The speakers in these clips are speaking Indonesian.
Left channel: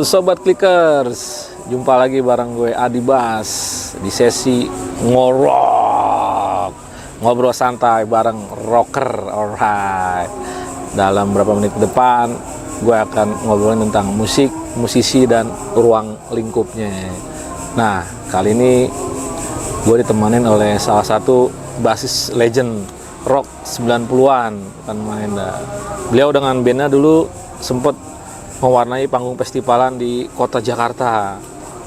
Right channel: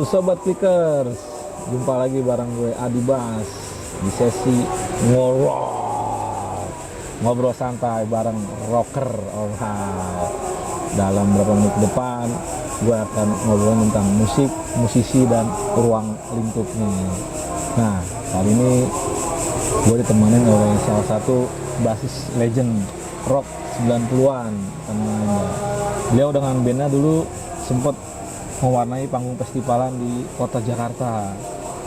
Halo Sobat Clickers, jumpa lagi bareng gue Adi Bas di sesi ngobrol santai bareng rocker. Alright, dalam beberapa menit ke depan gue akan ngobrolin tentang musik, musisi, dan ruang lingkupnya. Nah, kali ini gue ditemanin oleh salah satu basis legend rock 90-an, bukan main dah. Beliau dengan bandnya dulu sempat mewarnai panggung festivalan di kota Jakarta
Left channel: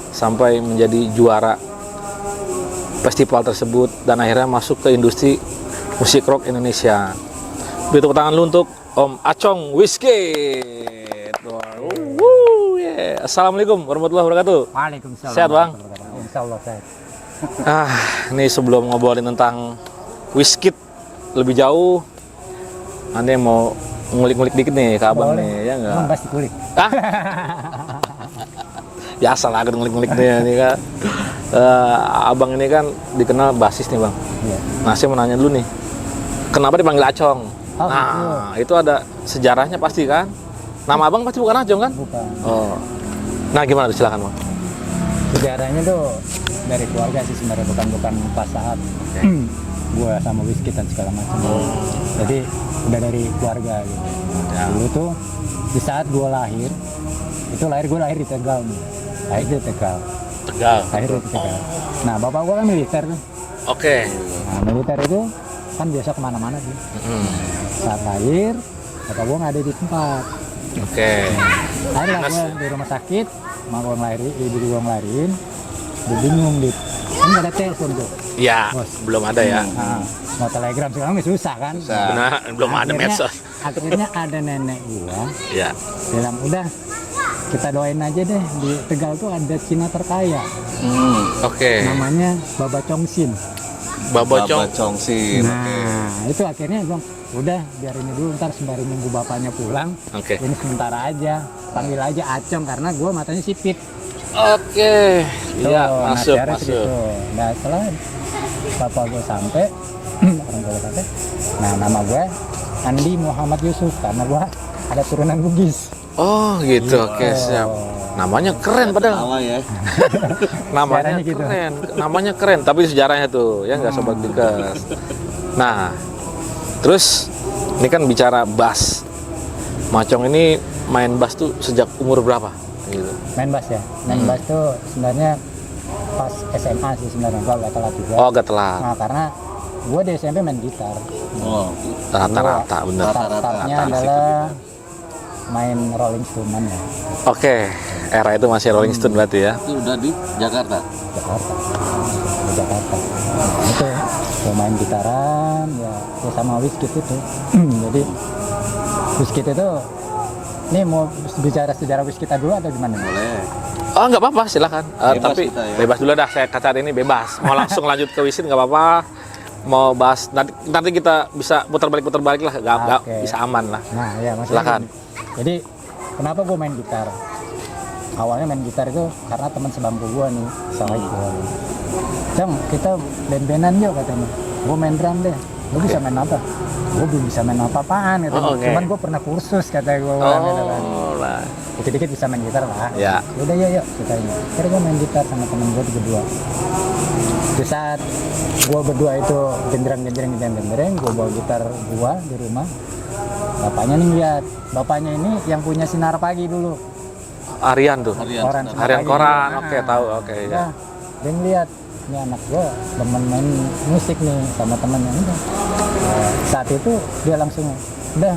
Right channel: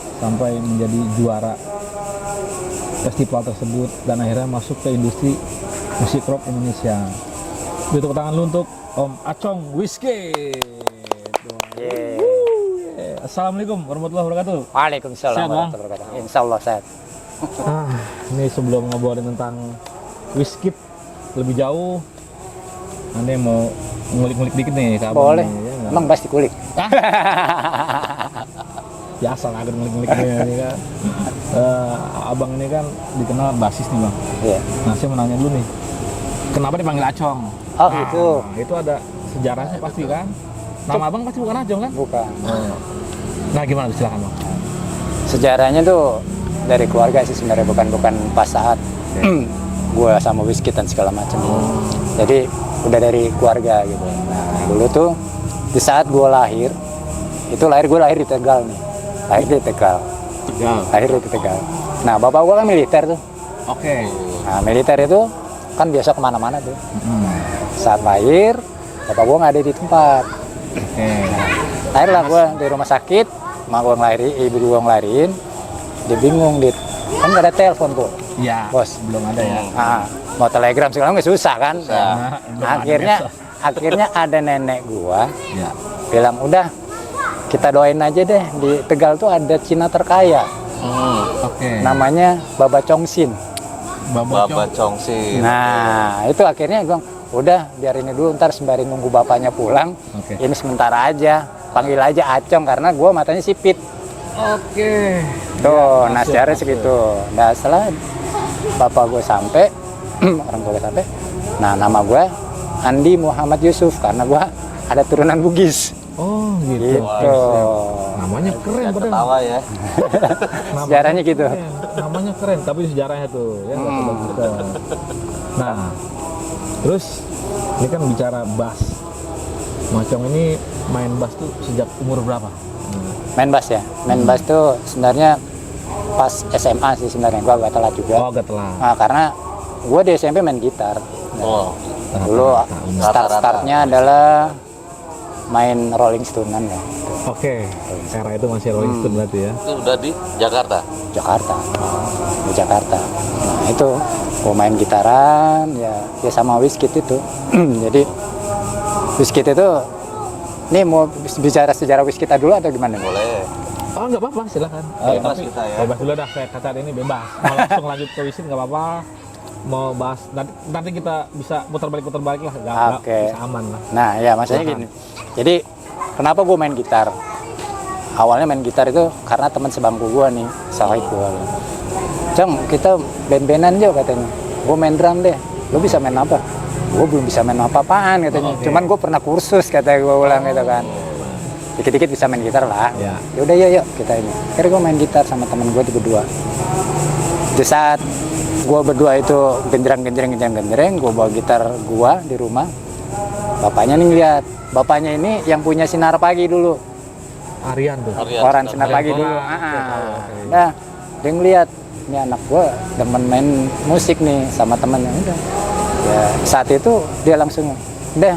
sampai menjadi juara festival tersebut dan akhirnya masuk ke industri musik rock Indonesia. Beri tepuk tangan lu untuk Om Acong Wizkid. Yeah. Assalamualaikum warahmatullahi wabarakatuh. Waalaikumsalam. Sehat, Bang? Insya Allah sehat. Ini sebelum ngobrolin tentang Wizkid lebih jauh, Anda mau ngulik-ngulik dikit nih ke abang nih, ya nggak? Emang pasti kulik. Ya asal agak ngulik-ngulik nih kan. Abang ini kan dikenal basis nih bang. Iya. Nah saya mau nanya dulu nih, kenapa dipanggil Acong? Oh nah, gitu. itu ada sejarahnya pasti kan? Nama abang pasti bukan Acong kan? Bukan. Oh. Nah gimana? Silakan bang. Sejarahnya tuh dari keluarga sih sebenarnya, bukan pas saat gue sama Wizkid dan segala macam. Jadi udah dari keluarga gitu. Nah, dulu tuh di saat gue lahir, gue lahir di Tegal nih. Lahir di Tegal. Lahir di Tegal. Nah bapak gue kan militer tuh. Oke. Nah militer itu kan biasa kemana-mana tuh. Saat lahir, bapak gue nggak ada di tempat. Oke. Nah, lahirlah gue di rumah sakit, ibu gue ngelahirin, dia bingung kan nggak ada telepon tuh. Iya. Bos, belum ada ya. Nah, mau telegram sekarang nggak susah kan? Nah, belum ada medsos. Akhirnya ada nenek gue Ya. bilang udah kita doain aja deh, di Tegal tuh ada Cina terkaya. Oke. Namanya Baba Chongsin. Baba Chongsin. Nah itu akhirnya gue udah biar ini dulu, ntar sembari nunggu bapaknya pulang. Oke. Ini sementara aja, panggil aja Acong karena gue matanya sipit. Oke. Tuh, Ya, nah masuk, sejarah masuk. segitu. Nah setelah bapak gue sampai, orang gue sampai, nah nama gue Andi Muhammad Yusuf karena gue ada turunan Bugis. Oh gitu. Oke, siap. Namanya keren padahal. Nama ya. Namanya Sejarahnya gitu. keren. Namanya keren, tapi sejarahnya tuh ya nggak sobat Clickers. Nah, terus ini kan bicara bass. Macong ini main bass tuh sejak umur berapa? Gitu. Main bass ya, main bass tuh sebenarnya pas SMA sih sebenarnya, gue agak telat juga. Oh, gak telat. Nah karena gue di SMP main gitar. Oh, Rata-rata bener. Startnya adalah main Rolling Stone-an ya. Oke, era itu masih Rolling Stone berarti ya. itu udah di Jakarta. Jakarta, di Jakarta. Nah, itu gue main gitaran ya sama Wizkid itu. Jadi Wizkid itu, nih mau bicara sejarah Wizkid dulu atau gimana? Boleh. Oh nggak apa-apa, silakan. Bebas Tapi kita ya. bebas dulu dah. Saya kata ini bebas. Mau langsung lanjut ke Wizkid nggak apa-apa. Mau bahas nanti kita bisa putar balik lah, nggak Oke. bisa aman lah. Nah ya maksudnya Silakan. gini. Jadi kenapa gue main gitar? Awalnya main gitar itu karena teman sebangku gue nih, sahib gue. Cong, kita band-bandan yuk katanya. Gue main drum deh. Lo bisa main apa? Gue belum bisa main apa-apaan katanya. Oh, oke. Cuman gue pernah kursus kata gue bilang gitu kan. lah. Dikit-dikit bisa main gitar lah. Ya. Yaudah yuk kita ini. Akhirnya gue main gitar sama temen gue berdua. Di saat gue berdua itu genjreng, gue bawa gitar gue di rumah. Bapaknya nih ngeliat. Bapaknya ini yang punya Sinar Pagi dulu. Arian tuh. Orang Sinar Arian Pagi Koran. dulu. Oke, tahu. Oke. Nah, dia ngeliat. Ini anak gue demen main musik nih sama temennya. Udah. Ya, saat itu dia langsung, udah,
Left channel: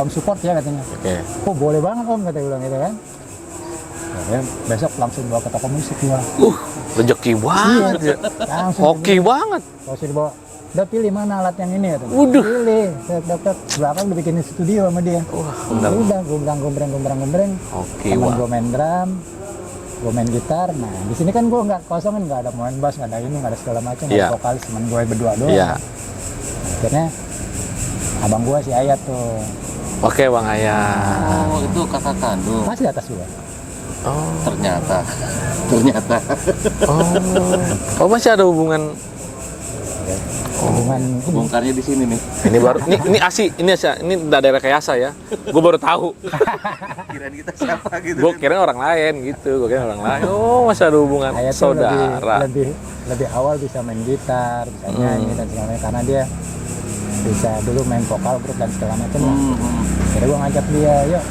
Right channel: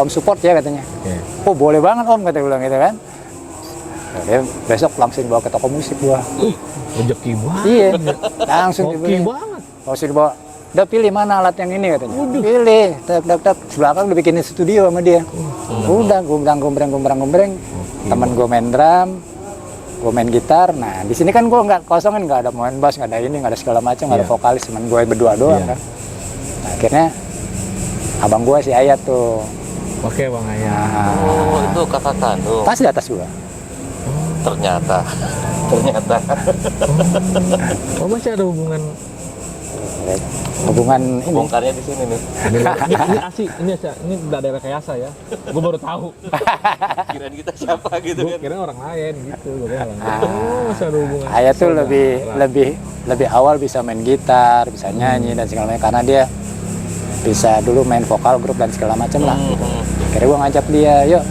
om support ya katanya. Oke. Oh boleh banget om, kata bilang gitu kan. Nah, dia besok langsung bawa ke toko musik gua. Rezeki banget. Iya, langsung Oke banget. langsung dibawa. Udah pilih mana alat yang ini katanya. Pilih, tak. Belakang udah bikinin studio sama dia. Udah, gombrang. Oke, Temen wah. gue main drum, gue main gitar. Nah di sini kan gue nggak kosong kan, nggak ada main bass, nggak ada ini, nggak ada segala macam, nggak ada Iya. vokalis, cuman gue berdua doang. Iya. Nah, akhirnya abang gue si Ayat tuh Oke Bang Ayah. Oh, itu kakak kandung. pas di atas gue. Oh. Ternyata. Oh, masih ada hubungan hubungan ini. Bongkarnya di sini nih. Ini baru, ini daerah Kayasa ya. Gue baru tahu. Kirain kita siapa gitu. Gue kira orang lain gitu. Gue kira orang lain. Oh, masih ada hubungan. Ayah tuh saudara. lebih awal bisa main gitar, bisa nyanyi dan segala macam karena dia bisa dulu main vokal grup dan segala macam lah. Akhirnya gue ngajak dia, yuk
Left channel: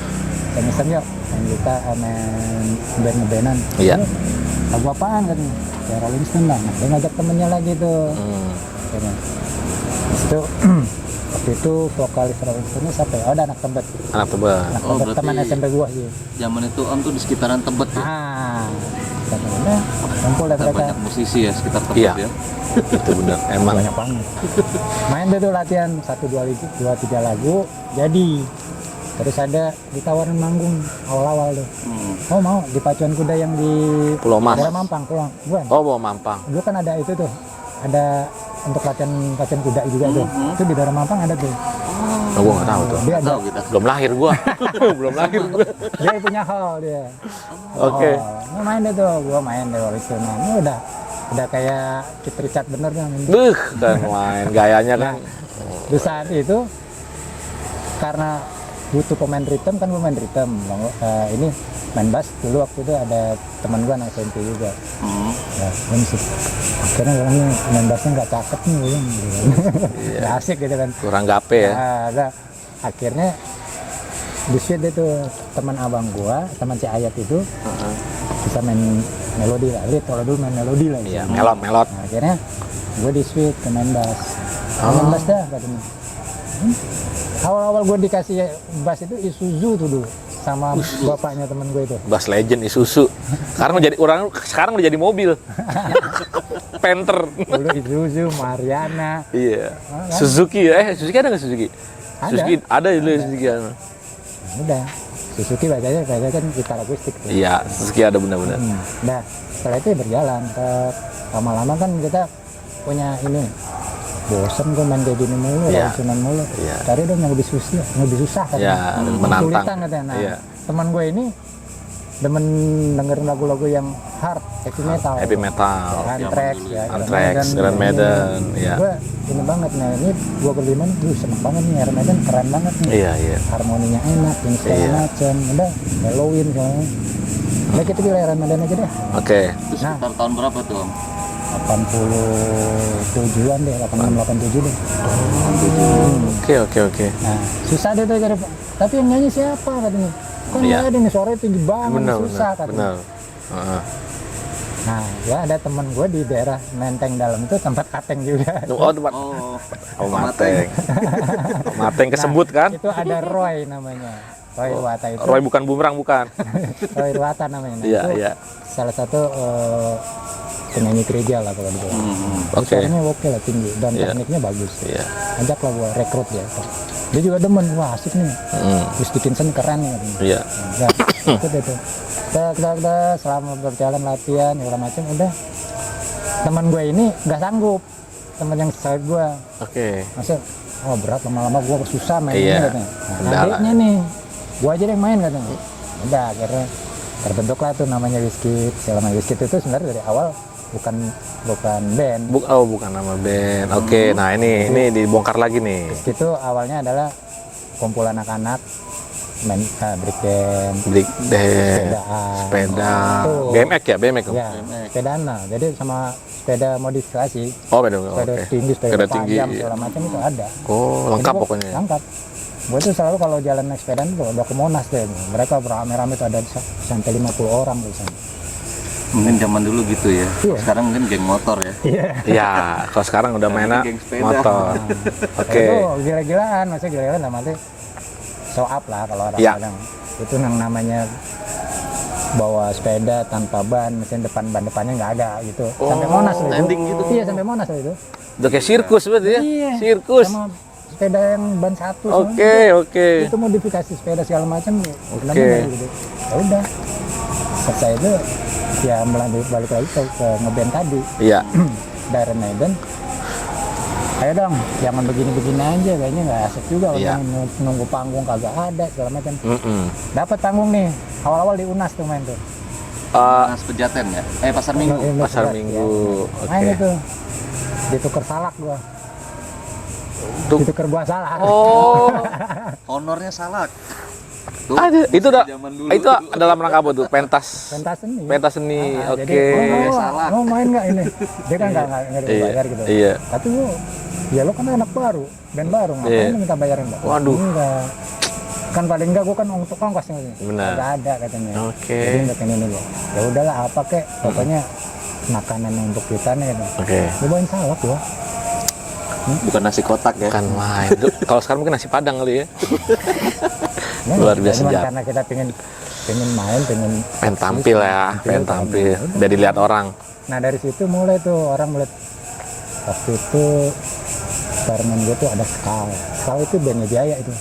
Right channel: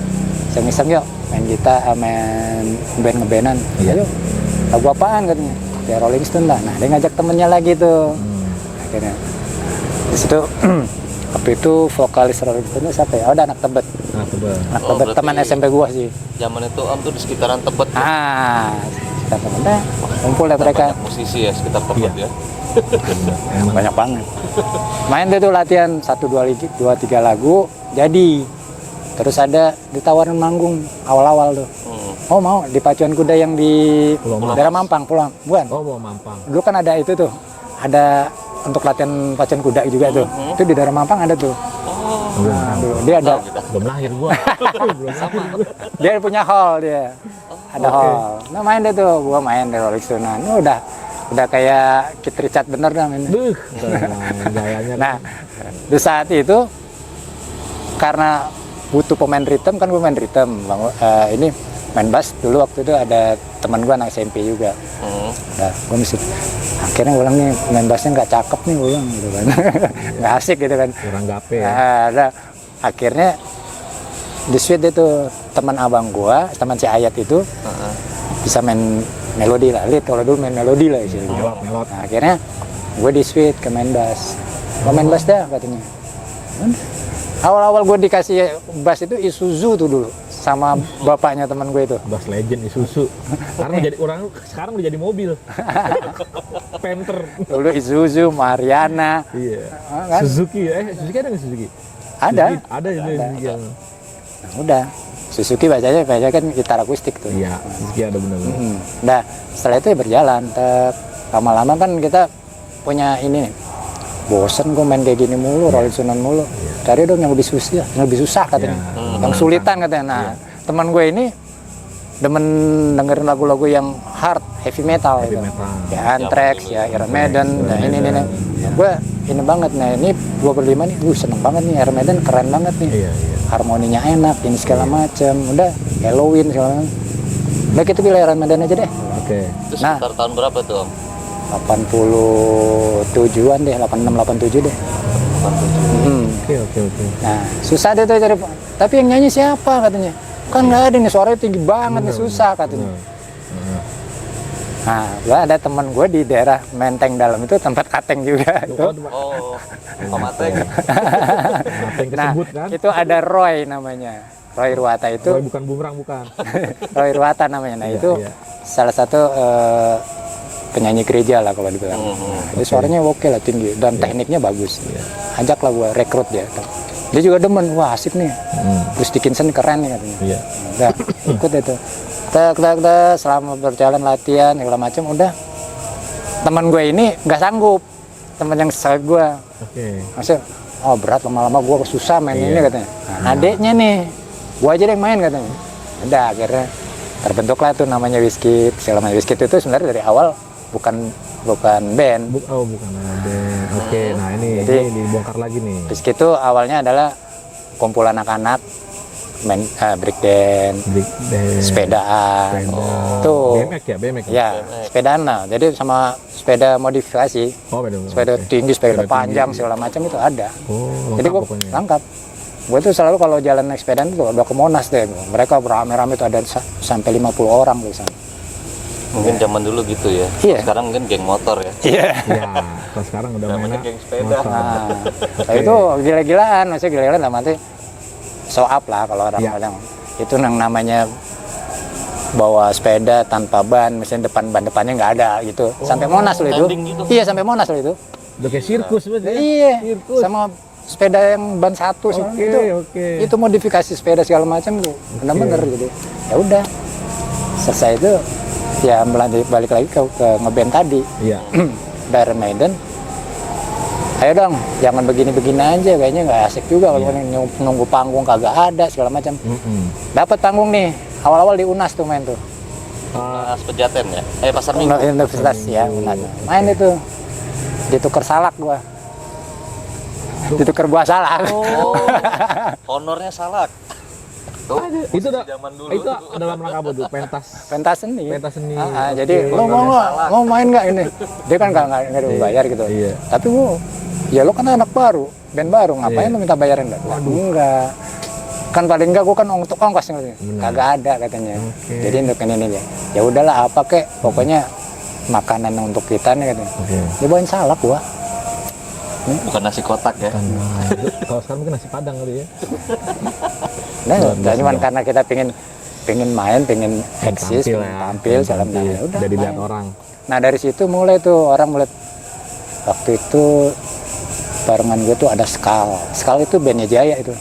iseng-iseng yuk main gitar, main ngebandan. Iya. Yuk, lagu apaan katanya? Kayak Rolling Stone lah. Nah dia ngajak temennya lagi tuh. Akhirnya di situ waktu itu vokalis Rolling Stone itu siapa ya? Oh, ada Anak Tebet. Anak Tebet. Anak Oh, Tebet berarti teman SMP gua sih. Zaman itu Om tuh di sekitaran Tebet. Kita temennya kumpul ya mereka. Banyak musisi ya sekitar Tebet Iya. ya. Itu benar. Emang Banyak banget. Main deh tuh latihan 1 2 3 lagu jadi. Terus ada ditawarin manggung awal-awal tuh. Oh mau di pacuan kuda yang di Pulau Mas. daerah Mampang, pulang bukan? Oh, bawa Mampang. Dulu kan ada itu tuh, ada untuk latihan pacuan kuda juga tuh. Itu di daerah Mampang ada tuh. Oh, gue nggak tahu. Tuh, dia ada, Tahu kita. Belum lahir gue. Belum lahir gue. dia punya hall dia. Ada Oke. hall. Nah main deh tuh, gua main di Rolling Stone. Nah, ini udah kayak Keith Richard bener dah ini. Buh, kan main gayanya Nah, kan. di saat itu karena butuh pemain rhythm kan gue main rhythm. Ini main bass dulu waktu itu ada teman gue anak SMP juga. Nah, gue mesti akhirnya ulang nih main bassnya nggak cakep nih ulang gitu kan. Nggak asik gitu kan. Kurang gape ya. Nah, akhirnya di sweet itu teman abang gue, teman si Ayat itu bisa main melodi lah, lead kalau dulu main melodi lah ya. Melot. Nah, akhirnya gue di switch ke main bass. Main bass dah katanya. Awal-awal gue dikasih bass itu Isuzu tuh dulu sama bapaknya teman gue itu. Bass Legend Isuzu. Sekarang udah jadi mobil. Panther. Dulu Isuzu, Mariana. Iya. kan? Suzuki ya? Suzuki ada nggak Suzuki? Ada. Suzuki, ada dulu Suzuki. Nah, udah. Suzuki bacanya kan gitar akustik tuh. Iya, Suzuki ada benar-benar. Nah, setelah itu ya berjalan. Lama-lama kan kita punya ini. Bosen gue main kayak gini mulu, Iya. Rolling mulu. Iya. Cari dong yang lebih susah katanya. Iya, Yang menantang. sulitan katanya. Nah, Iya. teman gue ini demen dengerin lagu-lagu yang hard, heavy metal. Heavy metal. Ya, Anthrax, ya, Iron Anthrax, Maiden. Iron Maiden, iya. Gue ini banget, nah ini gue berlima nih, seneng banget nih Iron Maiden, keren banget nih. Iya. Harmoninya enak, ini segala Iya. macam. Udah, Halloween segala macam. Udah kita pilih Iron Maiden aja deh. Oke. Itu Nah. sekitar tahun berapa tuh? 87-an deh, 86 87 deh. Oke. Nah, susah deh tuh cari, tapi yang nyanyi siapa katanya? Kan nggak ada nih, suaranya tinggi banget, nih, susah katanya. Benar. Heeh. Nah, gua ada teman gue di daerah Menteng Dalam itu tempat kateng juga. Oh, tempat. Oh, Mateng. Mateng kesebut Nah, kan? Itu ada Roy namanya. Roy Ruwata itu. Roy bukan bumerang bukan. Roy Ruwata namanya. Nah, Iya, itu iya. salah satu penyanyi gereja lah kalau dibilang. Jadi Oke. suaranya oke lah, tinggi dan Iya. tekniknya bagus. Iya. Ajaklah gua rekrut dia. Dia juga demen, wah asik nih. Hmm. Terus Dickinson keren nih katanya. Iya. Udah, ikut itu. Kita selama berjalan latihan segala macam udah. Teman gue ini nggak sanggup. Teman yang saya gue, Oke. maksudnya, oh berat lama-lama gue susah main ini Iya. katanya. Nah, Udah adiknya nih, gue aja yang main katanya. Udah akhirnya terbentuklah tuh namanya Wizkid. Segala macam Wizkid itu sebenarnya dari awal bukan band. Bukan nama band. Oke, nah ini dibongkar lagi nih. Wizkid itu awalnya adalah kumpulan anak-anak main break dance, Break dance. sepedaan. Sepeda. Tuh. BMX ya, BMX. Ya, sepedaan lah. Jadi sama sepeda modifikasi, Oh, beda. sepeda Oke. tinggi, sepeda Sepeda panjang, tinggi. segala macam itu ada. Oh, Jadi lengkap gua- pokoknya. Lengkap. Gue tuh selalu kalau jalan naik sepedaan tuh udah ke Monas deh. Mereka beramai-ramai tuh ada sampai 50 orang tuh sana. Mungkin zaman dulu gitu ya. Iya. Sekarang mungkin geng motor ya. Iya. Ya, kalau sekarang udah mainnya geng sepeda. motor. Nah, Oke. itu gila-gilaan, maksudnya gila-gilaan dalam arti show up lah kalau orang Iya. bilang. Itu yang namanya bawa sepeda tanpa ban, misalnya depannya nggak ada gitu. Sampai Monas loh itu. landing gitu. Iya, sampai Monas loh itu. Udah kayak sirkus berarti ya? Iya. Sirkus. Sama sepeda yang ban satu. Oke, itu, oke. Itu modifikasi sepeda segala macam tuh. Benar-benar gitu. Ya udah. Selesai itu ya balik lagi ke ngeband tadi. Iya. Iron Maiden. Ayo dong, jangan begini-begini aja, kayaknya nggak asik juga kalau Iya. nunggu panggung kagak ada segala macam. Dapat panggung nih, awal-awal di Unas tuh main tuh. Mas Pejaten ya. Pasar Minggu. Pasar Pasar ya. Minggu, Main oke. itu. Ditukar salak gua. ditukar buah salak. Oh, honornya salak. Tuh, Ada. Itu zaman dulu. itu dalam rangka apa tuh? Pentas. Pentas seni. Pentas seni. Ah, Oke. jadi lo mau nggak? Mau main nggak ini? Dia kan nggak dibayar gitu. Iya. Tapi gua, ya lo kan anak baru, band baru, ngapain Iya. lo minta bayarin enggak? Waduh. Enggak. Kan paling enggak gua kan untuk ongkos nih. Benar. Agak ada katanya. Oke. Jadi untuk ini aja. Ya udahlah apa kek, pokoknya makanan untuk kita nih gitu. Oke. Dia bawain salak gua. Bukan nasi kotak ya. Kan main. Kalau sekarang mungkin nasi padang kali ya. Nah, Luar biasa cuman ya. karena kita pengen main, pengen Pengen eksis, tampil ya, pengen tampil. ya udah. Udah dilihat orang. Nah dari situ mulai tuh orang mulai, waktu itu barengan gue tuh ada Skal. Skal itu bandnya Jaya itu.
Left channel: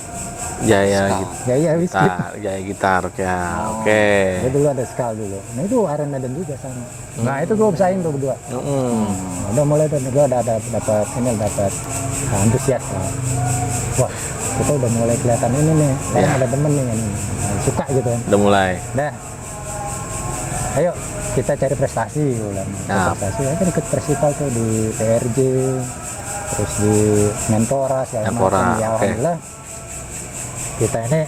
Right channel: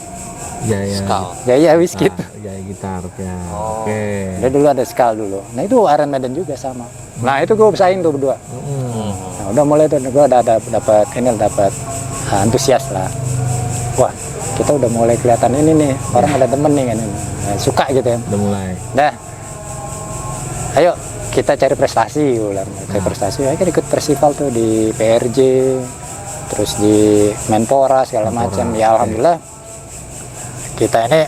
Jaya Skal. Jaya Whisky. Jaya gitar ya. Oh. Oke. Dia dulu ada Skal dulu. Nah itu Iron Maiden juga sama. Nah itu gue bersaing tuh berdua. Mm. Nah, udah mulai tuh gue dapat antusias lah. Wah kita udah mulai kelihatan ini nih, orang ada temen nih kan, nah, suka gitu ya. Udah mulai. Dah, ayo kita cari prestasi, ulang. Cari Nah. prestasi, ayo ikut festival tuh di PRJ, terus di Menpora segala Menpora, macam. Ya oke. alhamdulillah kita ini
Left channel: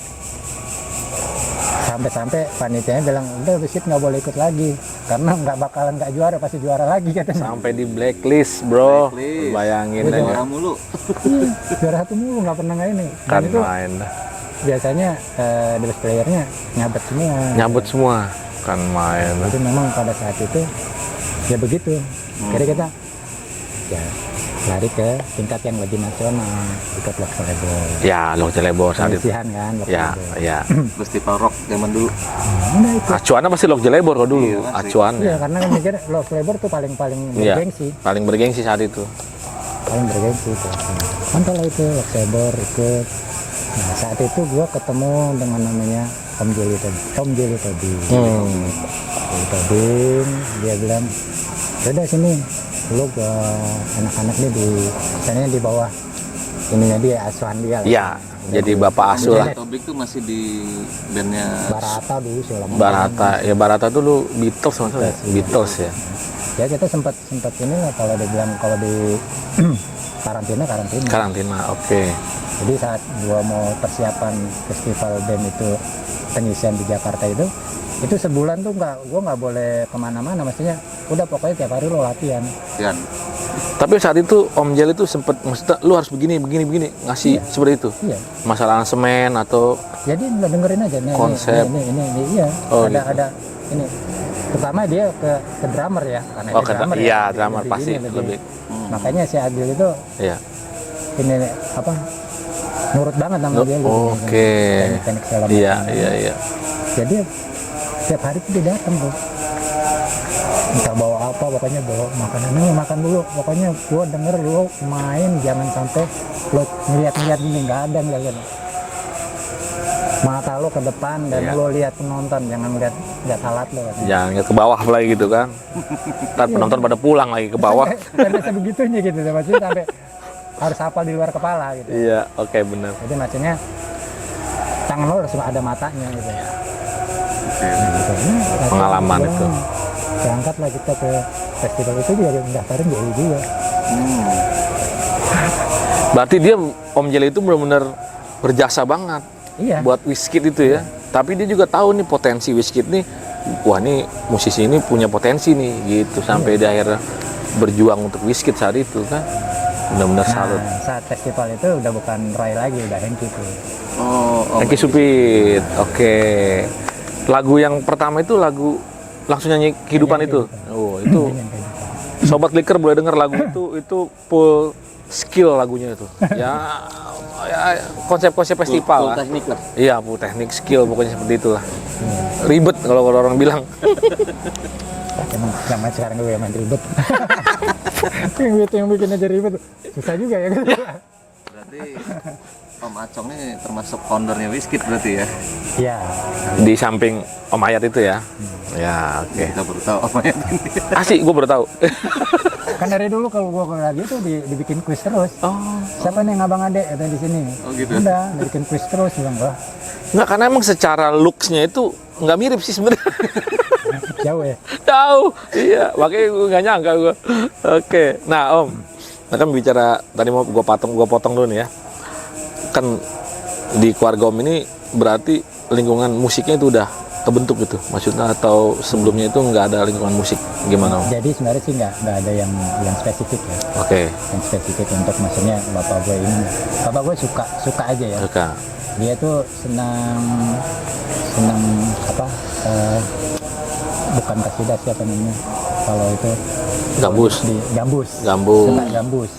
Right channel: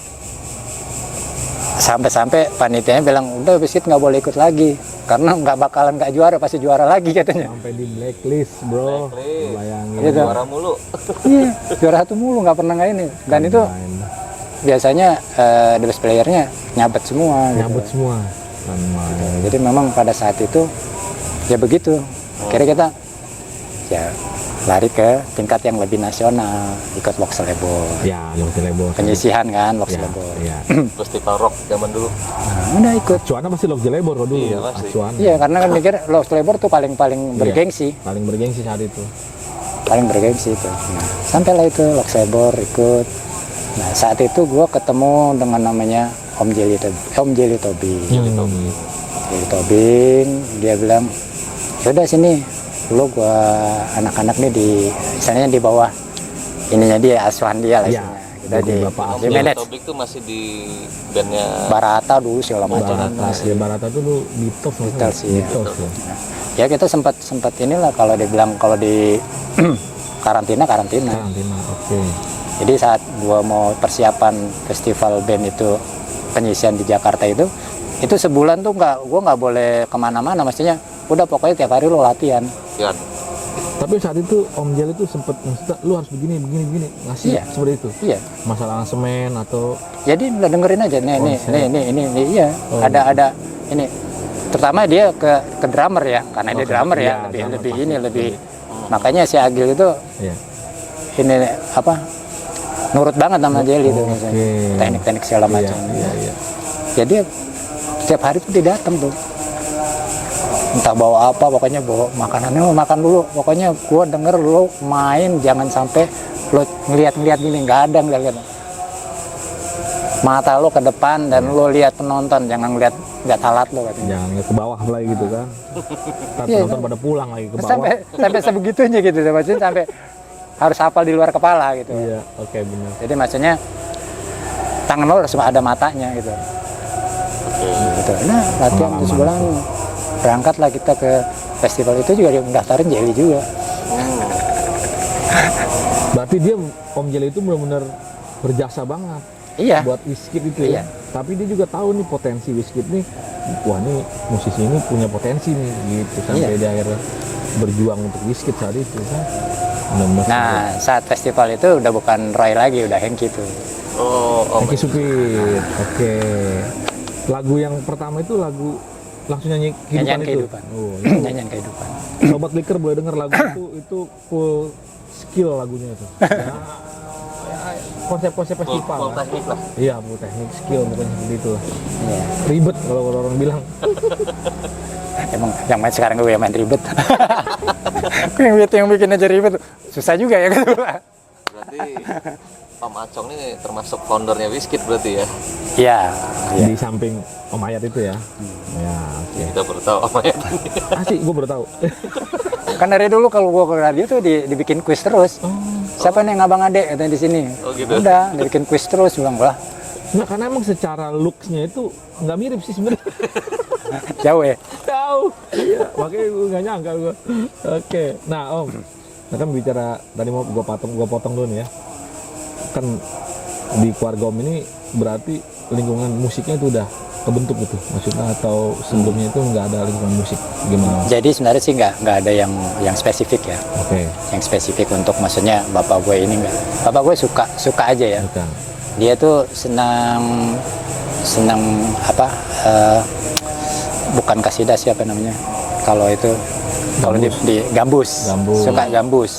sampai panitianya bilang udah Biskit nggak boleh ikut lagi karena nggak juara, pasti juara lagi katanya. Sampai di blacklist, bro. Blacklist. Bayangin Iya, ya. Juara mulu. Iya, juara satu mulu nggak pernah nggak ini. Dan Kan itu main. biasanya the best playernya nyabet semua. gitu. Nyambut semua. Kan main. Jadi memang pada saat itu ya begitu. Kira kita ya lari ke tingkat yang lebih nasional, ikut Lok Selebor. Ya, lo Jelebor. Penyisihan kan Lok Ya, Selebor. ya. Festival rock zaman dulu. Nah, udah ikut. Acuannya pasti Lok Jelebor kok dulu. Iya, pasti. Acuan. Iya, karena kan mikir Lok Selebor tuh paling Iya. bergengsi, Paling bergengsi saat itu. paling bergengsi itu. Nah, sampailah itu Lok Selebor ikut. Nah, saat itu gua ketemu dengan namanya Om Jelly Tobing. Jelly Tobing, dia bilang, "Udah sini. Dulu gua anak-anak nih misalnya di bawah ininya dia, asuhan dia lah. Iya, istilahnya. jadi bapak di asuh. manage. Tobik tuh masih di bandnya Barata dulu segala macam. Barata dulu Beatles maksudnya. Beatles, iya. Beatles ya. Ya kita sempat inilah kalau dia bilang kalau di karantina. Karantina, oke. Jadi saat gua mau persiapan festival band itu penyisian di Jakarta itu sebulan tuh gua nggak boleh kemana-mana, maksudnya udah pokoknya tiap hari lo latihan. ya. Tapi saat itu Om Jel itu sempet maksudnya lu harus begini ngasih Iya. seperti itu. Iya. Masalah semen atau Jadi udah dengerin aja nih Konsep. ini iya. Oh, ada ini. Terutama dia ke drummer ya, karena Oh, dia drummer iya, ya. drummer lebih pasti, ini lebih. lebih. Makanya si Agil itu ya. ini apa? Nurut banget sama Jelly itu. Oke. Teknik-teknik segala macam. Iya. Jadi setiap hari tuh dia datang tuh. Entah bawa apa, pokoknya bawa makanannya, lo makan dulu. Pokoknya gua denger lo main, jangan sampai lo ngeliat-ngeliat gini, nggak ada ngeliat. Mata lo ke depan dan Iya. lo lihat penonton, jangan lihat alat lo katanya. Jangan ke bawah lagi gitu kan. Ntar Iya. penonton pada pulang lagi ke bawah. Sampai sebegitunya gitu, maksudnya sampai harus hafal di luar kepala gitu. Iya, oke benar. Jadi maksudnya tangan lo harus ada matanya gitu. Oke. Gitu. Nah, latihan Pengalaman sebulan itu. berangkatlah kita ke festival itu juga dia mendaftarin Jelly juga. Berarti dia Om Jel itu benar-benar berjasa banget Iya. buat Wizkid itu ya. Tapi dia juga tahu nih potensi Wizkid nih. Wah, nih musisi ini punya potensi nih gitu sampai dia akhirnya berjuang untuk Wizkid saat itu kan. Benar-benar salut. Nah, saat festival itu udah bukan Roy lagi, udah Hengki tuh. Oh, Hengki Supit. Oke. Lagu yang pertama itu lagu langsung nyanyi kehidupan Nyanyian itu. Kehidupan. Oh, itu Nyanyian kehidupan. Sobat Liker boleh denger lagu itu full skill lagunya itu. Ya konsep-konsep festival lah. teknik lah. Iya, full teknik skill pokoknya seperti itulah. Iya. Ribet kalau orang bilang. Emang yang main sekarang gue yang main ribet. yang bikin aja ribet. Susah juga ya gitu. Berarti Om Acong ini termasuk foundernya Wizkid berarti ya? Iya. Di samping Om Ayat itu ya. Ya, oke. Kita baru tahu Om Ayat ini. Asik, gue baru tahu. Kan dari dulu kalau gue ke radio tuh dibikin kuis terus. Oh. Siapa nih yang abang adek katanya di sini? Oh, gitu. Udah, dibikin kuis terus bilang lah. Nggak, karena emang secara looks-nya itu nggak mirip sih sebenarnya. Jauh ya. Tahu. Iya, makanya gue nggak nyangka gue. Oke. Nah, Om. Nah kan bicara tadi mau gue potong dulu nih ya. Kan di keluarga Om ini berarti lingkungan musiknya itu udah kebentuk gitu, maksudnya atau sebelumnya itu nggak ada lingkungan musik gimana Om? Jadi sebenarnya sih nggak ada yang spesifik ya. Oke. Yang spesifik untuk maksudnya bapak gue ini nggak. Bapak gue suka aja ya. Suka. Dia tuh senang apa? Bukan kasidah siapa namanya? Kalau itu Gambus. Gambus. Gambus. Suka gambus.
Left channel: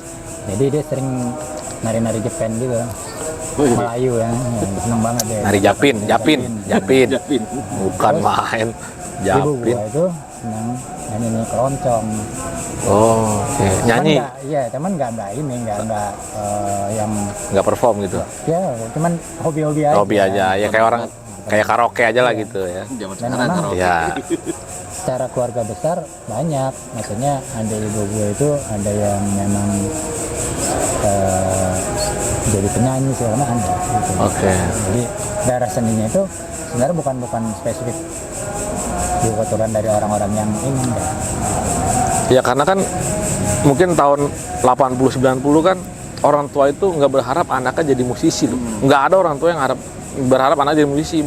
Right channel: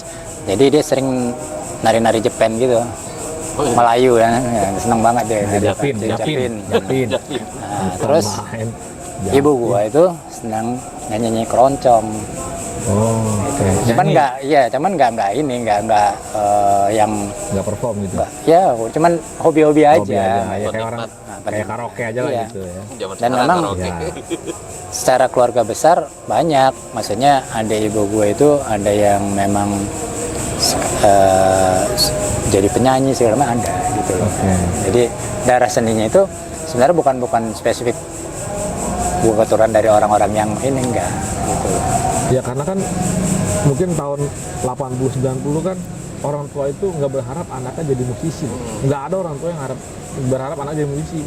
Jadi dia sering nari-nari Jepen gitu. Melayu ya, seneng banget dia. Nari Japin. Bukan Terus, main. Ibu gua itu senang nyanyi keroncong. Oh, oke. Cuman Nyanyi. cuman nggak yang Nggak perform gitu. ya, cuman hobi-hobi aja. Hobi aja, ya kayak orang kayak karaoke aja lah Iya. gitu ya. Zaman Dan sekarang memang karaoke. Ya. Secara keluarga besar banyak, maksudnya ada ibu gue itu ada yang memang jadi penyanyi segala macam ada gitu. Oke. Jadi daerah seninya itu sebenarnya bukan spesifik gue keturunan dari orang-orang yang ini enggak gitu. Ya karena kan mungkin tahun 80-90 kan orang tua itu nggak berharap anaknya jadi musisi loh. Nggak ada orang tua yang berharap anaknya jadi musisi.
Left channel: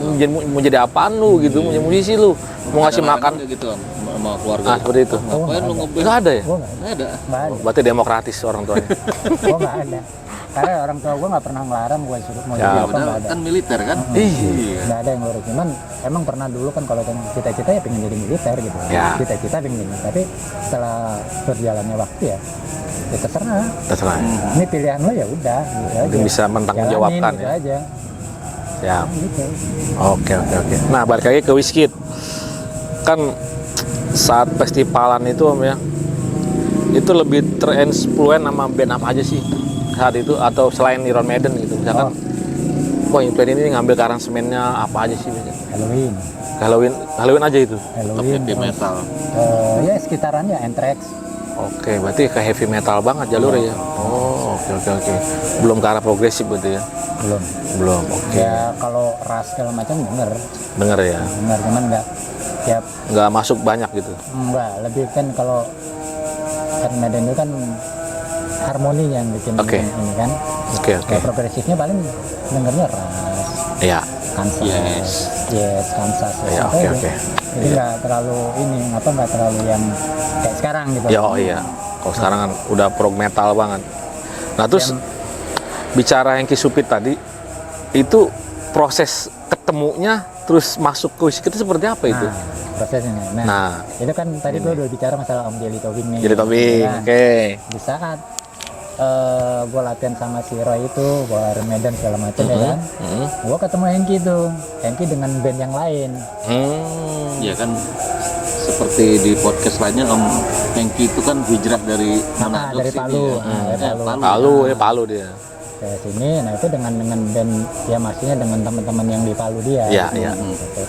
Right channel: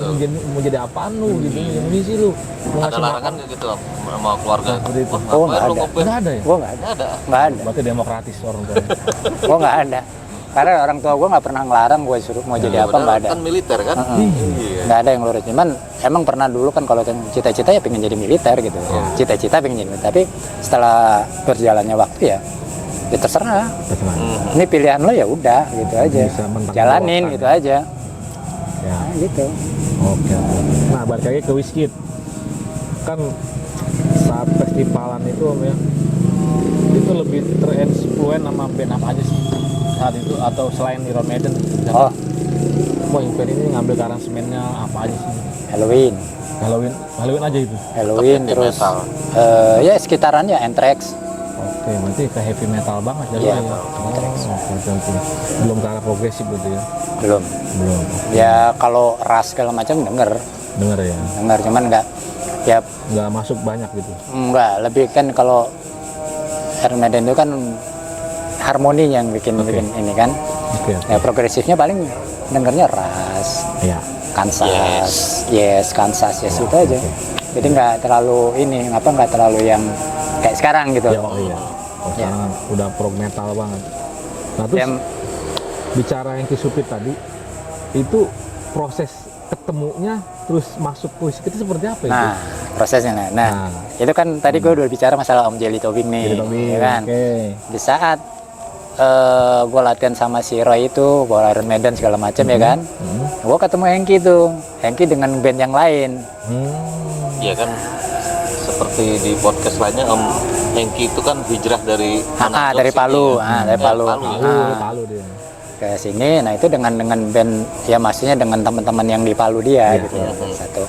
Mau jadi apaan lu gitu, mau jadi musisi lu. Mau ngasih Ada makan. larangan gitu sama keluarga. Ah, seperti itu. Oh, Ngapain nggak lu ada. ngeband? Nggak ada ya? Gue nggak ada, Nggak ada. nggak ada. Berarti demokratis orang tuanya. Gue nggak ada. Karena orang tua gue nggak pernah ngelarang gue suruh mau jadi apa, nggak ada. Kan militer kan? Iya. Nggak ada yang lurus. Cuman emang pernah dulu kan kalau kan cita-cita ya pengen jadi militer gitu. Ya. Cita-cita pengen jadi militer. Tapi setelah berjalannya waktu ya terserah. Terserah. Ini pilihan lo ya udah gitu aja. Bisa mentang jalanin jawabkan gitu ya. aja. Ya. Gitu. Oke. Nah, balik lagi ke Wizkid. Kan saat festivalan itu Om ya, itu lebih terinfluen sama band apa aja sih saat itu, atau selain Iron Maiden gitu misalkan? Wah, band ini ngambil aransemennya apa aja sih? Halloween aja itu. Halloween Heavy terus metal. ya sekitarannya Anthrax. Oke, berarti ke heavy metal banget jalurnya ya. Oh, oke. Belum ke arah progresif berarti ya? Belum. Belum. Oke. Ya kalau ras segala macam denger Denger ya. cuman ya Nggak masuk banyak gitu. enggak, lebih kan kalau Iron Maiden itu kan harmoni yang bikin Oke. ini kan. Oke. Ya progresifnya paling dengernya ras, Iya. Kansas, Kansas Ya, itu oke, aja. oke. Jadi nggak terlalu nggak terlalu yang kayak sekarang gitu. Ya, oh iya. Kalau sekarang kan udah prog metal banget. Nah, terus Yang- bicara yang Kisupit tadi, itu proses ketemunya terus masuk ke Wizkid itu seperti apa itu? Nah, prosesnya. Nah, itu kan tadi gue udah bicara masalah Om Jelly Tobing nih. Jadi Tobing, ya kan? oke. Di saat gue latihan sama si Roy itu, gue Iron Maiden segala macam ya kan, gue ketemu Hengki tuh, Hengki dengan band yang lain. Iya kan, seperti di podcast lainnya Om Hengki itu kan hijrah dari Manado Dari sini Palu, ya. dari Palu. Palu dia. Ke sini, nah itu dengan band ya maksudnya dengan teman-teman yang di Palu dia. Iya, gitu. iya. Satu.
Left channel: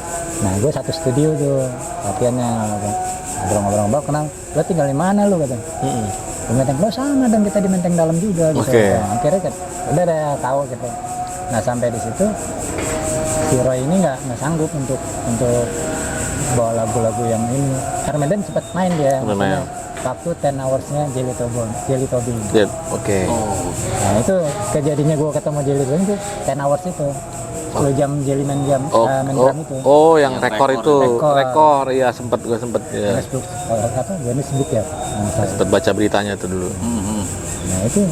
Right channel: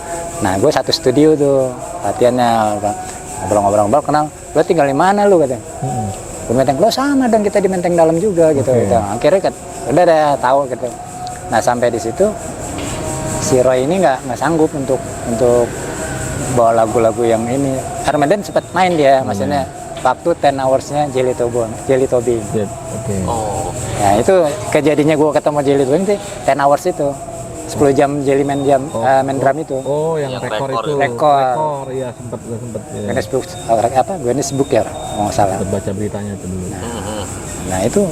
Nah gue satu studio tuh latihannya, ngobrol-ngobrol kenal. Lo tinggal di mana lu katanya? Di Menteng. Lo sama dan kita di Menteng Dalam juga gitu. Oke. Nah, akhirnya udah tahu gitu. Nah sampai di situ si Roy ini nggak sanggup untuk bawa lagu-lagu yang ini. Iron Maiden sempat main dia, maksudnya waktu 10 hours-nya Jelly Tobing. Iya, oke. Oh, Nah itu kejadiannya gue ketemu Jelly Tobing sih 10 hours itu 10 jam Jelly main drum itu. Oh, yang Yang rekor rekor itu. ya. Rekor, iya sempet ya. Guinness Book ya nggak salah. Sempet baca beritanya itu dulu. Nah itu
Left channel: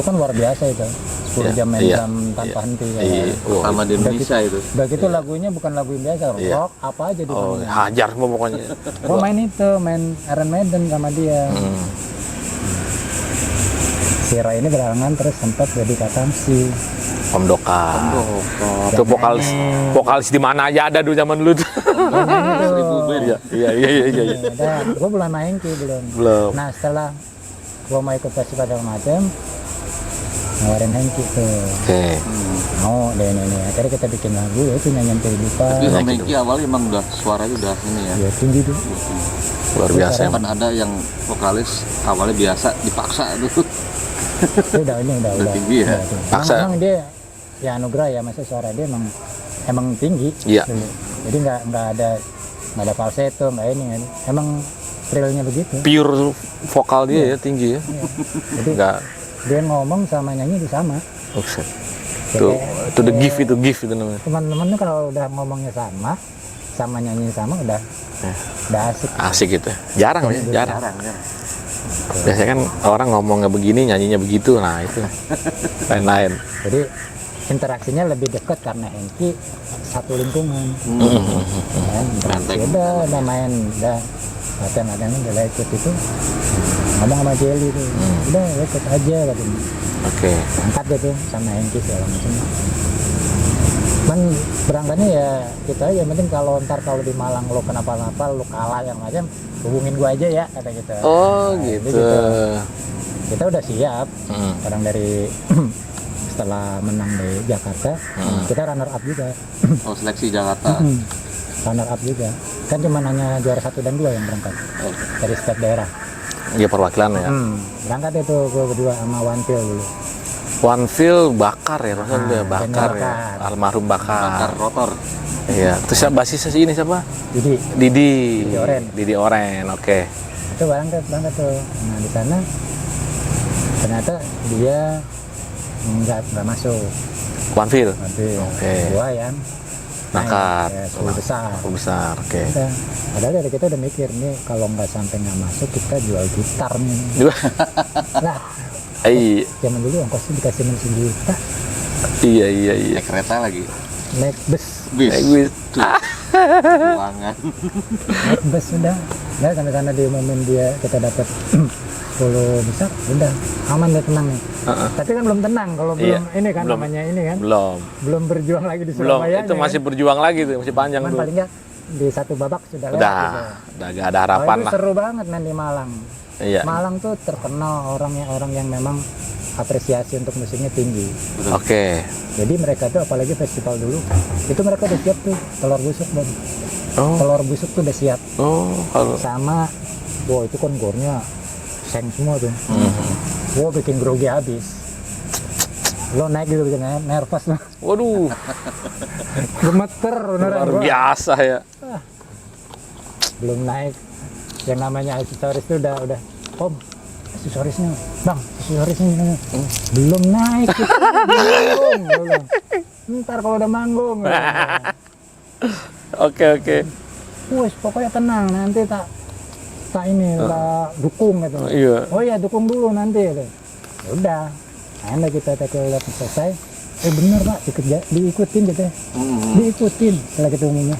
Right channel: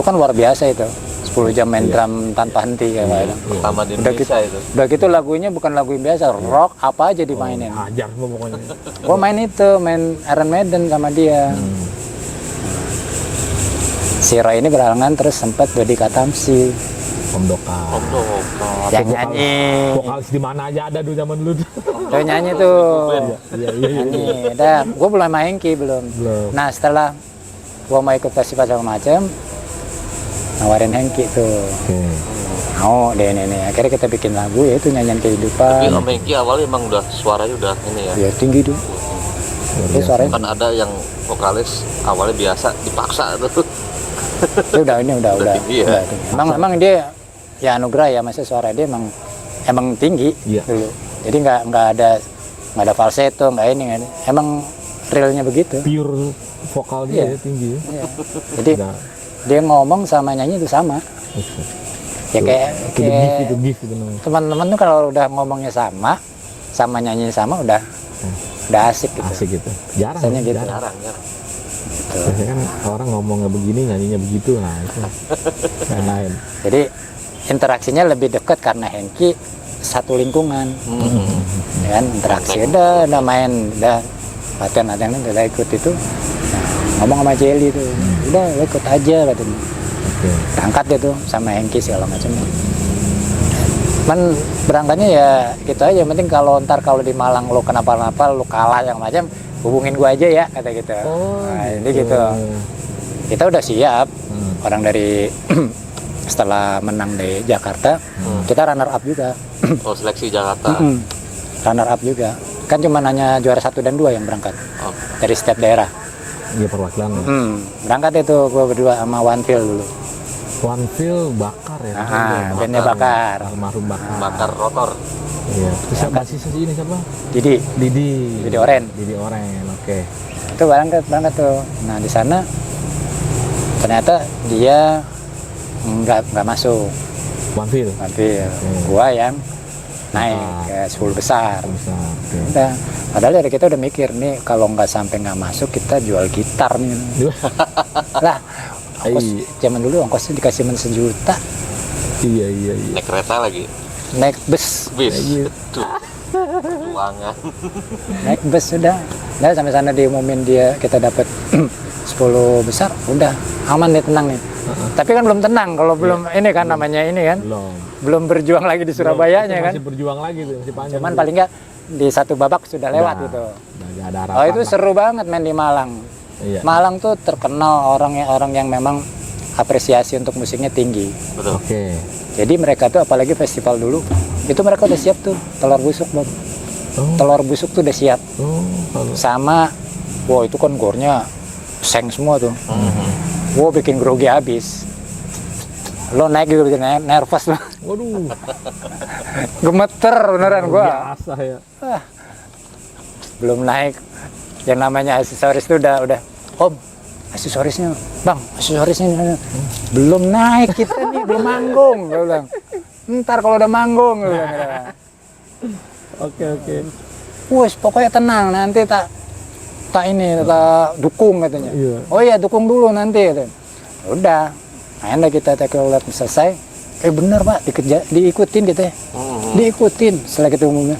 kan luar biasa itu 10 jam main Iya. drum tanpa henti Iya. kayak. pertama di Indonesia itu. Udah gitu lagunya bukan lagu yang biasa, rock apa aja Oh, dimainin. hajar semua pokoknya. Gue main Iron Maiden sama dia. Si Roy ini berhalangan terus sempat jadi Katamsi. Om Doka. Yang Itu vokalis di mana aja ada dulu zaman dulu tuh. Gue nyanyi tuh. Iya. Gue belum main Hengki belum. Nah setelah gue mau ikut festival segala macam, nawarin Hengki tuh. Oke. Mau deh ini. Akhirnya kita bikin lagu ya itu nyanyian kehidupan. Tapi Om Hengki awalnya emang udah suaranya udah ini ya. Ya tinggi tuh. Luar Itu biasa. suaranya- Kan ada yang vokalis awalnya biasa dipaksa tuh. Itu udah tinggi ya. Emang, Masa- emang dia ya anugerah ya, maksudnya suara dia emang tinggi Iya. dulu. Jadi nggak ada falsetto, nggak ini. Emang realnya begitu. Pure vokal dia ya tinggi ya. Iya. Jadi Enggak. dia ngomong sama nyanyi itu sama. Buset. Ya kayak Itu the gift itu namanya. teman-teman tuh kalau udah ngomongnya sama nyanyi sama udah asik gitu. Asik gitu. Jarang ya, Jadi jarang. Jarang kan. Biasanya kan orang ngomongnya begini, nyanyinya begitu. Nah, itu lain-lain. Jadi interaksinya lebih dekat karena Hengki satu lingkungan. Ya kan interaksi udah main, udah latihan udah ikut itu. Ngomong sama Jelly tuh, udah ikut aja katanya. Oke. Berangkat deh tuh sama Hengki segala macam. Man berangkatnya ya gitu aja. Yang penting kalau ntar kalau di Malang lo kenapa-napa, lo kalah yang macam, hubungin gua aja ya kata gitu. Oh, Jadi gitu. Kita udah siap. Hmm. Orang dari setelah menang di Jakarta, kita runner up juga. Oh, seleksi Jakarta. Runner up juga. Kan cuma hanya juara 1 dan 2 yang berangkat Oh, dari setiap daerah. Iya perwakilan ya. Berangkat itu gua berdua sama One Feel dulu. One Feel Bakar ya, bandnya Bakar. Ya. Almarhum bakar Bakar. rotor. Iya. Terus siapa basisnya ini siapa? Jadi Didi. Didi Oren. Didi Oren. Oke. itu berangkat tuh. Nah di sana ternyata dia nggak masuk. One Feel. Nanti Oke. gua yang naik Bakar. ya, 10 besar. Besar. Oke. Udah. Padahal dari kita udah mikir nih kalau nggak sampai nggak masuk kita jual gitar nih. Lah, zaman dulu ongkosnya dikasih men 1 juta, Iya. Naik kereta lagi. naik bus, Bis. Bis. Uangan. naik bus udah. Nah sampai sana diumumin dia kita dapat 10 besar, udah aman nih tenang nih. Tapi kan belum tenang kalau belum ini kan namanya ini kan. Belum berjuang lagi di Surabaya Itu masih berjuang lagi tuh, masih panjang. Cuman paling nggak di satu babak sudah lewat gitu. Udah gak ada harapan itu lah. seru banget main di Malang. Iya. Malang tuh terkenal orang yang memang apresiasi untuk musiknya tinggi. Oke. Jadi mereka tuh apalagi festival dulu, itu mereka udah siap tuh telur busuk Bang. Oh. Telur busuk tuh udah siap. Kalau Sama, wow itu kan gornya seng semua tuh. Wow bikin grogi habis. Lo naik gitu bikin nervous lo. waduh, Gemeter beneran gua. biasa ya. Belum naik. Yang namanya aksesoris itu udah Om, aksesorisnya Bang, aksesorisnya belum naik kita nih, belum manggung. Gua bilang, ntar kalau udah manggung. Oke. Wes pokoknya tenang, nanti tak dukung katanya. Iya. Oh iya dukung dulu nanti katanya. Udah, akhirnya kita tackle selesai. Bener Pak, diikutin gitu ya. Diikutin setelah kita umumnya.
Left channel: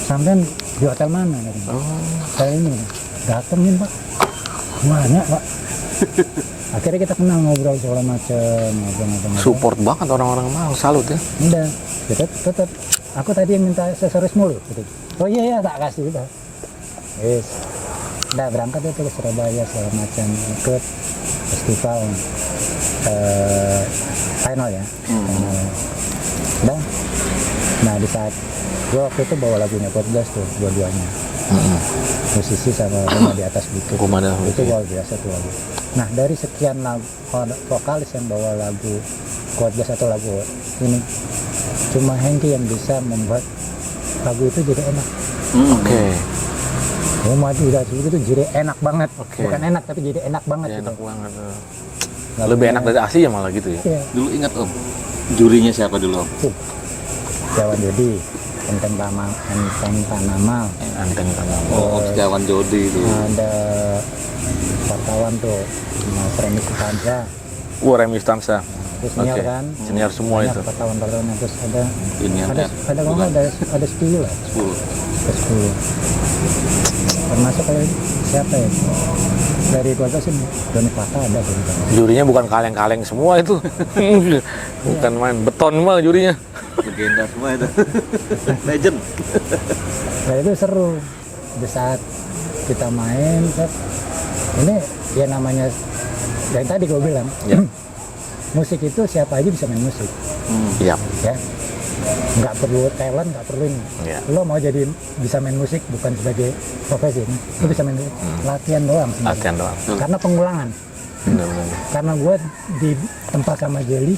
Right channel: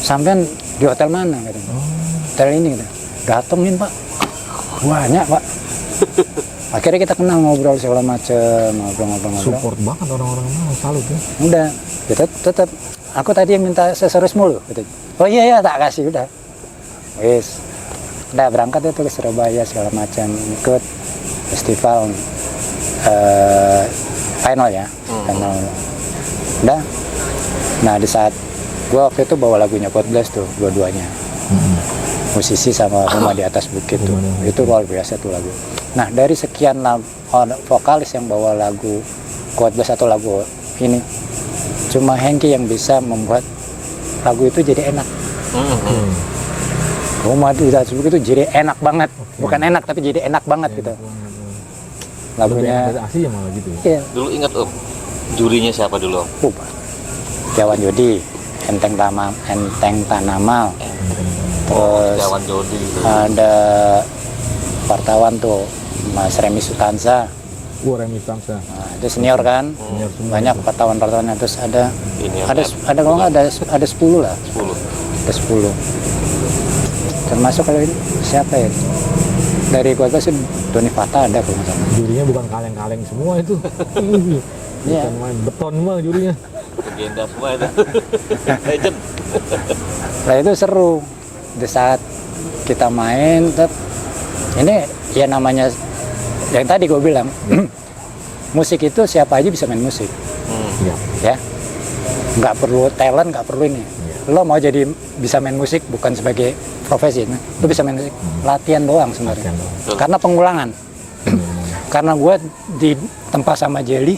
Sampean di hotel mana katanya? Hotel ini katanya. Datengin Pak. Banyak Pak. Akhirnya kita kenal ngobrol segala macam, ngobrol. Support banget orang-orang mau, salut ya. Udah, kita tetap. Aku tadi yang minta aksesoris mulu. Gitu. Oh iya tak kasih udah. Wis, udah berangkat itu ke Surabaya segala macam, ikut festival final ya, final. Udah. Nah di saat gua waktu itu bawa lagunya Podcast tuh dua-duanya. Musisi sama Rumah di Atas Bukit. Itu luar biasa tuh lagu. Nah dari sekian vokalis yang bawa lagu Quote Blast atau lagu ini, cuma Hengki yang bisa membuat lagu itu jadi enak. Oke. Rumah di Atas Bukit itu jadi enak banget. Bukan enak tapi jadi enak banget gitu. Lebih enak dari aslinya malah gitu ya. Iya. Dulu ingat Om, jurinya siapa dulu Om? Jawan Jodi, Enteng Tanamal. Terus Jawan Jodi itu. ada wartawan tuh Mas Remi Sutansa. Remi Stansa. Nah, itu senior kan, Senior semua banyak itu. wartawan-wartawannya. Terus ada Ini kalau nggak ada 10 lah, 10. ada 10. Termasuk kalau ini siapa ya? Dari keluarga sih Doni Fata ada kalau nggak salah. Jurinya bukan kaleng-kaleng semua itu. Bukan main beton mah jurinya. Legenda semua itu. Legend. Nah itu seru. Di saat kita main, ini ya namanya yang tadi gue bilang, musik itu siapa aja bisa main musik, Iya. ya. Nggak perlu talent, nggak perlu ini. Iya. Lo mau jadi bisa main musik bukan sebagai profesi, lo bisa main musik, latihan doang sebenarnya. Latihan doang. Karena pengulangan. Karena gue di tempat sama Jelly,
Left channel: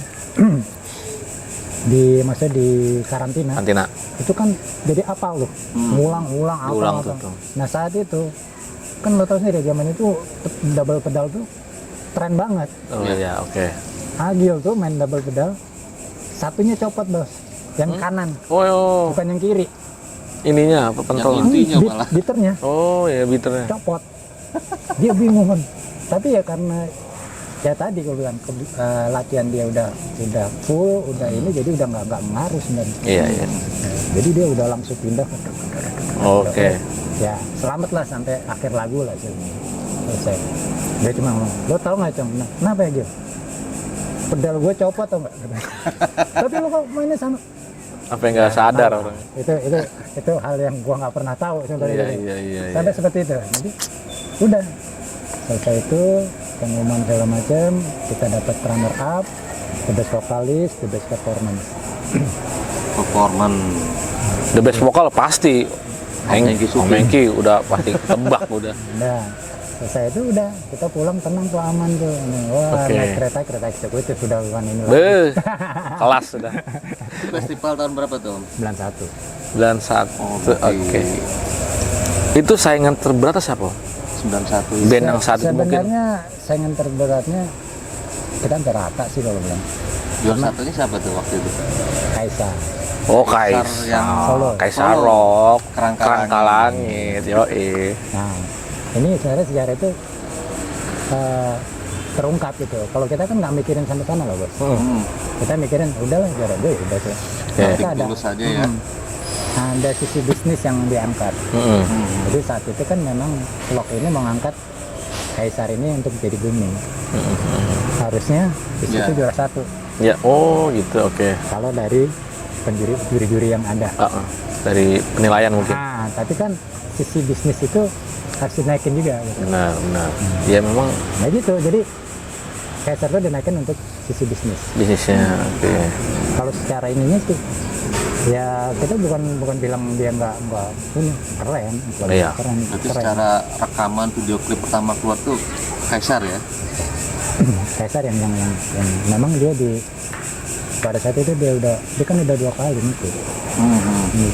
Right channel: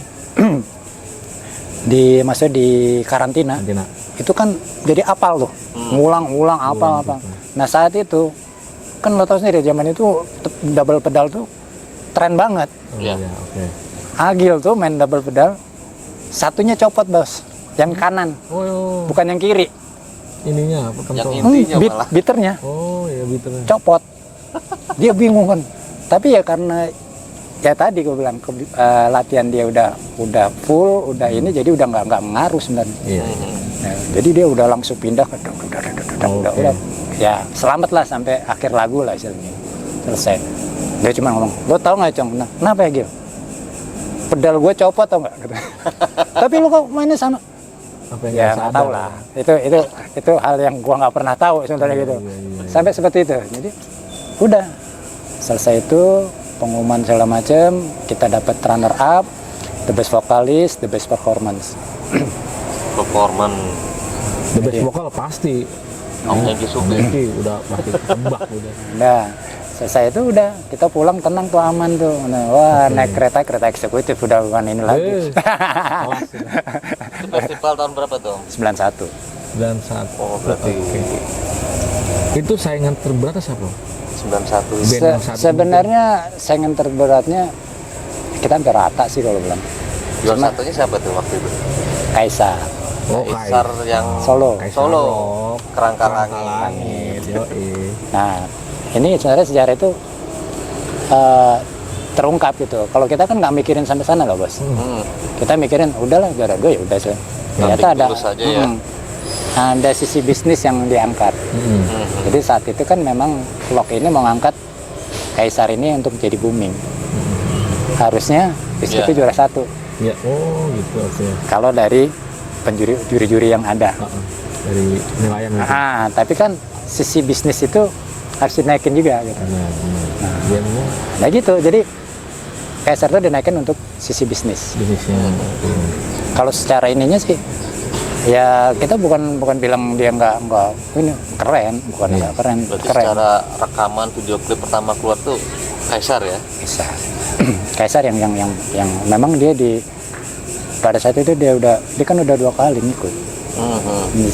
maksudnya di karantina. Kantina. Itu kan jadi apal tuh, ngulang apal. tuh. Nah saat itu kan lo tau sendiri zaman itu double pedal tuh tren banget. Oh iya, oke. Agil tuh main double pedal, satunya copot bos, yang kanan, Oh, bukan yang kiri. ininya apa pentol? Intinya malah. Biternya Oh ya, biternya. copot. Dia bingung kan. Tapi ya karena ya tadi gue bilang latihan dia udah full, udah ini, jadi udah nggak ngaruh sebenarnya. Iya, iya. Nah, jadi dia udah langsung pindah ke Oke. ya selamat lah sampai akhir lagu lah istilahnya. Selesai. Dia cuma ngomong, lo tau nggak Cong? Nah, kenapa ya Gil? Pedal gue copot tau nggak? Tapi lo kok mainnya sama? Apa yang nggak Ya, sadar? tahu lah. Itu hal yang gua nggak pernah tahu sebenarnya gitu. Iya. Sampai seperti itu. Jadi udah selesai itu pengumuman segala macam, kita dapat runner up, the best vokalis, the best performance. Performance. The best vokal pasti. Hengki Suping. Hengki udah pasti tebak udah. Nah, selesai itu udah kita pulang tenang tuh, aman tuh. Nah, wah, Oke. naik kereta eksekutif udah bukan ini lagi. Kelas sudah. Festival tahun berapa tuh? 91. Dan saat Oh, berarti oke. Itu saingan terberat siapa? 91. Band yang saat itu Sebenarnya saingan terberatnya kita hampir rata sih kalau bilang. Juara satunya siapa tuh waktu itu? Kaisar. Oh, Kaisar yang Solo. Kaisar Solo. Rock, Kerangka Langit, yoi. Nah, ini sebenarnya sejarah itu terungkap gitu. Kalau kita kan nggak mikirin sampai sana loh bos. Kita mikirin udahlah juara 2 ya udah sih. Ternyata ada lulus aja ya. ada sisi bisnis yang diangkat. Jadi saat itu kan memang vlog ini mau ngangkat Kaisar ini untuk jadi booming. Harusnya Rizky Ya. itu juara 1. Ya, oh gitu, oke. Kalau dari juri-juri yang ada. Dari penilaian mungkin. Tapi kan sisi bisnis itu harus dinaikin juga gitu. Benar. Ya memang Nah gitu, jadi Kaisar itu dinaikin untuk sisi bisnis. bisnisnya. Oke. Kalau secara ininya sih, ya kita bukan bilang dia nggak ini keren, bukan Iya. keren. Berarti secara rekaman video klip pertama keluar tuh Kaisar ya? Kaisar. Kaisar yang memang dia pada saat itu dia kan udah 2 kali ngikut.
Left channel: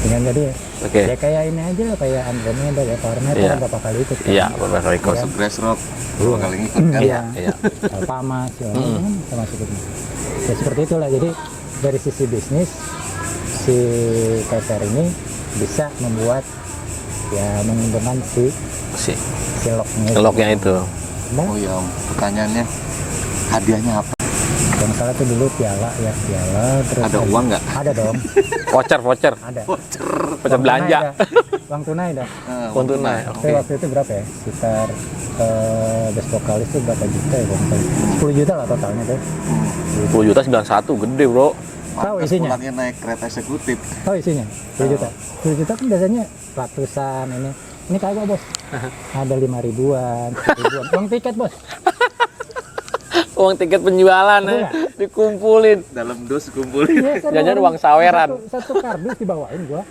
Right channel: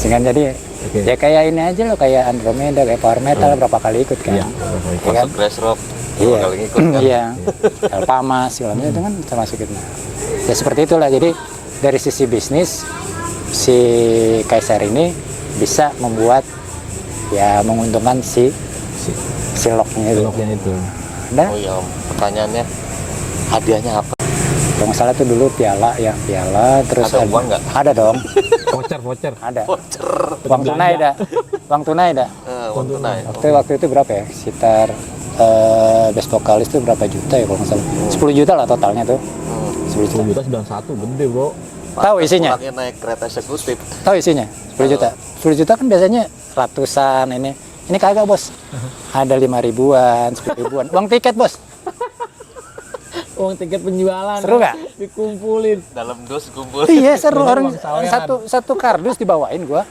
Kan jadi Oke. ya kayak ini aja loh, kayak Andromeda, kayak Power Metal Iya. berapa kali ikut kan? Iya, beberapa ikut. Kan? Crash Rock. Iya. Kali ngikut kan? Iya. Iya. Elpama segala macam kan termasuk itu. Ya seperti itulah. Jadi dari sisi bisnis si Kaisar ini bisa membuat ya menguntungkan si loknya. Loknya itu. Nah, Oh iya, pertanyaannya hadiahnya apa? kalau nggak salah tuh dulu piala terus Ada uang nggak? Ada dong, Voucher. ada. Pecah Uang tunai belanja. ada. Uang tunai ada. Uang tunai. Waktu itu berapa ya? Sekitar best vokalis tuh berapa juta ya kalau nggak salah. 10 juta lah totalnya tuh. 10 juta 91, gede bro. Tahu isinya? Pulangnya naik kereta eksekutif. Tahu isinya? 10 juta. 10 juta kan biasanya ratusan ini. Ini kagak bos. Ada 5 ribuan, 10 ribuan. Uang tiket bos. Uang tiket penjualan Seru nggak? dikumpulin. Dalam dos kumpul. Iya seru. Jajan Orang uang saweran. Satu kardus dibawain gua.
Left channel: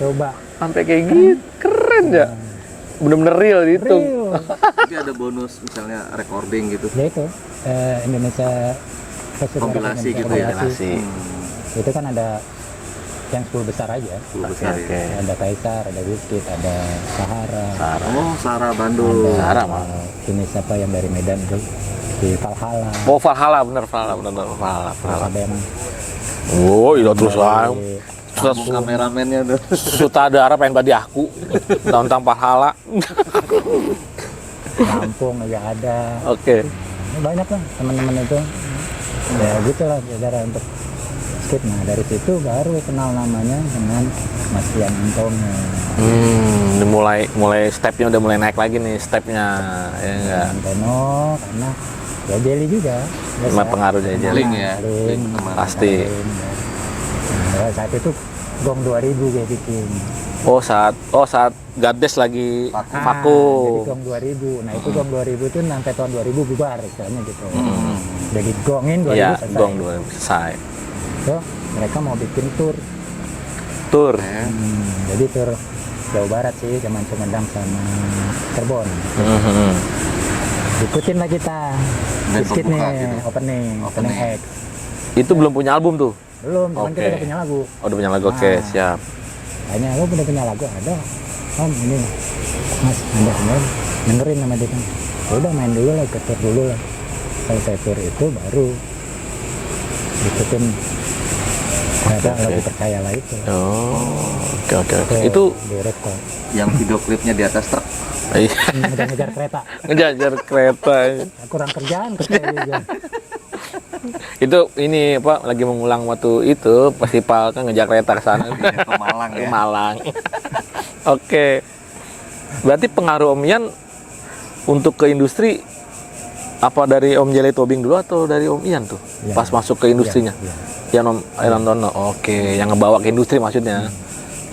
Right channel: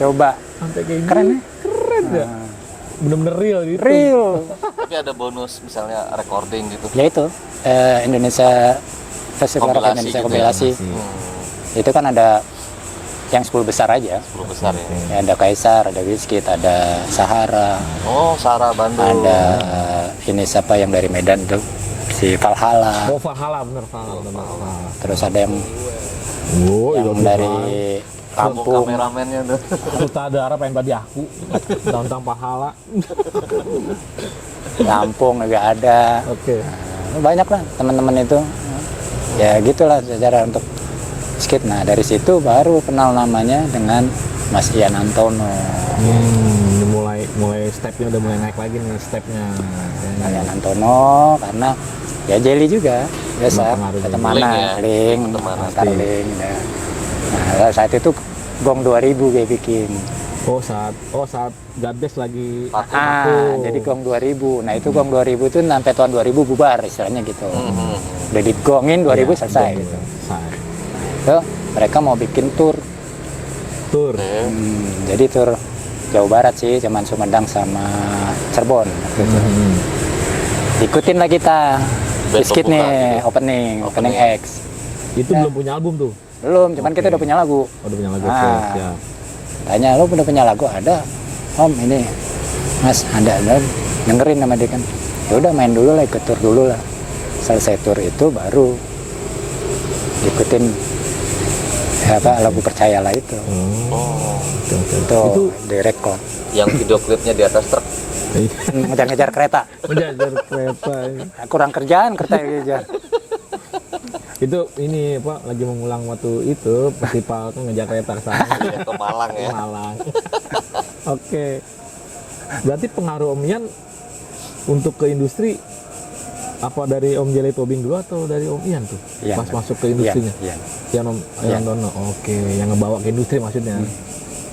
Coba. Sampai kayak gini. Keren ya. Bener-bener real gitu. Real. Tapi ada bonus misalnya recording gitu. Ya itu Indonesia Festival Rock Kompilasi Indonesia gitu ya, kompilasi. Itu kan ada yang 10 besar aja. 10 besar ya. Oke. Ada Kaisar, ada Wizkid, ada Sahara, Oh, Sarah Bandung. ada ini siapa yang dari Medan tuh, si Valhalla. Oh, Valhalla, bener Valhalla. Terus ada yang Oh, iya yang terus dari lah. Kamu kameramennya tuh. Sutradara pengen badi aku. Tentang Valhalla. Lampung juga ada. Oke. Banyak lah teman-teman itu. Ya gitulah secara untuk skit. Nah dari situ baru kenal namanya dengan Mas Ian Antono. Mulai stepnya udah mulai naik lagi nih stepnya. Ya, Ian Antono karena ya Jelly juga. Cuma pengaruhnya Teman Link ya. Link, Pasti. Link, ya. Nah saat itu Gong 2000 gue bikin. saat Gades lagi vakum. Jadi Gong 2000. Nah itu Gong 2000 itu sampai tahun 2000 bubar istilahnya gitu. Udah digongin 2000 Iya, selesai. Gong 2000 selesai. So, mereka mau bikin tour. Tur. Jadi tur Jawa Barat sih, cuman Sumedang sama Cirebon. Ikutin lah kita. Band Wizkid pembuka nih, gitu. opening X. Itu belum punya album tuh. Belum, cuman Oke. kita udah punya lagu. Oh, udah punya lagu. Oke, Ah. siap. Tanya, lo udah punya lagu? Ada. Om, ini Mas ada dengerin sama dia kan, ya udah main dulu lah, ikut tur dulu lah. Selesai tur itu baru ikutin lagu Percayalah itu. Oke. Itu direkod. Yang video klipnya di atas truk. Ngejar-ngejar kereta. Menjajar kereta. Kurang kerjaan kerja. Itu ini apa lagi mengulang waktu itu festival kan ngejar kereta ke sana. Ke Malang Ke ya. Malang. Oke. Berarti pengaruh Om Ian untuk ke industri apa dari Om Jelly Tobing dulu atau dari Om Ian tuh? Iya. Pas masuk ke industrinya. Iya. Yang Om Ian Dono. Oke, yang ngebawa ke industri maksudnya.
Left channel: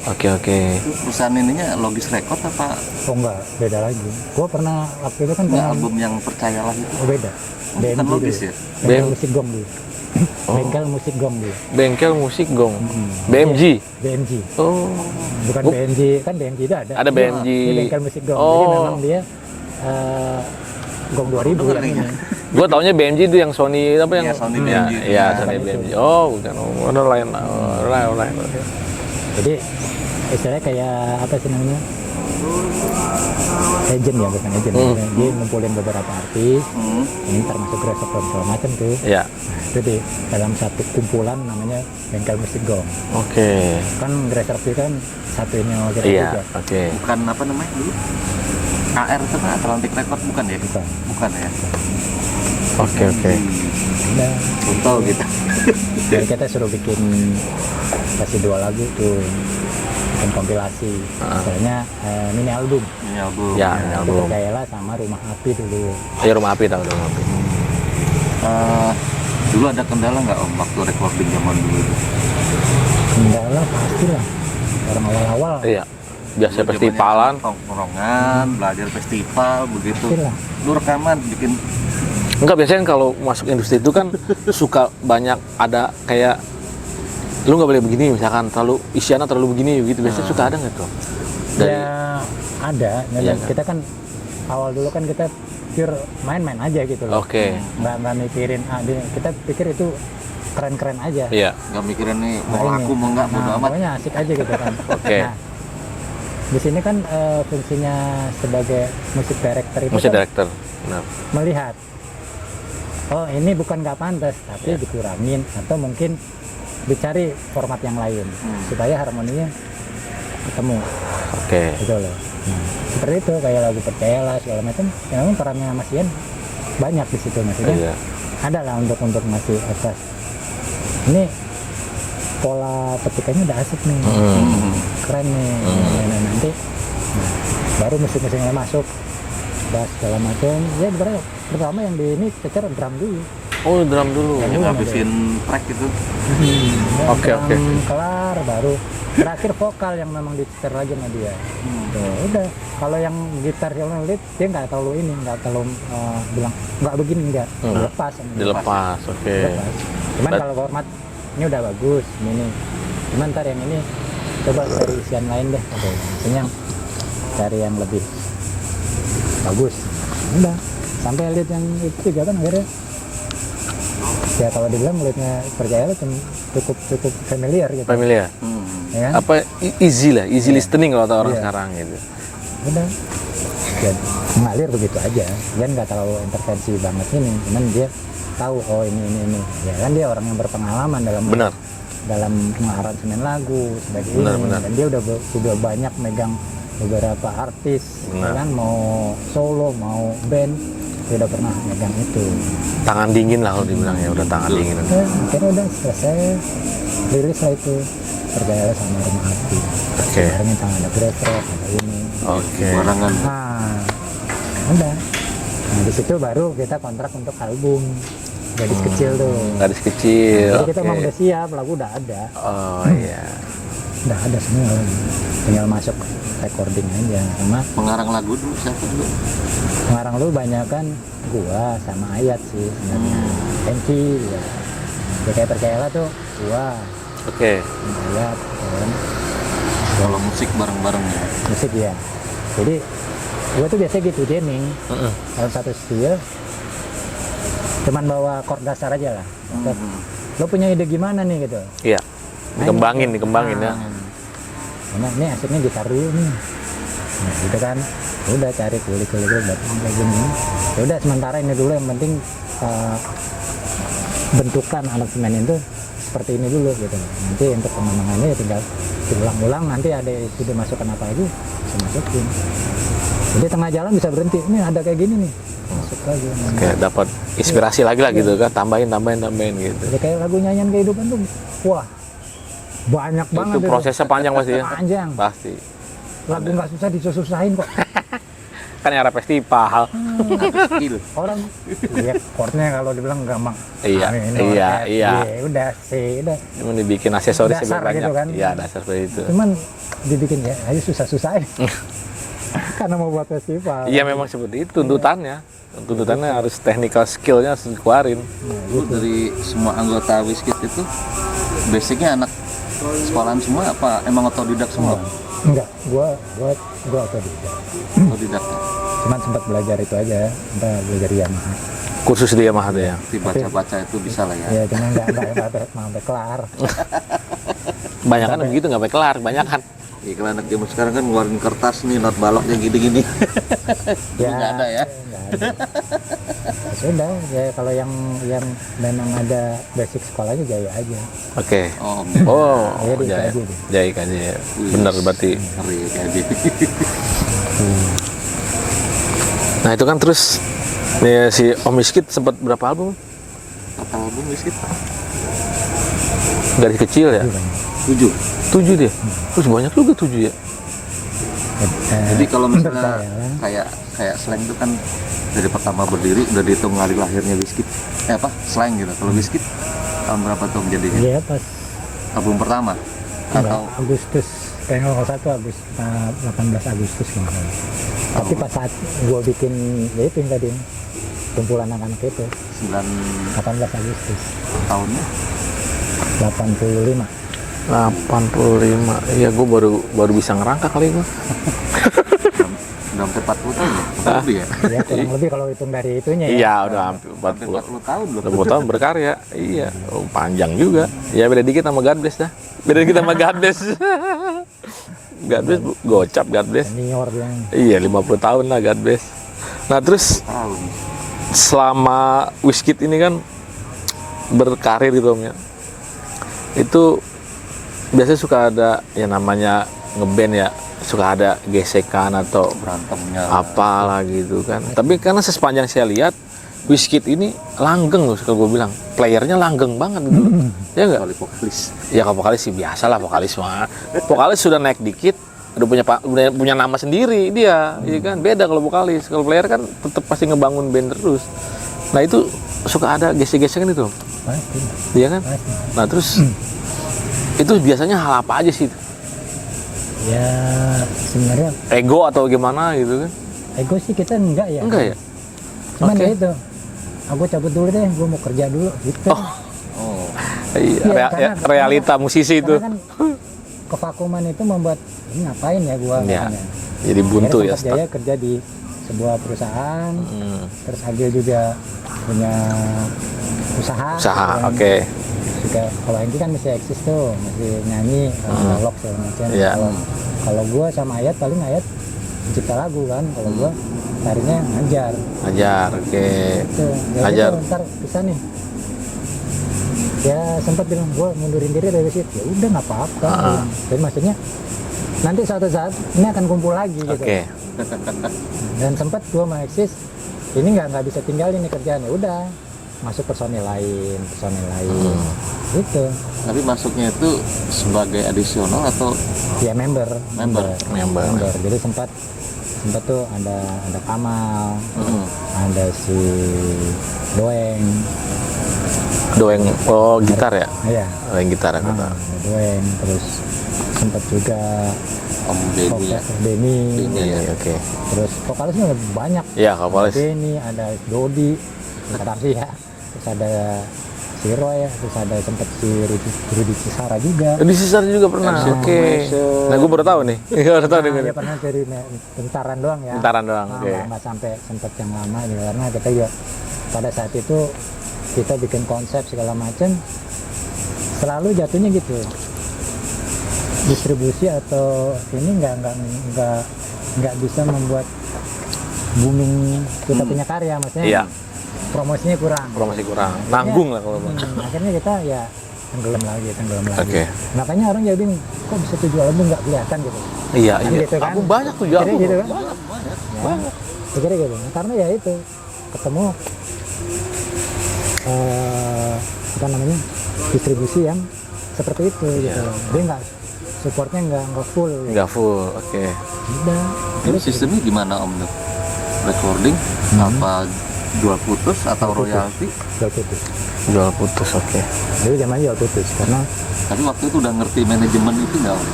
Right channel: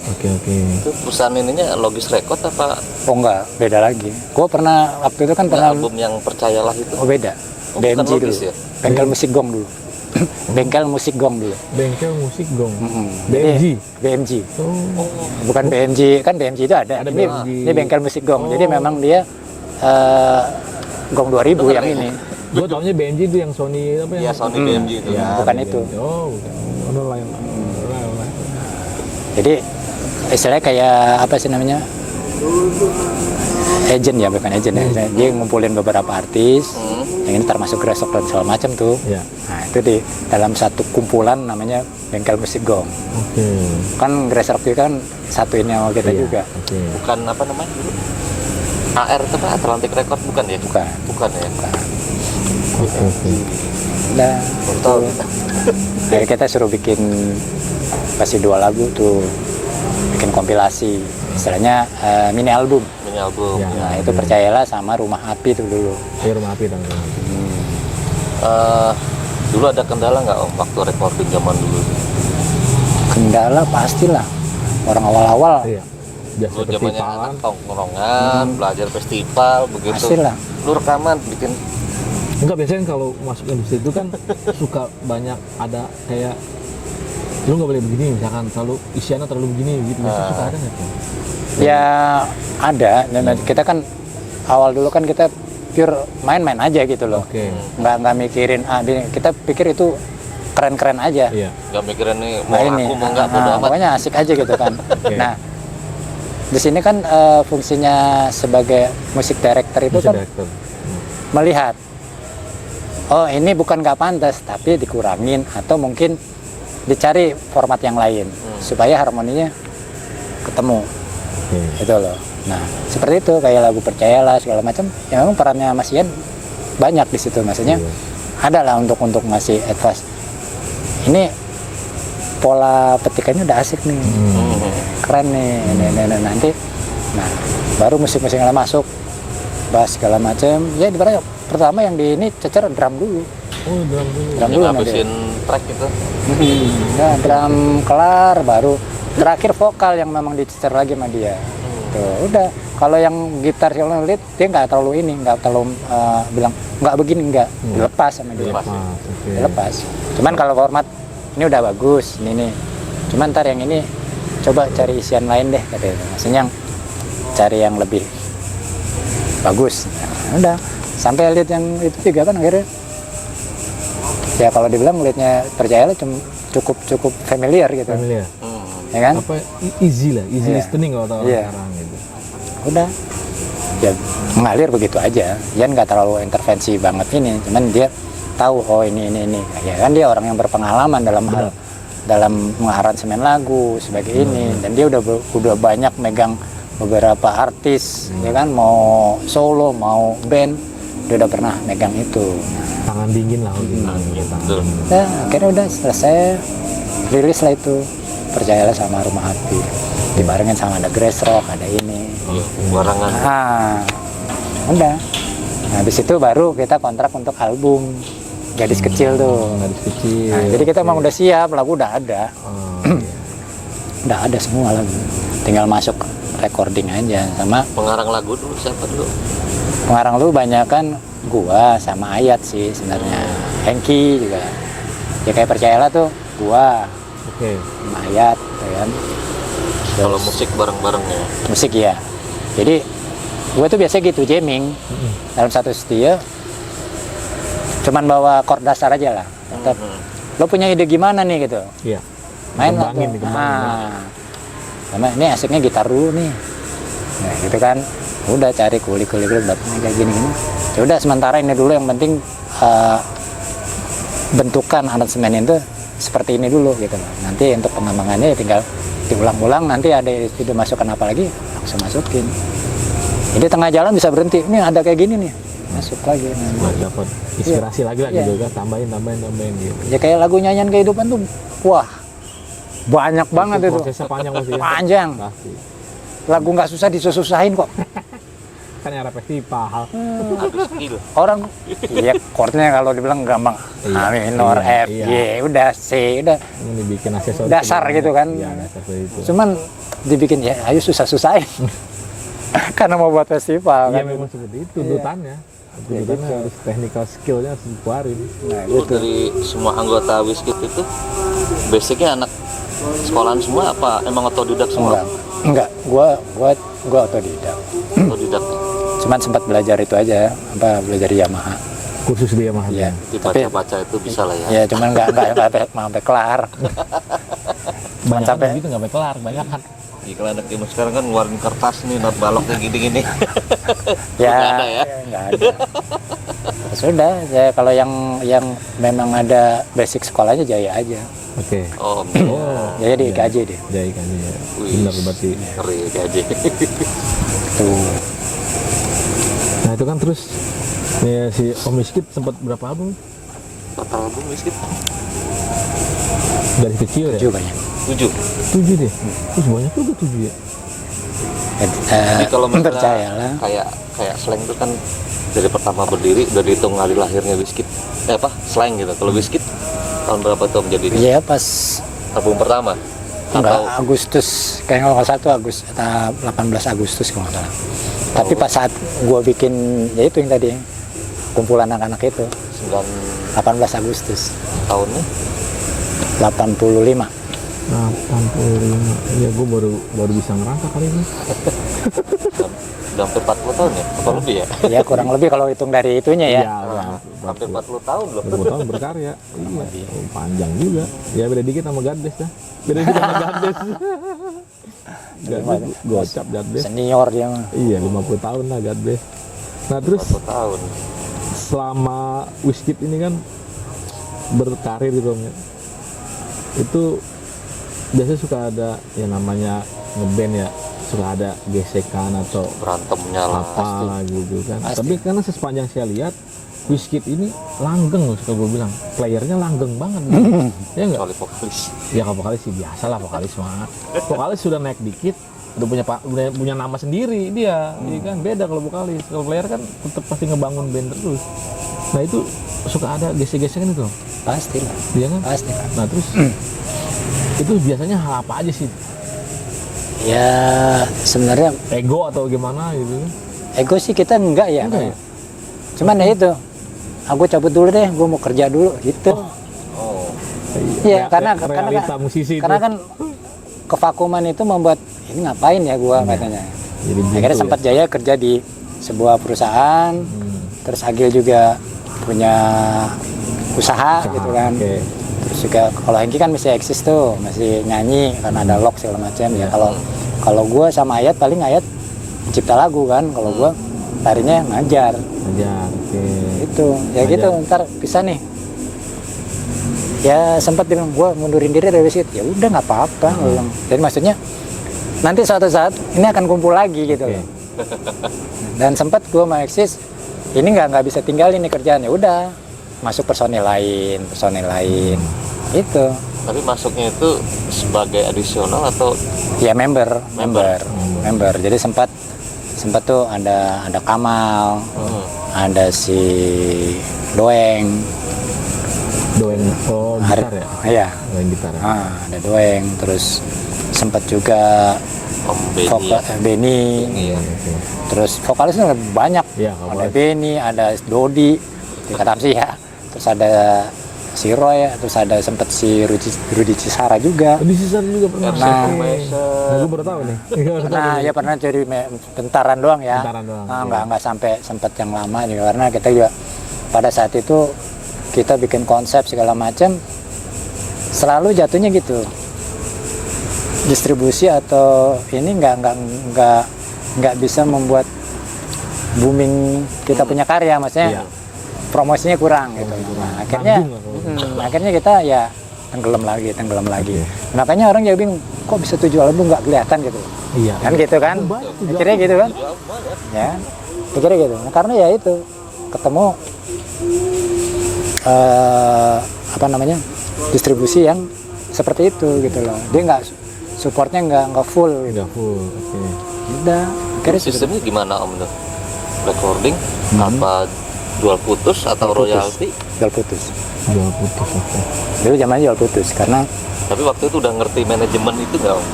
Oke. Itu perusahaan ininya Logis Record apa Oh enggak, beda lagi. Gue pernah waktu itu kan pernah album yang Percayalah itu? beda. Oh, bukan BMG Logis dulu. ya? Bengkel musik gong dulu. Bengkel musik gong dulu. Bengkel musik gong. Mm-mm. BMG. BMG. Oh. Bukan BMG, kan BMG itu ada. Ada BMG. Ini bengkel musik gong. Oh. Jadi memang dia gong 2000 yang ini. Gue taunya BMG itu yang Sony apa yang Iya, Sony BMG itu. Iya, Bukan Sony itu. BMG. Oh, bukan. Oh, ada lain. Lain. Jadi istilahnya kayak apa sih namanya? Agent ya, bukan agent. Dia ngumpulin beberapa artis. Yang ini termasuk Gresok dan segala macam tuh. Iya. Nah, itu di dalam satu kumpulan namanya Bengkel Musik Gong. Oke. Kan Gresok itu kan satuin sama kita Iya. juga. Oke. Bukan apa namanya? AR itu apa? Atlantic Record bukan ya? Bukan. Bukan ya? Oke. Udah. Total gitu. Jadi kita suruh bikin pasti 2 lagu tuh, bikin kompilasi, istilahnya mini album. Ini album. Ya. Nah, itu album. Percayalah sama Rumah Api tuh dulu. Ya Rumah Api tahu Rumah Api. Dulu ada kendala nggak Om waktu recording zaman dulu? Kendala pastilah, orang awal-awal Iya. Biasa Zamannya festivalan. tongkrongan, belajar festival begitu. pastilah. Lu rekaman bikin Enggak, biasanya kalau masuk industri itu kan suka banyak ada kayak lu nggak boleh begini misalkan terlalu isiannya terlalu begini gitu. Biasanya suka ada nggak tuh? Ya ada, dan kita kan awal dulu kan kita pure main-main aja gitu loh. Oke. Nggak mikirin kita pikir itu keren-keren aja. Iya. nggak mikirin nih Nah, mau ini, aku mau nggak bodo amat. pokoknya asik aja gitu kan. Oke. Nah, di sini kan fungsinya sebagai musik director itu Musik kan director. Nah. melihat, oh ini bukan nggak pantas, tapi dikurangin atau mungkin dicari format yang lain supaya harmoninya ketemu, Oke. gitu loh. Nah, seperti itu kayak lagu Percayalah segala macam, ya memang perannya Mas Ian banyak di situ, maksudnya Iya. ada lah untuk masih advance. Ini pola petikannya udah asik nih, keren nih, ini, nanti, nah baru musik-musik yang masuk, bass segala macam. Ya ibaratnya pertama yang di ini cecer drum dulu. Oh, drum dulu. Drum Yang dulu ngabisin track itu. Nah, Oke, drum oke. kelar baru terakhir vokal yang memang dicecer lagi sama dia. Tuh, udah. Kalau yang gitar yang lead dia nggak terlalu ini, nggak terlalu bilang nggak begini nggak, dilepas sama dia. Dilepas. Oke. Dilepas. Cuman kalau format ini udah bagus, ini. Cuman ntar yang ini coba cari isian lain deh katanya. Maksudnya yang cari yang lebih bagus. Nah, udah. Sampai lead yang itu juga kan akhirnya. Ya kalau dibilang leadnya Percayalah cukup familiar gitu. Familiar. Ya kan? Apa easy lah, easy Iya. listening kalau kata orang Iya. sekarang gitu. Udah. Ya mengalir begitu aja. Dia nggak terlalu intervensi banget ini, cuman dia tahu oh ini. Ya kan dia orang yang berpengalaman dalam Benar. dalam mengaransemen lagu sebagai Benar, ini, benar. dan dia udah banyak megang beberapa artis, ya kan, mau solo mau band, dia udah pernah megang itu. Tangan dingin lah kalau dibilang ya, udah tangan dingin. Udah, akhirnya udah selesai, rilis lah itu Percayalah sama Rumah Api. Oke. Barengin sama ada Grass Rock, ada ini. Oke. Barangan. Nah, udah. Nah, di situ baru kita kontrak untuk album Gadis Kecil tuh. Gadis kecil. Nah, jadi kita oke. emang udah siap, lagu udah ada. Oh iya. Udah ada semua lagu. Tinggal masuk recording aja sama Pengarang lagu dulu siapa dulu? pengarang lu banyak kan gua sama Ayat sih sebenarnya. Hengki juga. Ya kayak Percayalah tuh gua Oke. sama Ayat, ya kan. Kalau musik bareng-bareng ya. Musik ya. Jadi gue tuh biasa gitu jamming dalam satu studio, cuman bawa chord dasar aja lah. Lo punya ide gimana nih gitu? Iya. Main Dikembangin, aja. dikembangin ya. Sama ini asiknya gitar dulu nih. Nah, gitu kan. Udah cari kulik dapat kayak gini. Ya udah sementara ini dulu yang penting bentukan aransemen itu seperti ini dulu gitu. Nanti untuk pengembangannya ya tinggal diulang-ulang, nanti ada itu masukkan apa lagi langsung masukin. Jadi tengah jalan bisa berhenti, ini ada kayak gini nih, masuk lagi. Kayak dapat inspirasi lagi lah Iya. gitu kan, tambahin gitu. Ya kayak lagu nyanyian kehidupan tuh, wah banyak banget Itu itu. prosesnya panjang pasti ya. Panjang. Pasti. Lagu nggak susah disusah-susahin kok. Kan era festival. Skill. Orang, ya chordnya kalau dibilang gampang. Iya, A minor, iya, F, iya. G, udah C, udah. Emang dibikin aksesoris Dasar juga gitu banyak. kan. Iya, dasar seperti itu. Cuman dibikin ya, ayo susah-susahin. Karena mau buat festival. Iya kan. memang seperti itu tuntutannya. Tuntutannya harus technical skill-nya harus dikeluarin. Nah, Lu gitu. dari semua anggota Wizkid itu basicnya anak sekolahan semua apa emang otodidak semua? Enggak. Gua otodidak. Otodidak. Cuman sempat belajar itu aja, belajar Yamaha. Kursus di Yamaha tuh ya. Dibaca-baca itu bisa lah ya. Ya cuman nggak sampai kelar. Banyak kan Sampai- begitu nggak sampai kelar, banyak kan. Iya, kalau anak zaman sekarang kan ngeluarin kertas nih, not balok yang gini-gini. Ya, Nggak ada ya? nggak ada. Ya sudah, ya kalau yang memang ada basic sekolahnya Jaya aja. Oke. Oh, Oh, Jaya di Jaya. IKJ deh. Jaya IKJ. Bener berarti. ngeri aja. Tuh. Nah itu kan terus nih si Om Wizkid sempat berapa album? Total album Wizkid Dari kecil ya? 7 banyak. 7. 7 deh. Terus banyak juga 7 ya? Jadi kalau misalnya percayalah. kayak slang itu kan dari pertama berdiri udah dihitung hari lahirnya Wizkid. Slang gitu. Kalau Wizkid tahun berapa tuh menjadi Iya pas album pertama? enggak Atau Agustus, kayaknya kalau nggak salah tuh 18 Agustus kalau nggak salah. Tapi pas saat gua bikin ya itu yang tadi kumpulan anak-anak itu 9 18 Agustus tahunnya? 85. 85. Iya gue baru bisa ngerangka kali itu. Udah sampai 40 tahun ya? Atau lebih ya? Ya kurang lebih kalau hitung dari itunya ya. Iya udah hampir Hampir 40. 40 tahun loh. 20 tahun berkarya. Iya. Oh, panjang juga. Ya beda dikit sama God Bless dah. Beda dikit sama God Bless. God Bless gocap God Bless. Senior dia. Iya 50 tahun lah God Bless. Nah terus Tahun. selama Wizkid ini kan berkarir gitu Om ya. Itu biasanya suka ada ya namanya ngeband ya, suka ada gesekan atau Berantemnya lah. apalah gitu kan. Tapi karena sepanjang saya lihat Wizkid ini langgeng loh, kalau gue bilang playernya langgeng banget gitu. Ya enggak? Kecuali vokalis. Ya kalau vokalis sih biasa lah, vokalis mah. Vokalis sudah naik dikit, udah punya nama sendiri dia, ya kan. Beda kalau vokalis. Kalau player kan tetap pasti ngebangun band terus. Nah itu suka ada gesek-gesekan itu, Pasti, dia kan. pasti. Nah terus itu biasanya hal apa aja sih? Ya sebenarnya Ego atau gimana gitu kan? ego sih kita enggak ya. Enggak ya? Cuman ya itu. Aku cabut dulu deh, gue mau kerja dulu gitu. Oh. Iya, karena realita musisi itu. Karena kan kevakuman itu membuat ini ngapain ya gua Iya. katanya. Jadi buntu Akhirnya ya. sempat Jaya kerja di sebuah perusahaan. Terus Agil juga punya usaha. Usaha, gitu kan. oke. Terus juga kalau Hengki kan masih eksis tuh, masih nyanyi karena ada lock segala macam. Iya. Kalau gua sama Ayat paling Ayat cipta lagu kan. Kalau gua tarinya ngajar. Ajar, oke. Itu ya Ngajar. gitu ntar bisa nih. Ya sempat bilang gua mundurin diri dari Wizkid. Ya udah nggak apa-apa. gua bilang. Jadi maksudnya nanti suatu saat ini akan kumpul lagi gitu. Oke. Dan sempat gua mau eksis. Ini nggak bisa tinggalin nih kerjaan. Ya udah masuk personil lain. Itu Tapi masuknya itu sebagai adisional atau ya member. Jadi sempat tuh ada Kamal, ada si Doeng. Doeng, oh gitar ya? Iya. Doeng gitar. Ada Doeng, terus sempat juga Om Benny? Benny, Iya, oke. terus vokalisnya banyak. Iya, Ada vokalis. Benny, ada Dodi, kata sih ya. Terus ada si Roy, terus ada sempat si Rudi Cisara juga. Di Sisar juga pernah. Nah, Oke. Nah, gue baru tahu nih. Baru tahu Nah, nih. ya pernah jadi bentaran doang ya. Bentaran doang, Nah, oke. nggak sampai sempat yang lama juga karena kita juga pada saat itu kita bikin konsep segala macam selalu jatuhnya gitu. Distribusi atau ini nggak nggak bisa membuat booming kita punya karya, maksudnya Iya. promosinya kurang. Promosi kurang. Akhirnya- Nanggung lah kalau. akhirnya kita ya tenggelam lagi. Oke. Makanya orang jadi bingung, kok bisa 7 album nggak kelihatan gitu. Iya. Kan gitu kan? Album banyak tuh. Kira gitu kan? Ya, kira gitu. Nah, karena ya itu ketemu apa namanya distribusi yang seperti itu gitu loh. Dia nggak supportnya nggak full. Nggak full. Oke. Udah, akhirnya Sistemnya gimana Om tuh? Recording apa jual putus atau royalti? jual putus. Jual putus. Oke. Dulu zamannya jual putus karena Tapi waktu itu udah ngerti manajemen itu nggak Om?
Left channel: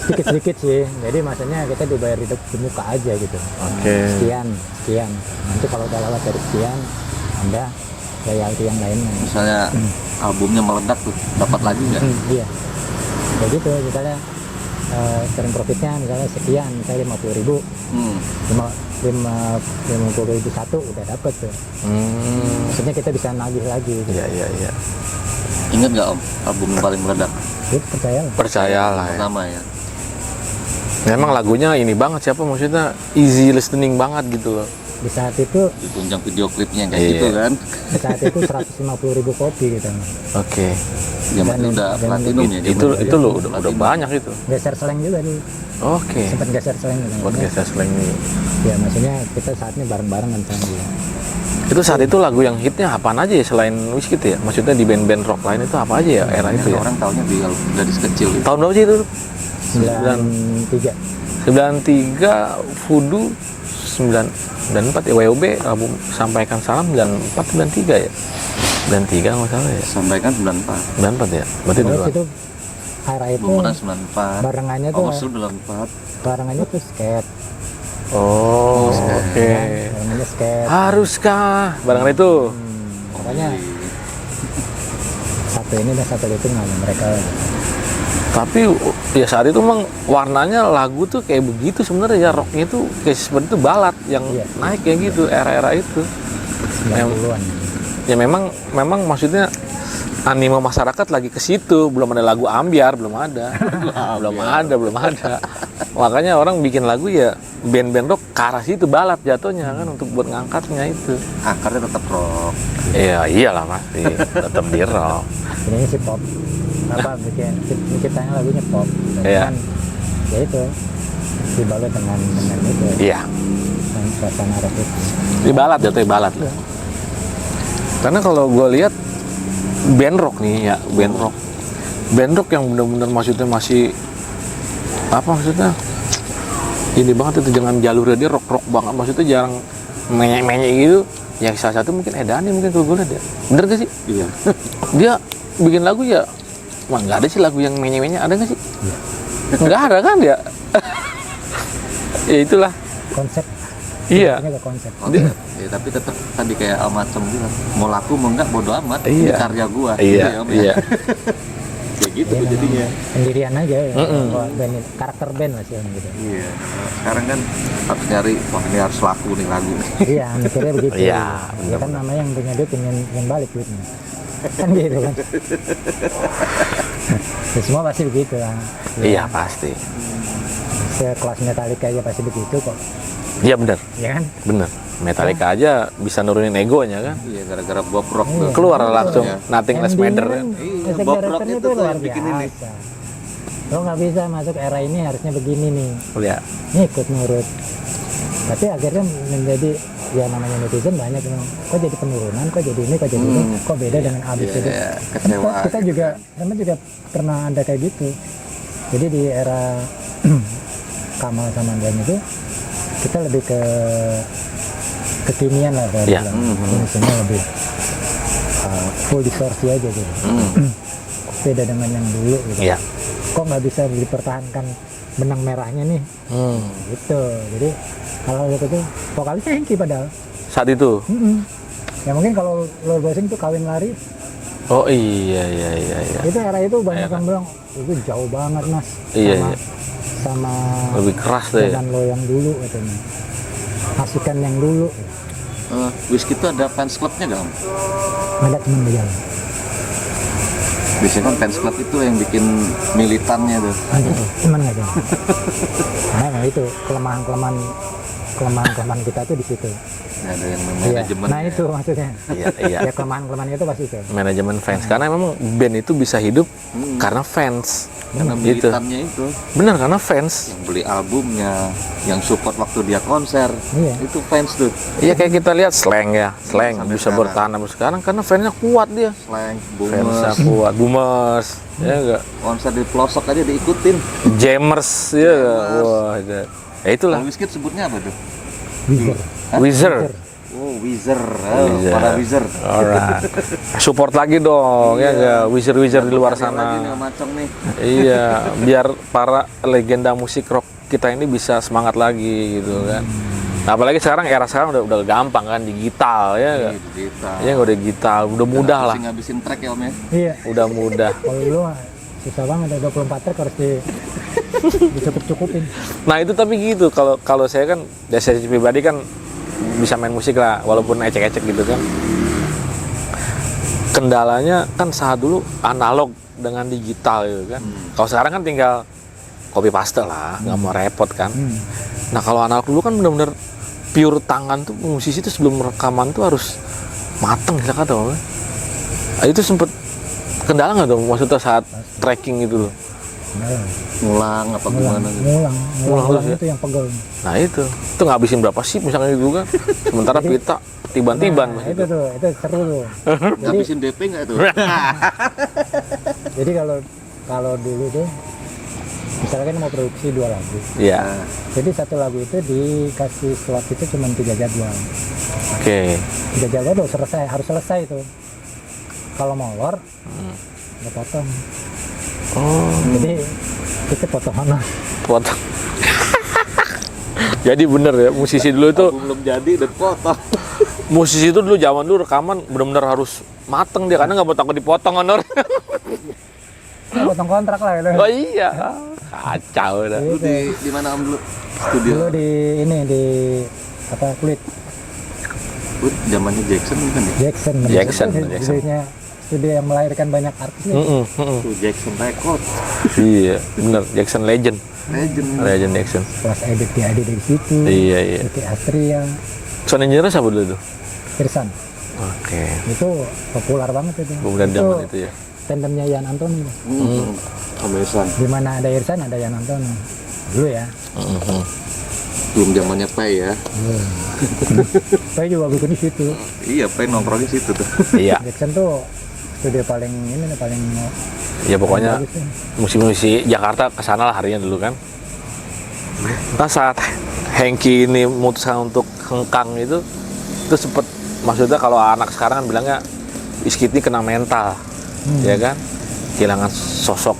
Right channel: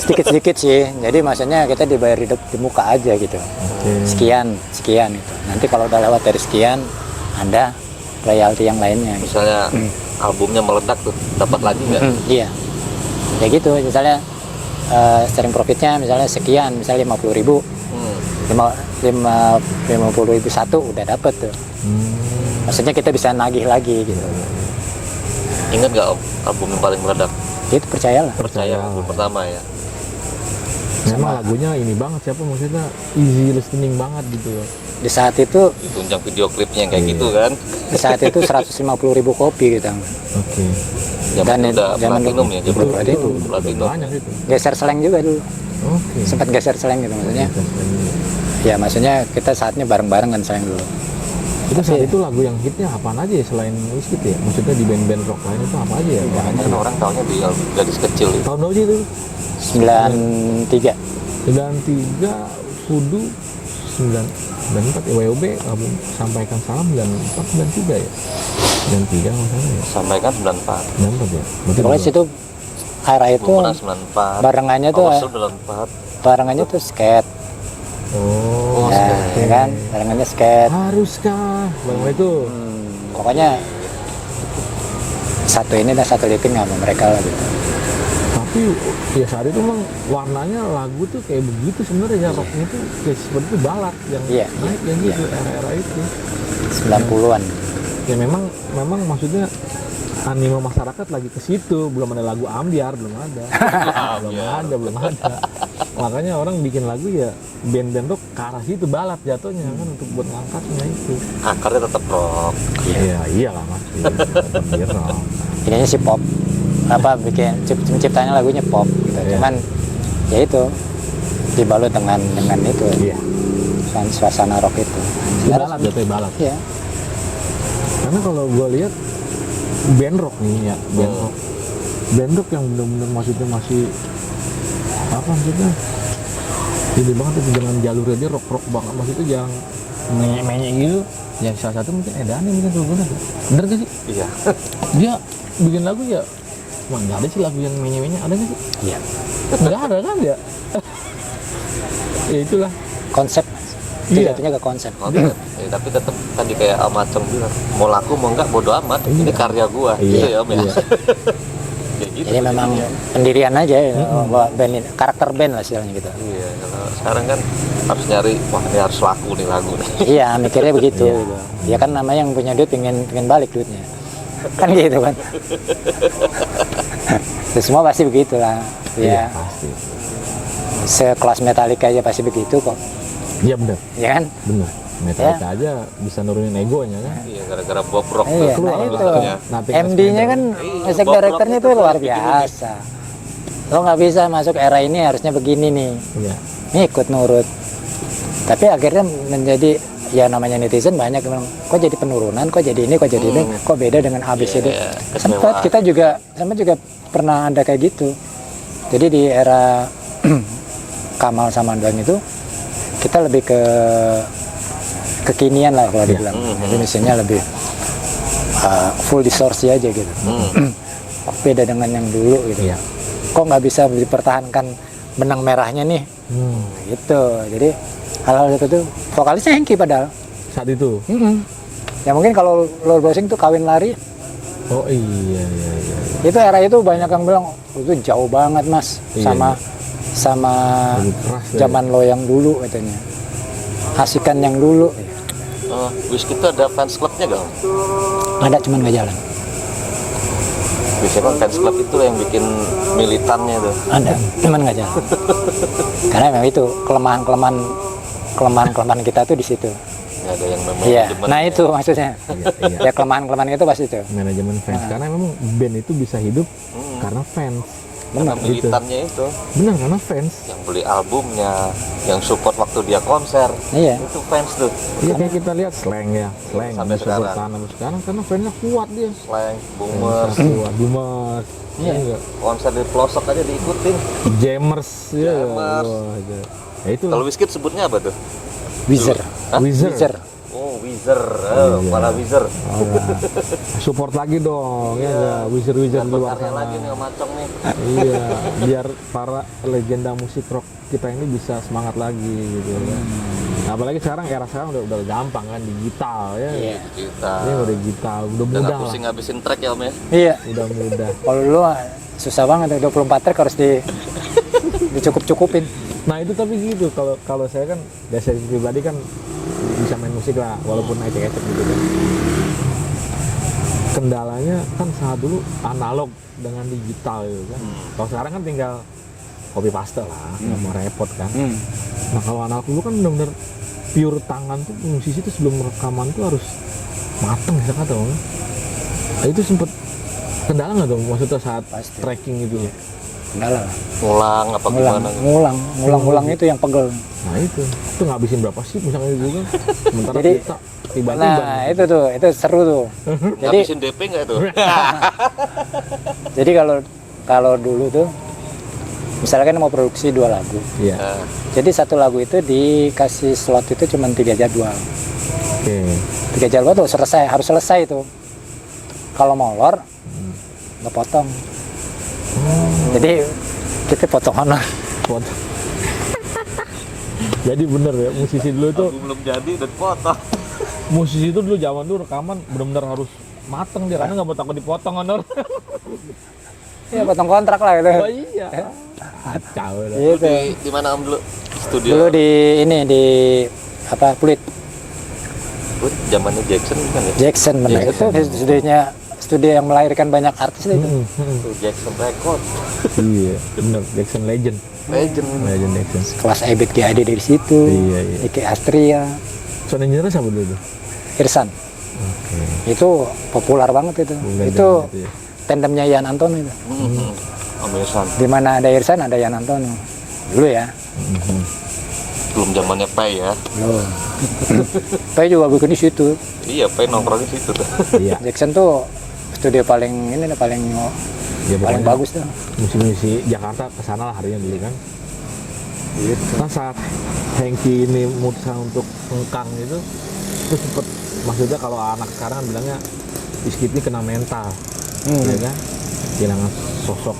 sedikit-sedikit sih. Jadi maksudnya kita dibayar di muka aja gitu. Oke. Sekian gitu. Nanti kalau udah lewat dari sekian, ada royalti yang lainnya. Misalnya albumnya meledak tuh, dapat lagi nggak? Iya. Ya gitu, misalnya sharing profitnya misalnya sekian, misalnya 50.000, Hmm. 50.000 satu udah dapet tuh. Maksudnya kita bisa nagih lagi gitu. Iya. Ingat nggak Om album yang paling meledak? Itu percayalah. Percayalah ya. Pertama ya. Memang lagunya ini banget siapa maksudnya easy listening banget gitu loh. Di saat itu Ditunjang video klipnya kayak Iya. gitu kan. di saat itu 150.000 kopi gitu. Oke. Zaman Dan udah zaman platinum ya. Itu zaman. itu lo udah banyak itu. Geser seleng juga dulu. Oke. Sempat geser seleng gitu maksudnya. Podcast slang ini. Ya maksudnya kita saatnya bareng-bareng kan seleng dulu. Itu saat itu lagu yang hitnya apaan aja ya selain Wizkid ya? Maksudnya di band-band rock lain itu apa aja ya era itu ya? Orang taunya di gadis kecil. Tahun berapa sih itu? 93. 93 Voodoo 94 ya WOB album Sampaikan Salam 94 93 ya. 93 nggak salah ya. Sampaikan 94. 94 ya. Berarti Pokoknya dua. situ era itu Pemuda 94. barengannya tuh Awasel 94. barengannya tuh skate. Oh, Ya, oke. kan? Barengannya skate. Haruskah barengan itu? Pokoknya satu ini dan satu dikit nggak sama mereka lah gitu. Tapi ya saat itu memang warnanya lagu tuh kayak begitu sebenarnya ya rocknya tuh kayak seperti itu balad yang Iya, naik kayak gitu era-era itu. 90-an. Ya memang maksudnya anime masyarakat lagi ke situ, belum ada lagu ambiar, belum ada. belum ada. Makanya orang bikin lagu ya band-band rock ke arah situ balad jatuhnya kan untuk buat ngangkatnya itu. Akarnya tetap rock. Iya, iyalah pasti tetap di rock. Ininya sih pop. Apa bikin menciptanya lagunya pop gitu. Iya. Cuman ya itu dibalut dengan itu Iya. dan suasana rock itu. Di balad jatuhnya balad. Iya. Karena kalau gue lihat band rock nih ya, band rock yang benar-benar maksudnya masih apa maksudnya ini banget itu dengan jalurnya dia rock banget, maksudnya jarang menyek gitu. Ya salah satu mungkin Edani mungkin kalau gue lihat ya, bener gak sih? Iya. Dia bikin lagu ya, wah nggak ada sih lagu yang menyek ada nggak sih? Iya. Nggak ada kan ya? Ya itulah. Konsep. Iya. Jatuhnya ke konsep. Ya, tapi tetap tadi kayak macam gitu. Mau laku mau enggak bodo amat. Ini Iya. karya gua. Iya, ya, Om, ya. iya. Kayak gitu. Ini memang jadinya. pendirian aja ya, bahwa band ini, karakter band lah istilahnya gitu. Iya. Sekarang kan harus nyari, wah ini harus laku nih lagu nih. Iya, mikirnya begitu. Iya. gitu. Ya kan namanya yang punya duit pengen balik duitnya. Kan gitu kan. Ya, semua pasti begitu lah. Iya Ya, pasti. sekelas Metallica aja pasti begitu kok. Iya bener, Ya kan? bener. Metallica aja bisa nurunin egonya kan. Iya, gara-gara Bob Rock. Iya, Keluar nah itu. langsung Nothing Less MD-nya Matter kan, music Bob Rock directornya itu itu luar bikin ini. biasa. Lo nggak bisa masuk era ini harusnya begini nih. Iya. Ini ikut nurut. Tapi akhirnya menjadi ya namanya netizen banyak yang bilang, kok jadi penurunan, kok jadi ini, kok jadi ini, kok beda dengan ABCD. Iya, Sempat kita juga pernah ada kayak gitu. Jadi di era Kamal sama Anduan itu kita lebih ke kekinian lah kalau Iya. dibilang. Indonesianya lebih full distorsi aja gitu. Kok beda dengan yang dulu gitu. Iya. Kok nggak bisa dipertahankan benang merahnya nih gitu. Jadi hal-hal itu vokalisnya Hengki padahal. Saat itu. Ya mungkin kalau lo browsing tuh Kawin Lari Oh iya. itu era itu banyak yang bilang itu jauh banget mas Iya, sama Lebih keras deh. zaman lo yang dulu katanya, asikan yang dulu Wizkid itu ada fans clubnya gak? Om? ada cuman nggak jalan. Biasanya kan fans club itu yang bikin militannya tuh. Ada, cuman nggak jalan. Karena memang itu kelemahan kita tuh di situ. Nggak ada yang Iya, manajemen. nah itu maksudnya. Iya, iya. Ya kelemahan itu pasti itu. Manajemen fans, karena memang band itu bisa hidup karena fans. Karena Gitu. militannya itu Benar, karena fans. yang beli albumnya, yang support waktu dia konser. Iya. Itu fans tuh. Iya, kayak kita lihat Slank ya, Slank Sampai bisa sekarang. bertahan sampai sekarang karena fansnya kuat dia. Slang, Fansnya boomers, kuat, boomers, ya enggak, konser di pelosok aja diikutin. jammers, ya enggak? Wah, ya itulah. Kalau Wizkid sebutnya apa tuh? Wizard. Wizard. Oh, Wizard. Wizard. Para Wizard. Alright. Support lagi dong, ya enggak? Wizard di luar Lagi sana. nih, macam nih. Iya, biar para legenda musik rock kita ini bisa semangat lagi gitu kan. Nah, apalagi sekarang era sekarang udah gampang kan, digital ya enggak? Kita. Ya udah digital, udah mudah lah. Ngabisin track ya Om ya. Iya. Udah mudah. Kalau dulu susah banget ya, 24 track harus dicukup-cukupin. Nah, itu tapi gitu, kalau saya kan dari saya pribadi kan bisa main musik lah walaupun ecek-ecek gitu kan. Kendalanya kan saat dulu analog dengan digital gitu kan. Kalau sekarang kan tinggal copy paste lah, nggak mau repot kan. Nah, kalau analog dulu kan benar-benar pure tangan tuh, musisi itu sebelum rekaman tuh harus mateng ya kata Om. Nah, itu sempet kendala nggak dong maksudnya saat Pasti. tracking gitu loh. Kendala. Ngulang apa gimana? Ngulang itu yang pegel. Nah, itu ngabisin berapa sih misalnya gitu kan. Sementara Jadi- kita tiban-tiban. Nah, itu seru tuh. Jadi Ngabisin DP nggak itu? jadi kalau dulu tuh misalkan mau produksi 2 lagu. Iya. Jadi satu lagu itu dikasih slot itu cuma 3 jadwal. Oke. 3 jadwal tuh harus selesai itu. Kalau molor nggak potong. Oh, Jadi kita potongan lah. potong. Jadi bener ya, musisi dulu itu, Belum jadi udah potong. musisi itu dulu zaman dulu rekaman bener-bener harus mateng dia, karena nggak mau takut dipotong honor. Ya, potong kontrak lah gitu. Oh iya, kacau dah. Gitu. Di mana Om dulu? Studio. Dulu di Kulit Zamannya Jackson kan ya? Jackson, bener. Jackson, Itu studio yang melahirkan banyak artis itu. Tuh Jackson Record. Iya, bener, Jackson Legend. Legend. Jackson. Kelas Ebit GAD dari situ. Iya. Iki Astria, Sound engineer siapa dulu tuh? Irsan. Oke. Itu populer banget itu. Kemudian Itu zaman itu ya. tandemnya Ian Antono itu. Amazon. Di mana ada Irsan ada Ian Antono. Dulu ya. Belum zamannya Pay ya. Yo. Saya juga bikin di situ. Iya, Pay nongkrong di situ tuh. Iya. Jackson tuh studio paling Ya pokoknya bagus tuh. musisi Jakarta kesana lah harinya dulu kan. Nah, saat Hengki ini memutuskan untuk hengkang itu sempet, maksudnya kalau anak sekarang kan bilangnya Wizkid ini kena mental, ya kan, kehilangan sosok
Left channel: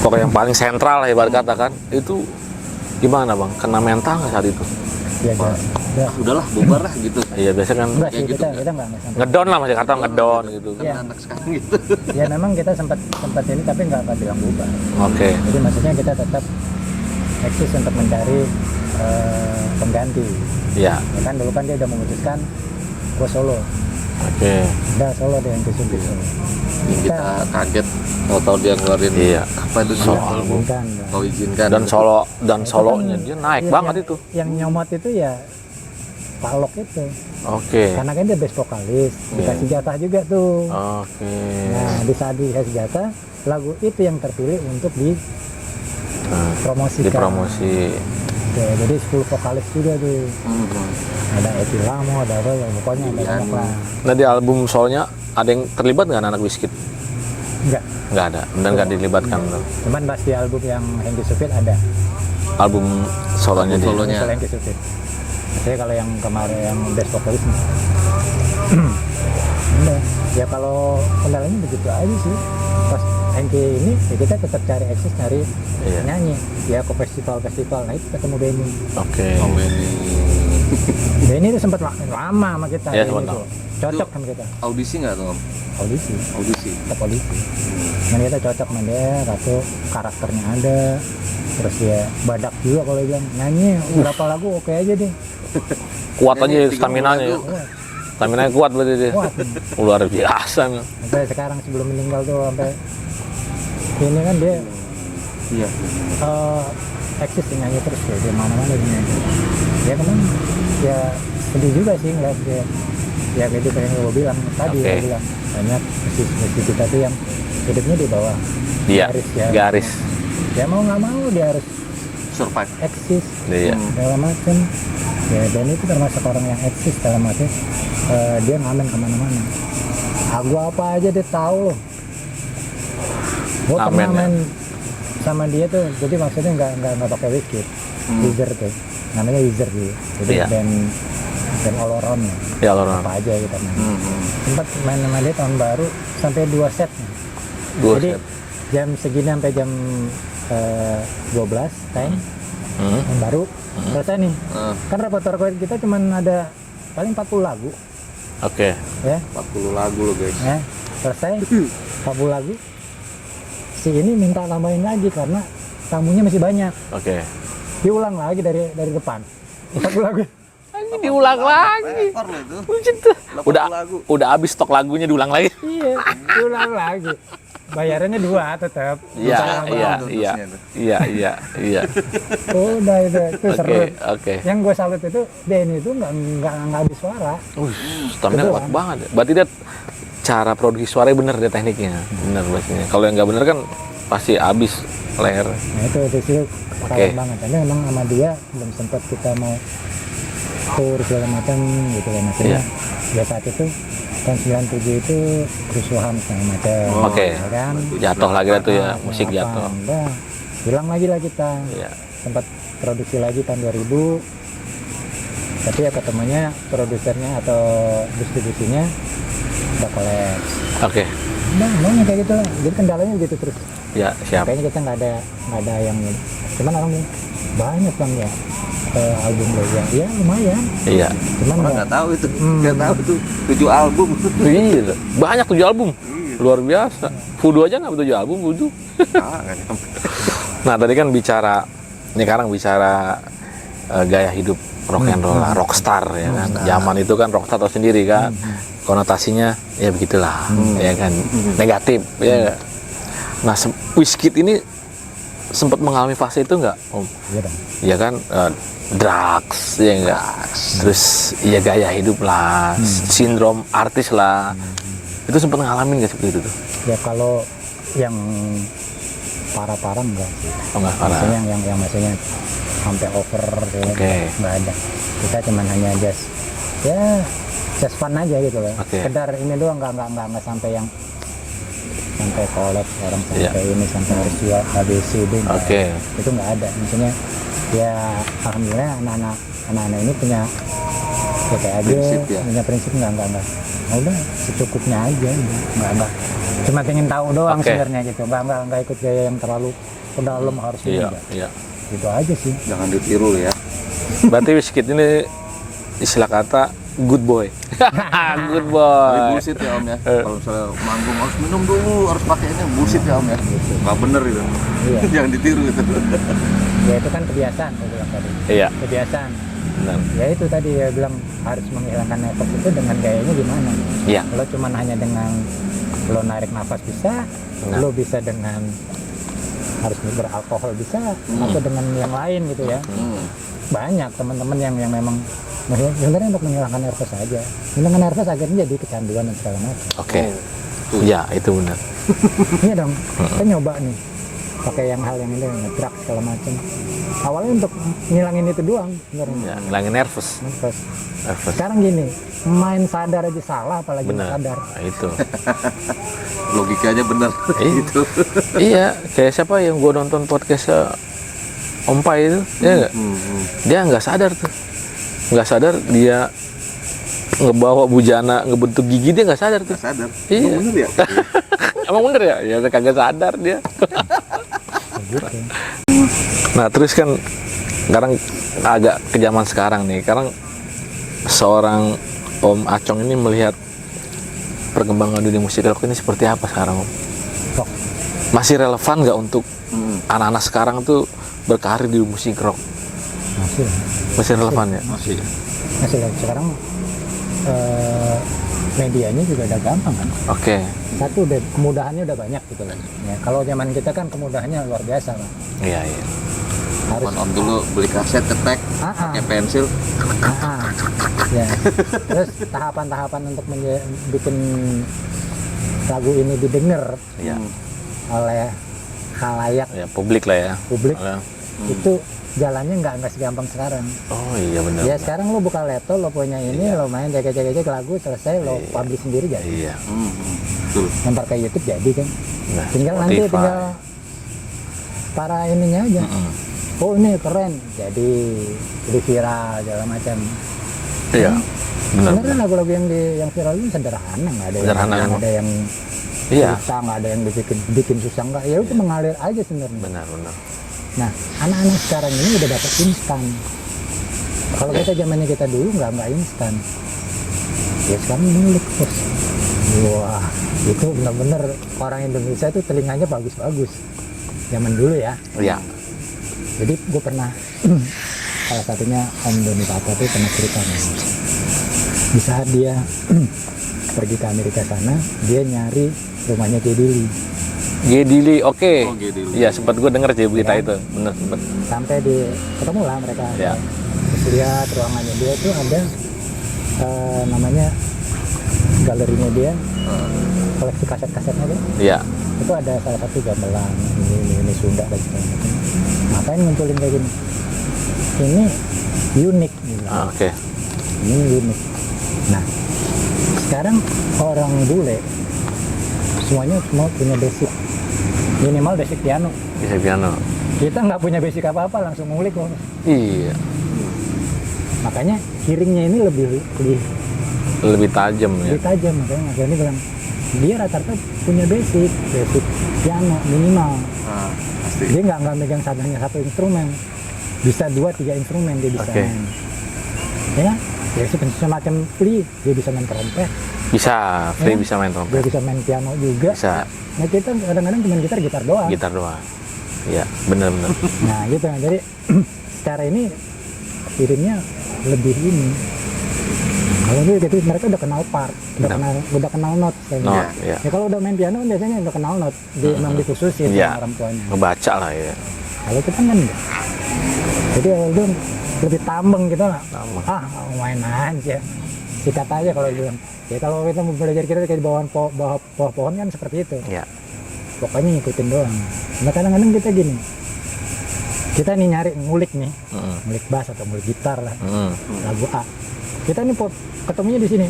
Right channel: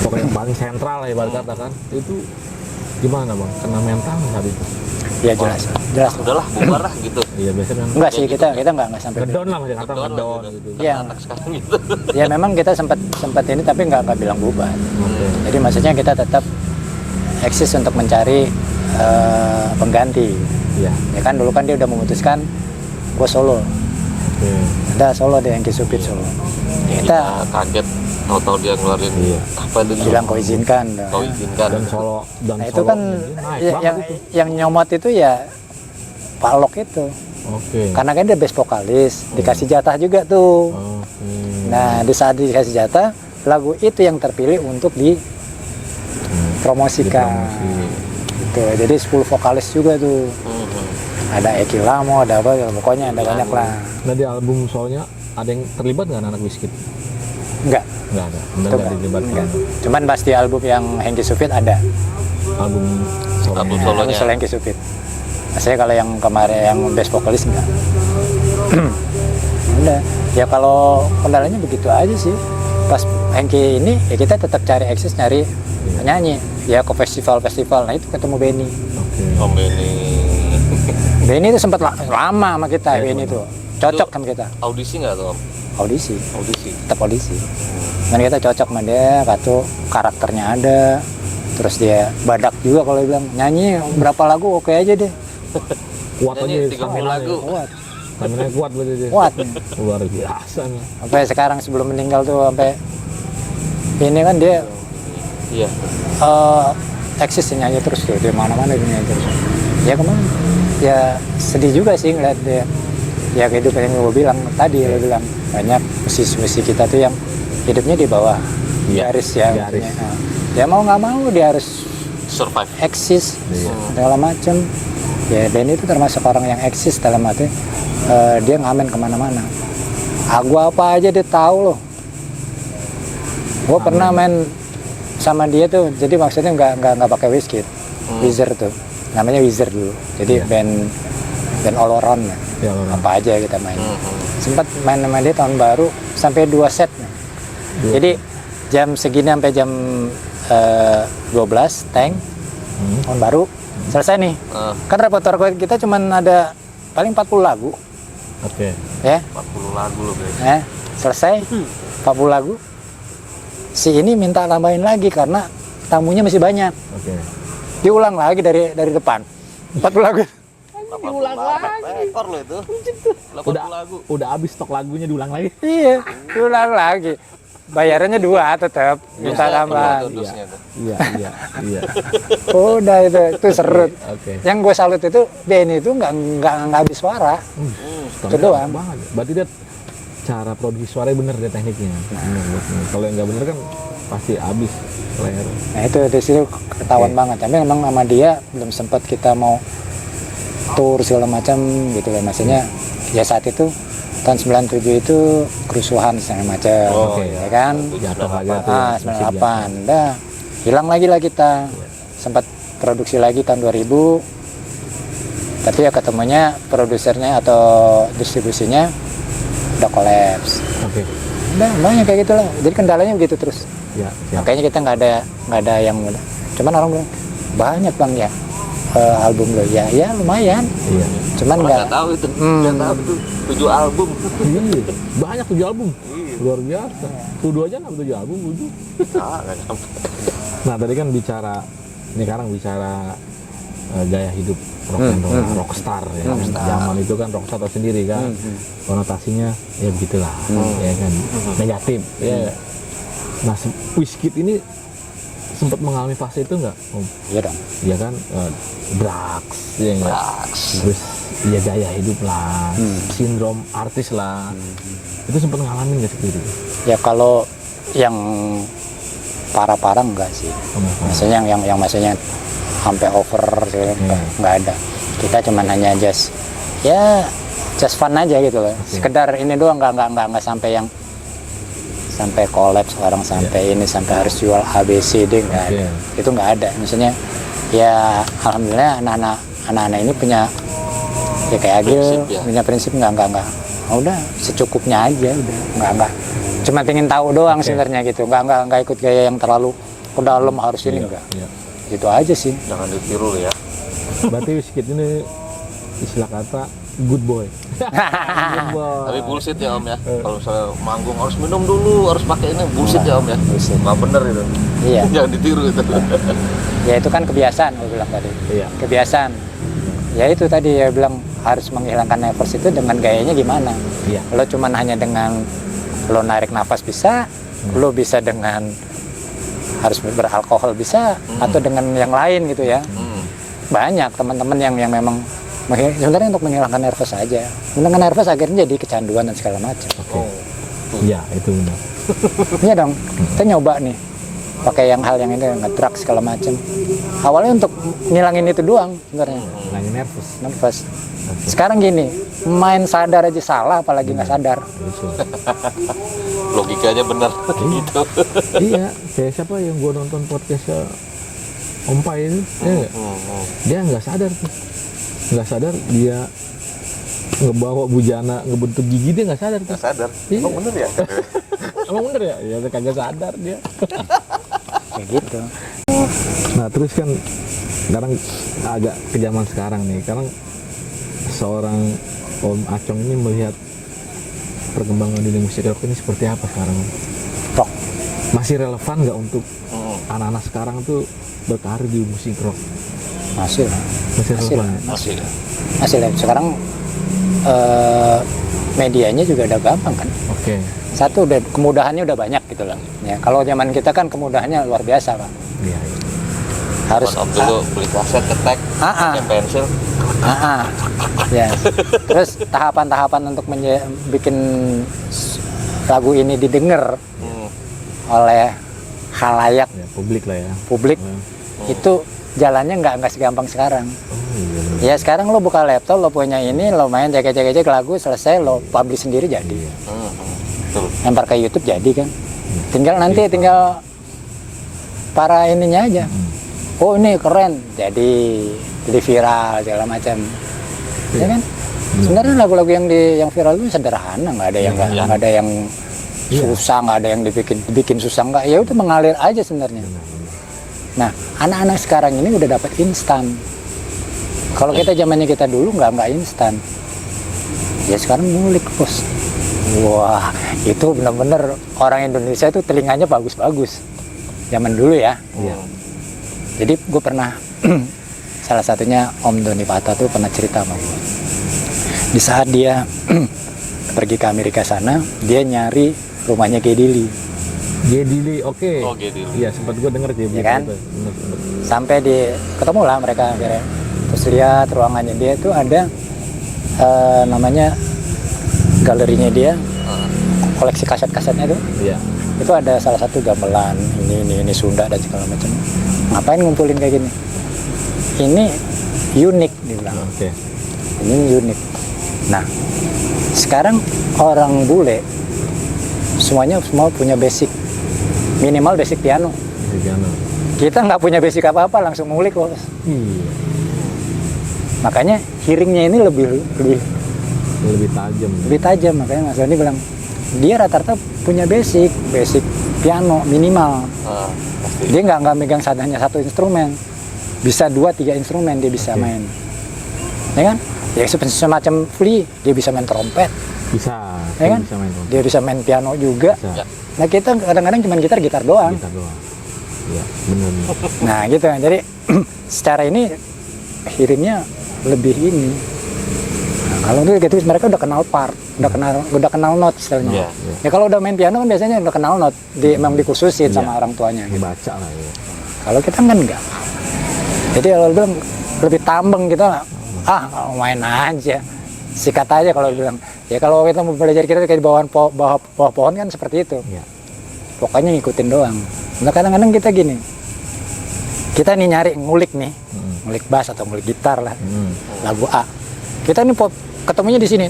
pokoknya yang paling sentral lah ibarat kata kan. Itu gimana Bang, kena mental nggak saat itu? Ya jelas. Udahlah, bubar lah gitu. Iya, biasanya kan Enggak sih, kita nggak sampai. ngedown lah, masih kata ngedown gitu. Iya. Anak sekarang gitu. Ya memang kita sempat ini tapi nggak bilang bubar. Oke. Jadi maksudnya kita tetap eksis untuk mencari pengganti. Iya. Ya kan dulu kan dia udah memutuskan gue solo. Oke. Udah solo deh yang Supit solo. Kita Kaget tahu dia ngeluarin Iya. apa itu bilang kau izinkan. Kau izinkan. Dan solo Nah, itu solonya dia naik ya, banget yang, itu. Yang nyomot itu ya Palok itu. Oke. Karena kan dia bass vokalis, dikasih jatah juga tuh. Oke. Nah, di saat dikasih jatah, lagu itu yang terpilih untuk dipromosikan. Dipromosi. Tuh, jadi 10 vokalis juga tuh. Mhm. Ada Eki Lamo, ada apa, pokoknya ada banyak lah. Nah, di album solonya ada yang terlibat nggak anak Wizkid? Enggak. Nggak ada, benar nggak dilibatkan. Enggak. Cuman pas di album yang Hengki Supit ada. Album solonya dia. Solonya. Album solo Hengki Supit. Saya kalau yang kemarin yang bass vokalis enggak. Udah. Ya kalau kendalanya begitu aja sih. Pas Hengki ini ya kita tetap cari eksis nyari Iya. nyanyi. Ya ke festival-festival. Nah itu ketemu Benny. Oke. Om Benny. Benny itu sempat lama sama kita. Iya, Benny sempat tuh cocok sama kita. Audisi nggak tuh Om? Audisi. Audisi. Tetap audisi. Dan kita cocok sama dia. Katu karakternya ada. Terus dia badak juga kalau dia bilang nyanyi berapa lagu oke aja deh. Kuat Nyanyi aja 3 stamina-nya. lagu. Kuat. Stamina kuat berarti dia. kuat. Luar biasa nih. Sampai sekarang sebelum meninggal tuh sampai ini kan dia Iya. eksis nyanyi terus tuh, dia mana-mana dia nyanyi terus. Ya kemana? Ya sedih juga sih ngeliat dia. Ya kehidupan yang gue bilang tadi, Oke. gue bilang banyak musisi kita tuh yang hidupnya di bawah Iya, garis ya. garis. Nah, ya mau nggak mau dia harus Survive. eksis Iya. segala macem. Ya Dan itu termasuk orang yang eksis dalam arti dia ngamen kemana-mana. Gua apa aja dia tahu loh. Gue Ngamen pernah ya? main sama dia tuh, jadi maksudnya nggak pakai Wizkid, Wizard tuh, namanya Wizard dulu. Jadi Iya. band all around ya. Ya orang. Apa aja kita main. Sempat main sama dia tahun baru sampai 2 set. Dua Jadi jam segini sampai jam 12 tank tahun baru selesai nih. Kan repertoire kita cuman ada paling 40 lagu Oke. ya. 40 lagu loh guys. Ya, selesai 40 lagu. Si ini minta tambahin lagi karena tamunya masih banyak. Oke. Diulang lagi dari depan. 40 lagu. Diulang lagi. Ekor loh itu. Udah habis stok lagunya diulang lagi. Iya, diulang lagi. Bayarannya 2 tetap. Iya, Minta tambahan. iya. Udah itu seru. Oke. Yang gue salut itu Benny itu nggak habis suara. Stamina doang. kuat banget. Berarti dia cara produksi suaranya bener dia tekniknya. Bener maksudnya. Kalau yang nggak bener kan pasti habis leher. Nah itu di situ ketahuan Oke. banget. Tapi memang sama dia belum sempat kita mau tour segala macam gitu ya. Maksudnya ya saat itu tahun 97 itu kerusuhan segala macam. Oke. Ya kan? Jatuh lagi lah tuh ya, musik 98. jatuh. Udah hilang lagi lah kita. Iya. Sempat produksi lagi tahun 2000. Tapi ya ketemunya produsernya atau distribusinya udah kolaps. Oke. Udah banyak kayak gitu lah. Jadi kendalanya begitu terus. Ya, siap. Kayaknya kita nggak ada yang cuman orang bilang banyak bang ya album lo ya lumayan. Iya. Cuman nggak Nggak tahu itu. Nggak tahu itu. 7 album. Iya. Banyak 7 album. Luar biasa. Fudu aja nggak 7 album, Fudu. Nah, tadi kan bicara ini sekarang bicara gaya hidup rock and roll, rockstar ya kan. Zaman itu kan rockstar tahu sendiri kan. Konotasinya ya begitulah, ya kan. Negatif ya. Nah, Wizkid ini sempat mengalami fase itu nggak, Om? Iya dong. Ya kan, drugs, ya enggak. Terus ya gaya hidup lah, sindrom artis lah. Itu sempat ngalamin nggak seperti itu tuh? Ya kalau yang parah-parah enggak sih. Oh, nggak parah. Maksudnya yang maksudnya sampai over gitu, Oke. nggak ada. Kita cuman hanya just fun aja gitu loh. Oke. Sekedar ini doang, nggak sampai yang sampai kolaps orang sampai ini sampai harus jual ABCD nggak Oke. ada. Itu nggak ada. Maksudnya ya alhamdulillah anak-anak ini punya ya kayak Agil Prinsip, ya. punya prinsip nggak. Udah secukupnya aja udah nggak. Cuma pengen tahu doang Oke. sebenarnya gitu. Nggak ikut gaya yang terlalu ke dalam harus ini enggak. Iya. Gitu aja sih. Jangan ditiru ya. Berarti Wizkid ini istilah kata good boy. Good boy. Tapi bullshit ya Om ya. Kalau misalnya manggung harus minum dulu, harus pakai ini bullshit ya Om ya. Bullshit. Nggak bener itu. Iya. Jangan ditiru itu. Ya itu kan kebiasaan gue bilang tadi. Iya. Kebiasaan. Benar. Ya itu tadi ya bilang harus menghilangkan nervous itu dengan gayanya gimana. Iya. Lo cuman hanya dengan lo narik nafas bisa, lo bisa dengan harus beralkohol bisa, atau dengan yang lain gitu ya. Banyak teman-teman yang memang sebenarnya untuk menghilangkan nervous aja. Menghilangkan nervous akhirnya jadi kecanduan dan segala macam. Oke. Iya, itu benar. Iya dong. Kita nyoba nih pakai hal yang ini ngedrugs segala macam. Awalnya untuk ngilangin itu doang sebenarnya. Ya, ngilangin nervous. Nervous. Sekarang gini, main sadar aja salah apalagi nggak sadar. Nah, itu. Logikanya benar. Iya. Gitu. Iya, kayak siapa yang gua nonton podcastnya Om Pai itu, ya nggak? Dia nggak sadar tuh, nggak sadar dia ngebawa bujana ngebentuk gigi, dia nggak sadar tuh. Nggak sadar. Iya. Emang bener ya? Emang bener ya? Ya kagak sadar dia. Kayak gitu. Nah terus kan sekarang agak ke zaman sekarang nih, sekarang seorang Om Acong ini melihat perkembangan dunia musik rock ini seperti apa sekarang, Om? Rock. Masih relevan nggak untuk anak-anak sekarang tuh berkarir di musik rock? Masih lah. Masih relevan ya? Masih ya. Masih lah. Sekarang medianya juga udah gampang kan. Oke. Satu udah kemudahannya udah banyak gitu lah. Ya, kalau zaman kita kan kemudahannya luar biasa Pak. Iya, iya. Harus Om dulu beli kaset ketek, pakai pensil. ya. Terus tahapan-tahapan untuk bikin lagu ini didengar Iya. oleh khalayak Ya, publik lah ya. publik Lah. itu jalannya nggak segampang sekarang. Oh iya benar. Ya sekarang lo buka laptop, lo punya ini, lo main cek lagu selesai, lo publish sendiri jadi. Iya. Betul. Lempar ke YouTube jadi kan. Nah, Tinggal nanti Spotify. tinggal para ininya aja. Oh ini keren, jadi viral segala macam. Iya. Ya kan? Benar. Sebenarnya lagu-lagu yang viral itu sederhana, nggak ada yang Sederhana. nggak ada yang Iya. susah, nggak ada yang dibikin susah, nggak. Ya udah mengalir aja sebenarnya. Benar. Nah, anak-anak sekarang ini udah dapat instan. Kalau kita zamannya kita dulu nggak instan. Ya sekarang ngulik bos. Wah, itu benar-benar orang Indonesia itu telinganya bagus-bagus. Zaman dulu ya. Iya. Jadi gue pernah salah satunya Om Doni Pata tuh pernah cerita sama gue. Di saat dia pergi ke Amerika sana, dia nyari rumahnya Gedili. Gedili, oke. Oh, Gedili. Iya, sempat gue denger sih berita kan? itu. Benar. Sampai ketemu lah mereka. Ya. Terus lihat ruangannya dia tuh ada namanya galerinya dia, koleksi kaset-kasetnya tuh. Iya. Itu ada salah satu gamelan ini Sunda dan segala macam. Ngapain ngumpulin kayak gini? Ini unik dia bilang. Oke. Ini unik. Nah, sekarang orang bule semua punya basic, minimal basic piano. Bisa piano. Kita nggak punya basic apa-apa, langsung ngulik bos. Iya. Makanya hearingnya ini Lebih tajam ya. lebih tajam. Makanya Mas Doni bilang dia rata-rata punya basic piano minimal. Oh, pasti. Dia nggak megang hanya satu instrumen, bisa 2-3 instrumen dia bisa Oke. main. Ya kan? Ya semacam Flea, dia bisa main trompet, Bisa. ya kan? Bisa main trompet. Dia bisa main piano juga. Bisa. Nah kita kadang-kadang cuma gitar doang. Gitar doang. Iya, benar. Nah gitu kan. Jadi secara ini hearingnya lebih ini. Nah, kalau itu gitu mereka udah kenal part, udah kenal note istilahnya. Note, iya. Ya kalau udah main piano kan biasanya udah kenal note, emang dikhususin Iya. sama orang tuanya. Ngebaca lah ya. Kalau kita kan enggak. Jadi kalau bilang lebih tambeng gitu lah. Main aja. Sikat aja kalau bilang. Ya kalau kita mau belajar kita kayak di bawah pohon kan seperti itu. Iya. Pokoknya ngikutin doang. Nah kadang-kadang kita gini. Kita nih nyari ngulik nih. Ngulik bass atau ngulik gitar lah. Lagu A. Kita nih ketemunya di sini.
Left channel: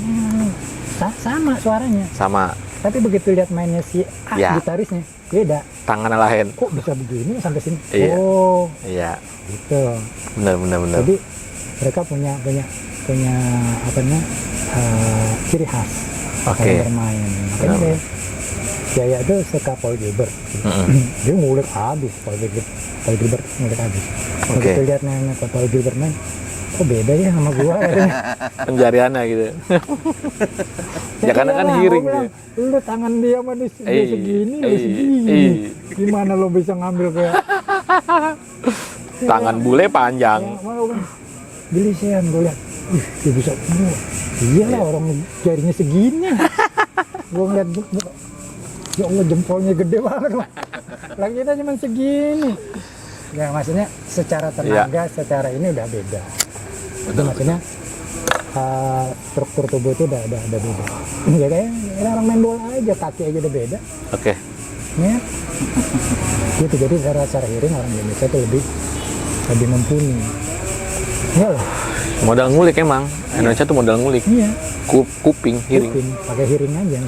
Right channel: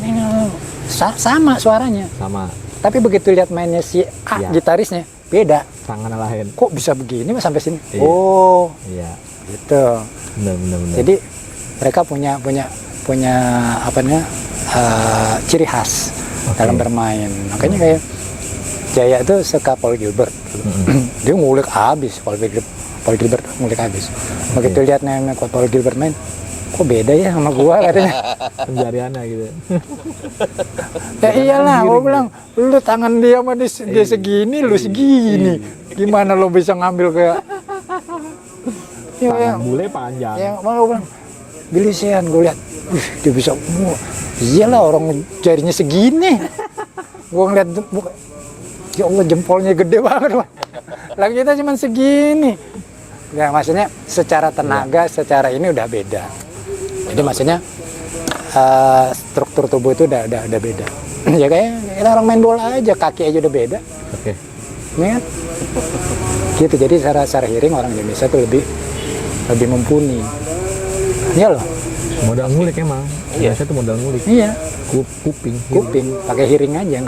Sama suaranya. Sama Tapi begitu lihat mainnya si A, Ya. gitarisnya beda. tangan lain. Kok bisa begini mas sampai sini? Iya. Oh, Iya. gitu. Benar. Jadi mereka punya apa namanya ciri khas Oke. dalam bermain. Makanya kayak Jaya itu suka Paul Gilbert. Dia ngulik habis Paul Gilbert ngulik habis. Begitu lihat nenek Paul Gilbert main, kok beda ya sama gua katanya. Penjariannya gitu. Ya karena kan iyalah, giring gua bilang, lu tangan dia mah dia segini, lu segini. Gimana lu bisa ngambil kayak Tangan bule panjang. Ya, mau bilang, Bilisian gue lihat, dia bisa, iyalah orang jarinya segini. Gue ngeliat, ya Allah jempolnya gede banget. Wah. Lagi kita cuma segini. Ya maksudnya secara tenaga, secara ini udah beda. Jadi maksudnya struktur tubuh itu udah beda. Ya kayak kita orang main bola aja, kaki aja udah beda. Oke. Ya. Gitu, jadi secara hearing orang Indonesia tuh lebih mumpuni. Iya loh. Modal ngulik emang. Indonesia tuh modal ngulik. Iya. Kuping, hearing. Kuping, pakai hearing aja,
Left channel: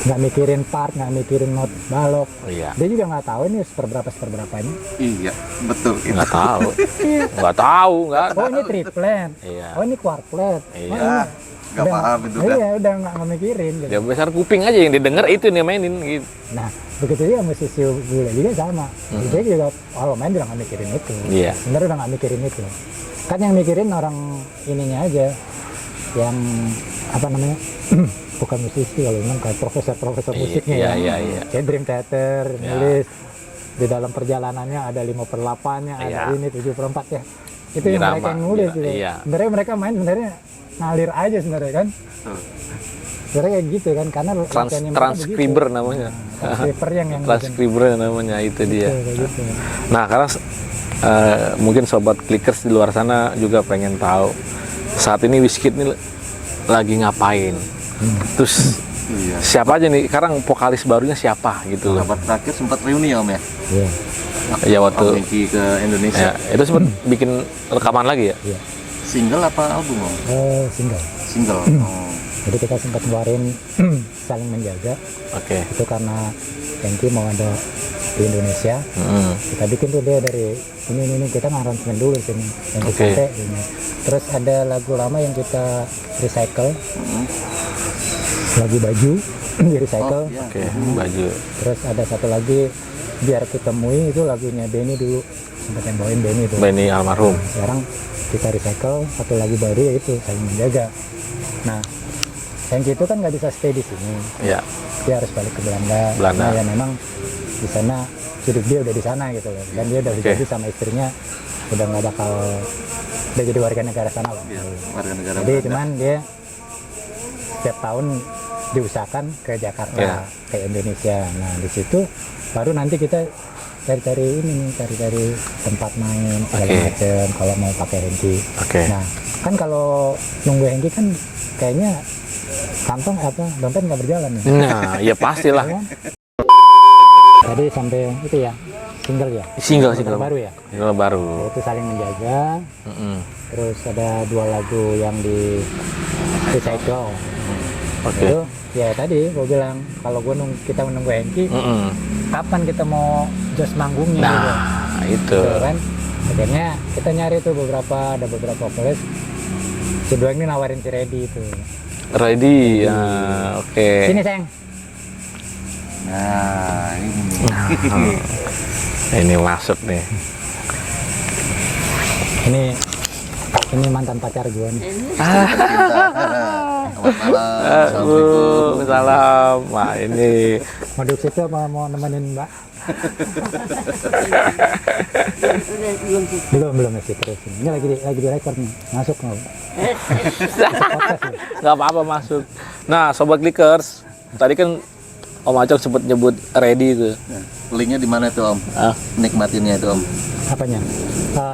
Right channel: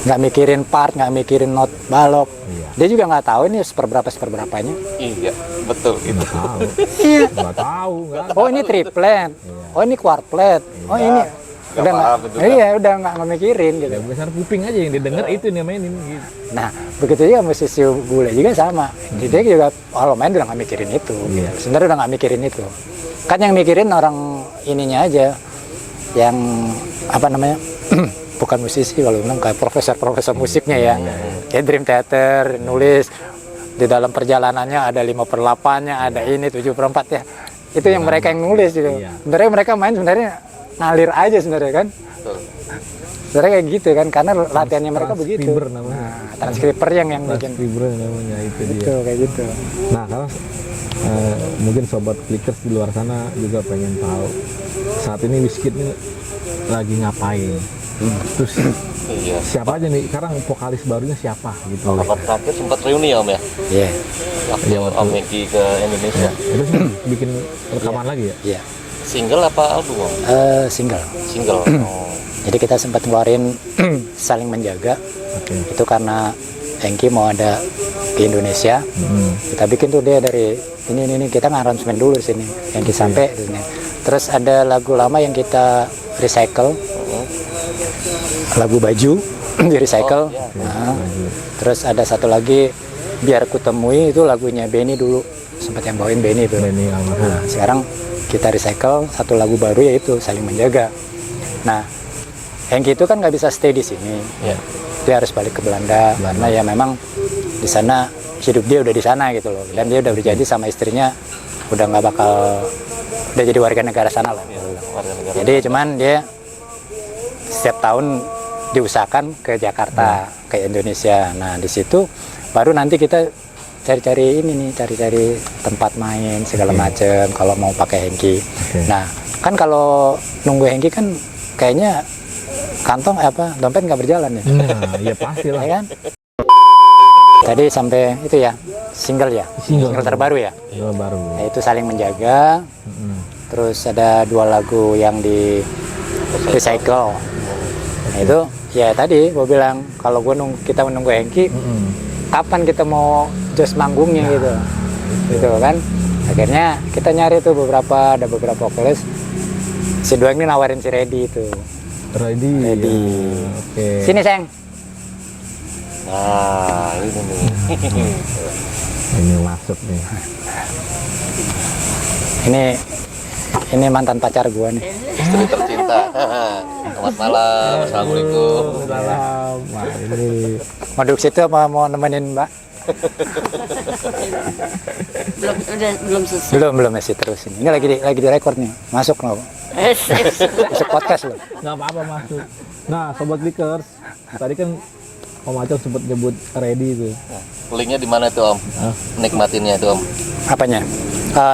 nggak mikirin part, nggak mikirin not balok. Iya. Dia juga nggak tahu ini seberapanya. Iya, betul. Nggak tahu. Iya. Nggak tahu, nggak. Oh ini triplet. Iya. Oh ini quartlet. Oh Iya. ini. Nggak Udah paham itu, kan? iya, udah nggak mikirin gitu. Ya besar kuping aja yang didengar itu yang dia mainin gitu. Nah, begitu juga musisi bule juga sama. Dia juga kalau main udah nggak mikirin itu. Iya. Sebenarnya udah nggak mikirin itu. Kan yang mikirin orang ininya aja, yang apa namanya, bukan musisi kalau bilang kayak profesor musiknya ya. Iya. Kayak Dream Theater, nulis di dalam perjalanannya ada 5/8-nya, ada Iya. ini 7/4 ya. Itu yang Drama. mereka yang nulis gitu. Iya. Sebenarnya mereka main sebenarnya ngalir aja sebenarnya kan. Betul. Sebenarnya kayak gitu kan, karena latihannya mereka begitu. Transcriber namanya. Transcriber yang bikin. Transcriber namanya itu dia. Gitu, kayak gitu. Nah, karena mungkin sobat Clickers di luar sana juga pengen tahu saat ini Wizkid ini lagi ngapain. Terus Iya. siapa aja nih? Sekarang vokalis barunya siapa gitu. Rapat terakhir sempat reuni ya Om ya? Iya. Ya waktu Om Hengki ke Indonesia. ya, itu sempat bikin rekaman lagi ya. Iya. Single apa album Om? Single. Single. Oh. Jadi kita sempat ngeluarin Saling Menjaga. Oke. Itu karena Hengki mau ada di Indonesia. Kita bikin tuh dia dari ini kita ngaransemen dulu di sini. Hengki sampai di sini. Terus ada lagu lama yang kita recycle. Lagu Baju di recycle. Oh, iya. Oke, baju. Terus ada satu lagi Biar Ku Temui, itu lagunya Benny dulu. Sempat yang bawain Benny itu. Benny almarhum. Nah, sekarang kita recycle satu lagu baru yaitu Saling Menjaga. Nah, Hengki itu kan nggak bisa stay di sini. Ya. Dia harus balik ke Belanda. Belanda. Nah ya memang di sana hidup dia udah di sana gitu loh. Dan dia udah berjanji sama istrinya udah nggak bakal udah jadi warga negara sana lah. Warga negara. Jadi cuman dia setiap tahun diusahakan ke Jakarta, ke Indonesia. Nah di situ baru nanti kita cari-cari ini nih, cari-cari tempat main segala Oke. macem kalau mau pakai Hengki. Oke. Nah kan kalau nunggu Hengki kan kayaknya kantong dompet nggak berjalan ya. Nah, ya pastilah. Ya kan? Tadi sampai itu ya single ya. Single terbaru ya. Single baru. Yaitu Saling Menjaga. Terus ada 2 lagu yang di recycle. Nah, itu ya tadi gue bilang kalau kita menunggu Hengki, kapan kita mau just manggungnya gitu. Itu. Gitu kan. Akhirnya kita nyari tuh ada beberapa vokalis. Si Doeng ini nawarin si Reddy itu. Ready. Ya, oke. Sini sayang. Nah, ini nih. Ini masuk nih. Ini mantan pacar gua nih. Istri tercinta. Selamat malam. Assalamualaikum. Salam. Wah, ini Mau duduk situ apa mau nemenin Mbak? Belum selesai. Belum masih terus ini. Ini lagi di record nih. Masuk loh. Masuk podcast loh. nggak apa-apa masuk. Nah, sobat Clickers, tadi kan Om Acong sempat nyebut Ready itu. Linknya di mana tuh Om? Ah. Nikmatinnya itu Om. Apanya?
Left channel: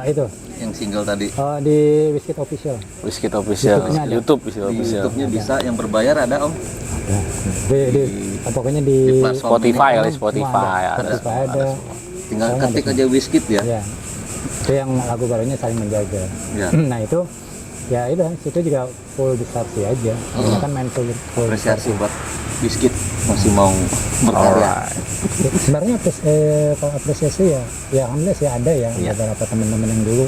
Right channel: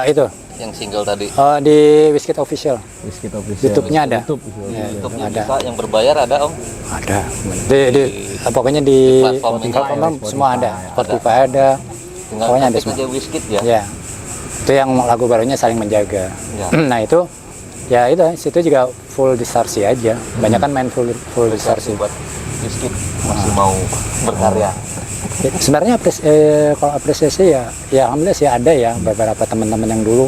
Itu. Yang single tadi. Di Wizkid Official. Wizkid Official. YouTube-nya ada. YouTube Wizkid Official. YouTube ada. bisa, yang berbayar ada Om. Ada. Pokoknya di platform Spotify, platform semua ada. Spotify ada. Tinggal Pokoknya ada ketik semua. aja Wizkid ya. Ya. Itu yang lagu barunya Saling Menjaga. Ya. Nah, itu ya itu situ juga full distorsi aja. Banyak kan main full distorsi. Buat Wizkid masih mau berkarya. Ya, sebenarnya kalau apresiasi ya alhamdulillah sih ada ya beberapa teman-teman yang dulu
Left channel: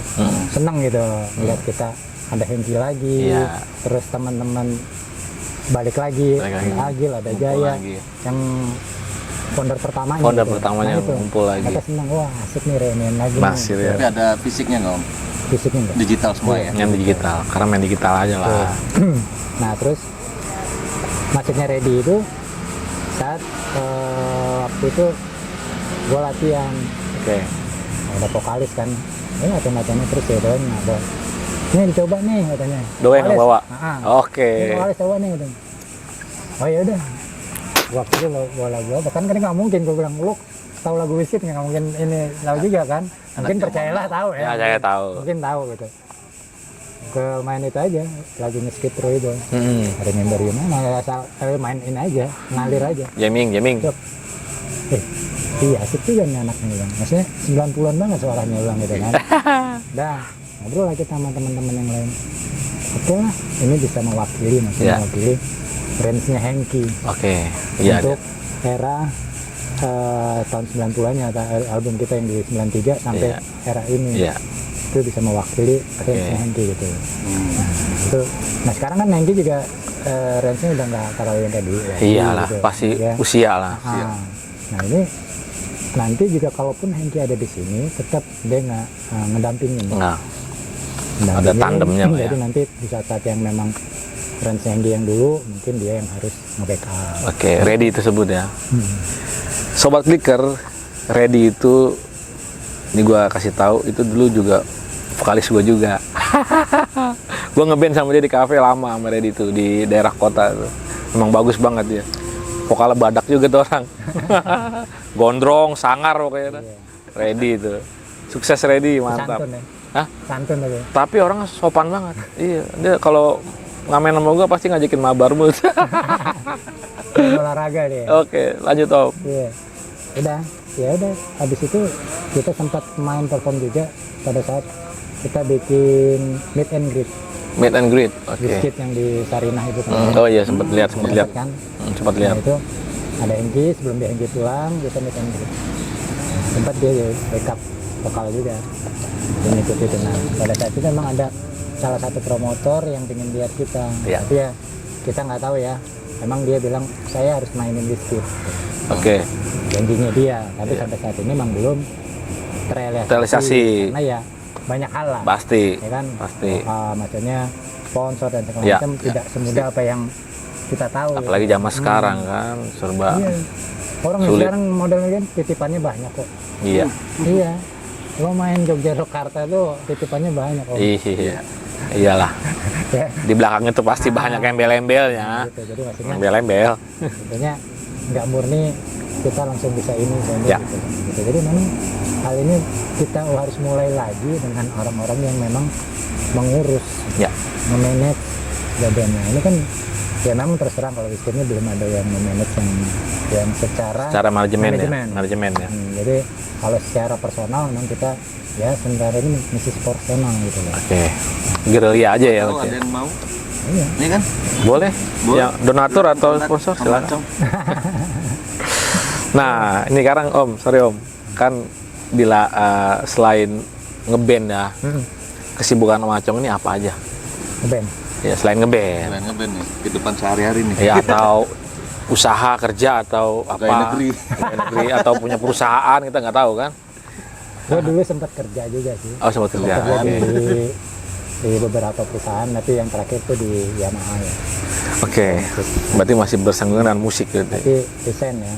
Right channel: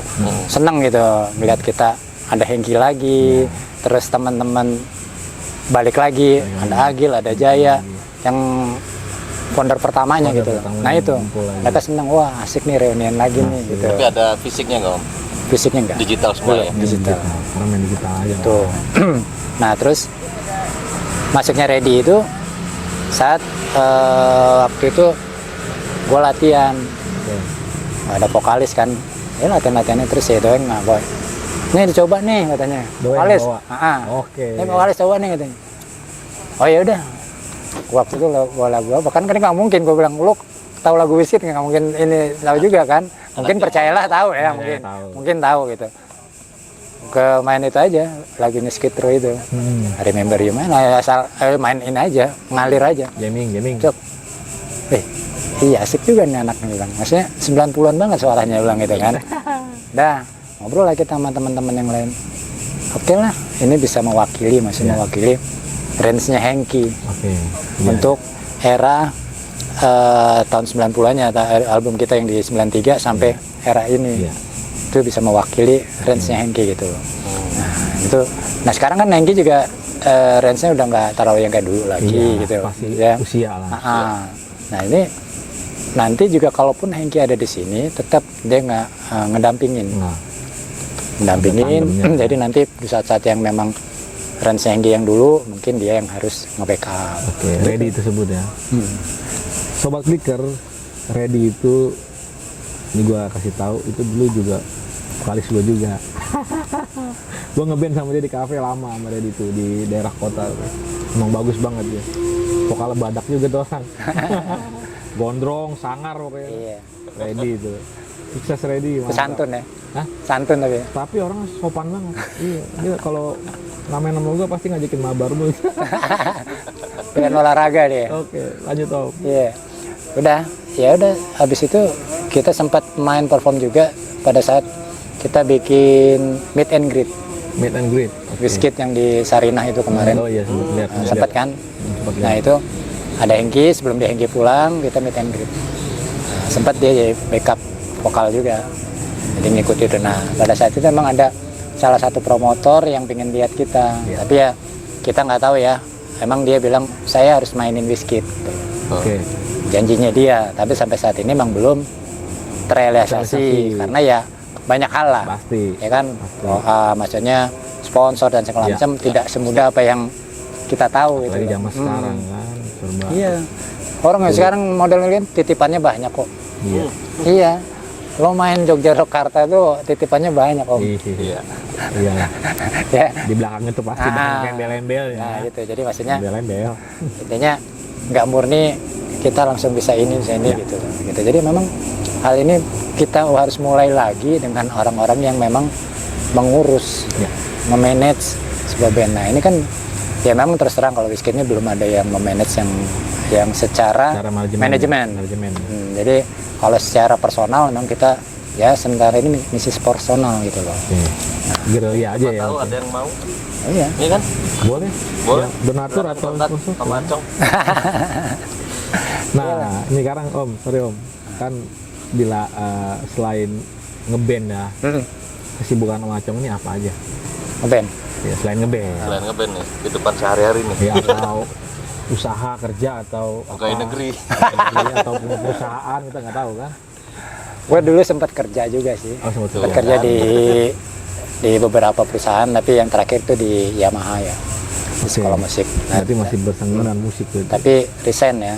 senang gitu melihat kita ada Hengki lagi, terus teman-teman balik lagi, ada Agil, ada Jaya lagi. yang founder pertamanya Founder gitu. pertamanya Nah itu ngumpul lagi. mereka senang, wah asik nih reunian lagi nih, Masih gitu. Tapi ada fisiknya nggak Om? Fisiknya enggak. Digital semua ya. Yang digital. Karena main digital aja lah. Tuh. Nah terus masuknya Ready itu saat waktu itu gue latihan, ada vokalis kan, ya latihannya terus ya Doeng nah boy, ini dicoba nih katanya. Doeng yang bawa? Oke. Ini vokalis coba nih katanya. Oh ya udah, waktu itu bawa lagu apa kan nggak mungkin gue bilang lu tahu lagu Wizkid nggak mungkin ini tahu juga kan, mungkin percayalah tahu ya, Percaya tahu. mungkin tahu gitu. Ke main itu aja lagunya Skid Row itu. Remember You main asal main ini aja, ngalir aja. Jamming. Cok. Iya asik juga nih anaknya bilang. Maksudnya 90-an banget suaranya bilang gitu kan. Dah, ngobrol lagi sama teman-teman yang lain. Oke lah, ini bisa mewakili mewakili range-nya Hengki. Oke. Iya. Untuk era tahun 90-annya album kita yang di 93 sampai era ini. Iya. Itu bisa mewakili range-nya Hengki gitu. Nah sekarang kan Hengki juga range-nya udah nggak terlalu yang kayak dulu lagi Iya lah, gitu. pasti Ya. usia lah. Nah ini nanti juga kalaupun Hengki ada di sini tetap dia nggak ngedampingin. Nah, Mendampingin. ada tandemnya, Jadi ya. nanti di saat-saat yang memang range Hengki yang dulu mungkin dia yang harus nge-backup. oke, Ready tersebut ya. Sobat Clicker, Ready itu ini gua kasih tahu itu dulu juga vokalis gua juga. Gue ngeband sama dia di kafe lama sama Reddy tuh di daerah kota tuh. Emang bagus banget dia. Vokalnya badak juga tuh orang. Gondrong, sangar pokoknya. Iya. Reddy itu. Sukses Reddy, mantap. Santun ya. Hah? Santun tapi. Tapi orang sopan banget. Iya, dia kalau ngamen sama gue pasti ngajakin mabar mulu. Dan olahraga dia. Oke, lanjut Om. Iya. Udah, habis itu kita sempat main perform juga pada saat kita bikin meet and greet. Meet and greet. Oke. Biskuit yang di Sarinah itu kemarin. Oh iya, sempat lihat, Sempat kan? Sempat Nah lihat. itu ada Hengki, sebelum dia Hengki pulang kita meet and greet. Nah, sempat dia jadi backup vokal juga, jadi ngikut itu. Nah pada saat itu memang ada salah satu promotor yang pengen lihat kita, Iya. tapi ya kita nggak tahu ya. Emang dia bilang saya harus mainin Biskuit, Oke. janjinya dia. Tapi sampai saat ini memang belum terrealisasi Terrealisasi. karena ya banyak hal lah. Pasti. Ya kan, Pasti. maksudnya sponsor dan segala Ya. macam tidak semudah apa yang kita tahu. Apalagi gitu. zaman sekarang kan serba. Iya. Orang yang Sulit. sekarang model-modelnya titipannya banyak kok. Iya. Iya. Lo main Jogja Jakarta tuh titipannya banyak kok. Iya. Iyalah. Ya. Di belakangnya tuh pasti Ah. banyak embel-embelnya. Nah, gitu. Jadi maksudnya Embel-embel. intinya nggak murni kita langsung bisa ini Ya. gitu. Jadi memang hal ini kita harus mulai lagi dengan orang-orang yang memang mengurus, Ya. nge-manage sebuah band. Nah ini kan ya memang terus terang kalau Biskuitnya belum ada yang memanage yang secara Cara manajemen. manajemen. Ya. Jadi kalau secara personal memang kita ya sementara ini misi personal gitu loh. Oke. Gerilya aja ya. Tahu Oke. ada yang mau? Iya. Ini kan? Boleh. Boleh. Yang donatur atau Donat sponsor sama silakan. Acong. Nah, ini sekarang Om, sorry Om. Kan bila selain ngeband ya, kesibukan Om Acong ini apa aja? Ngeband. Ya, selain ngeband. Selain ngeband nih, kehidupan sehari-hari nih. Ya, atau usaha kerja atau apa? Pegawai negeri. Pegawai negeri atau punya perusahaan, kita nggak tahu kan? Gue dulu sempat kerja juga sih. Oh, sempat kerja. Kerja di beberapa perusahaan, tapi yang terakhir tuh di Yamaha ya. Oke. Sekolah musik. Nah, Berarti masih bersanggungan dengan musik gitu. tapi resign ya,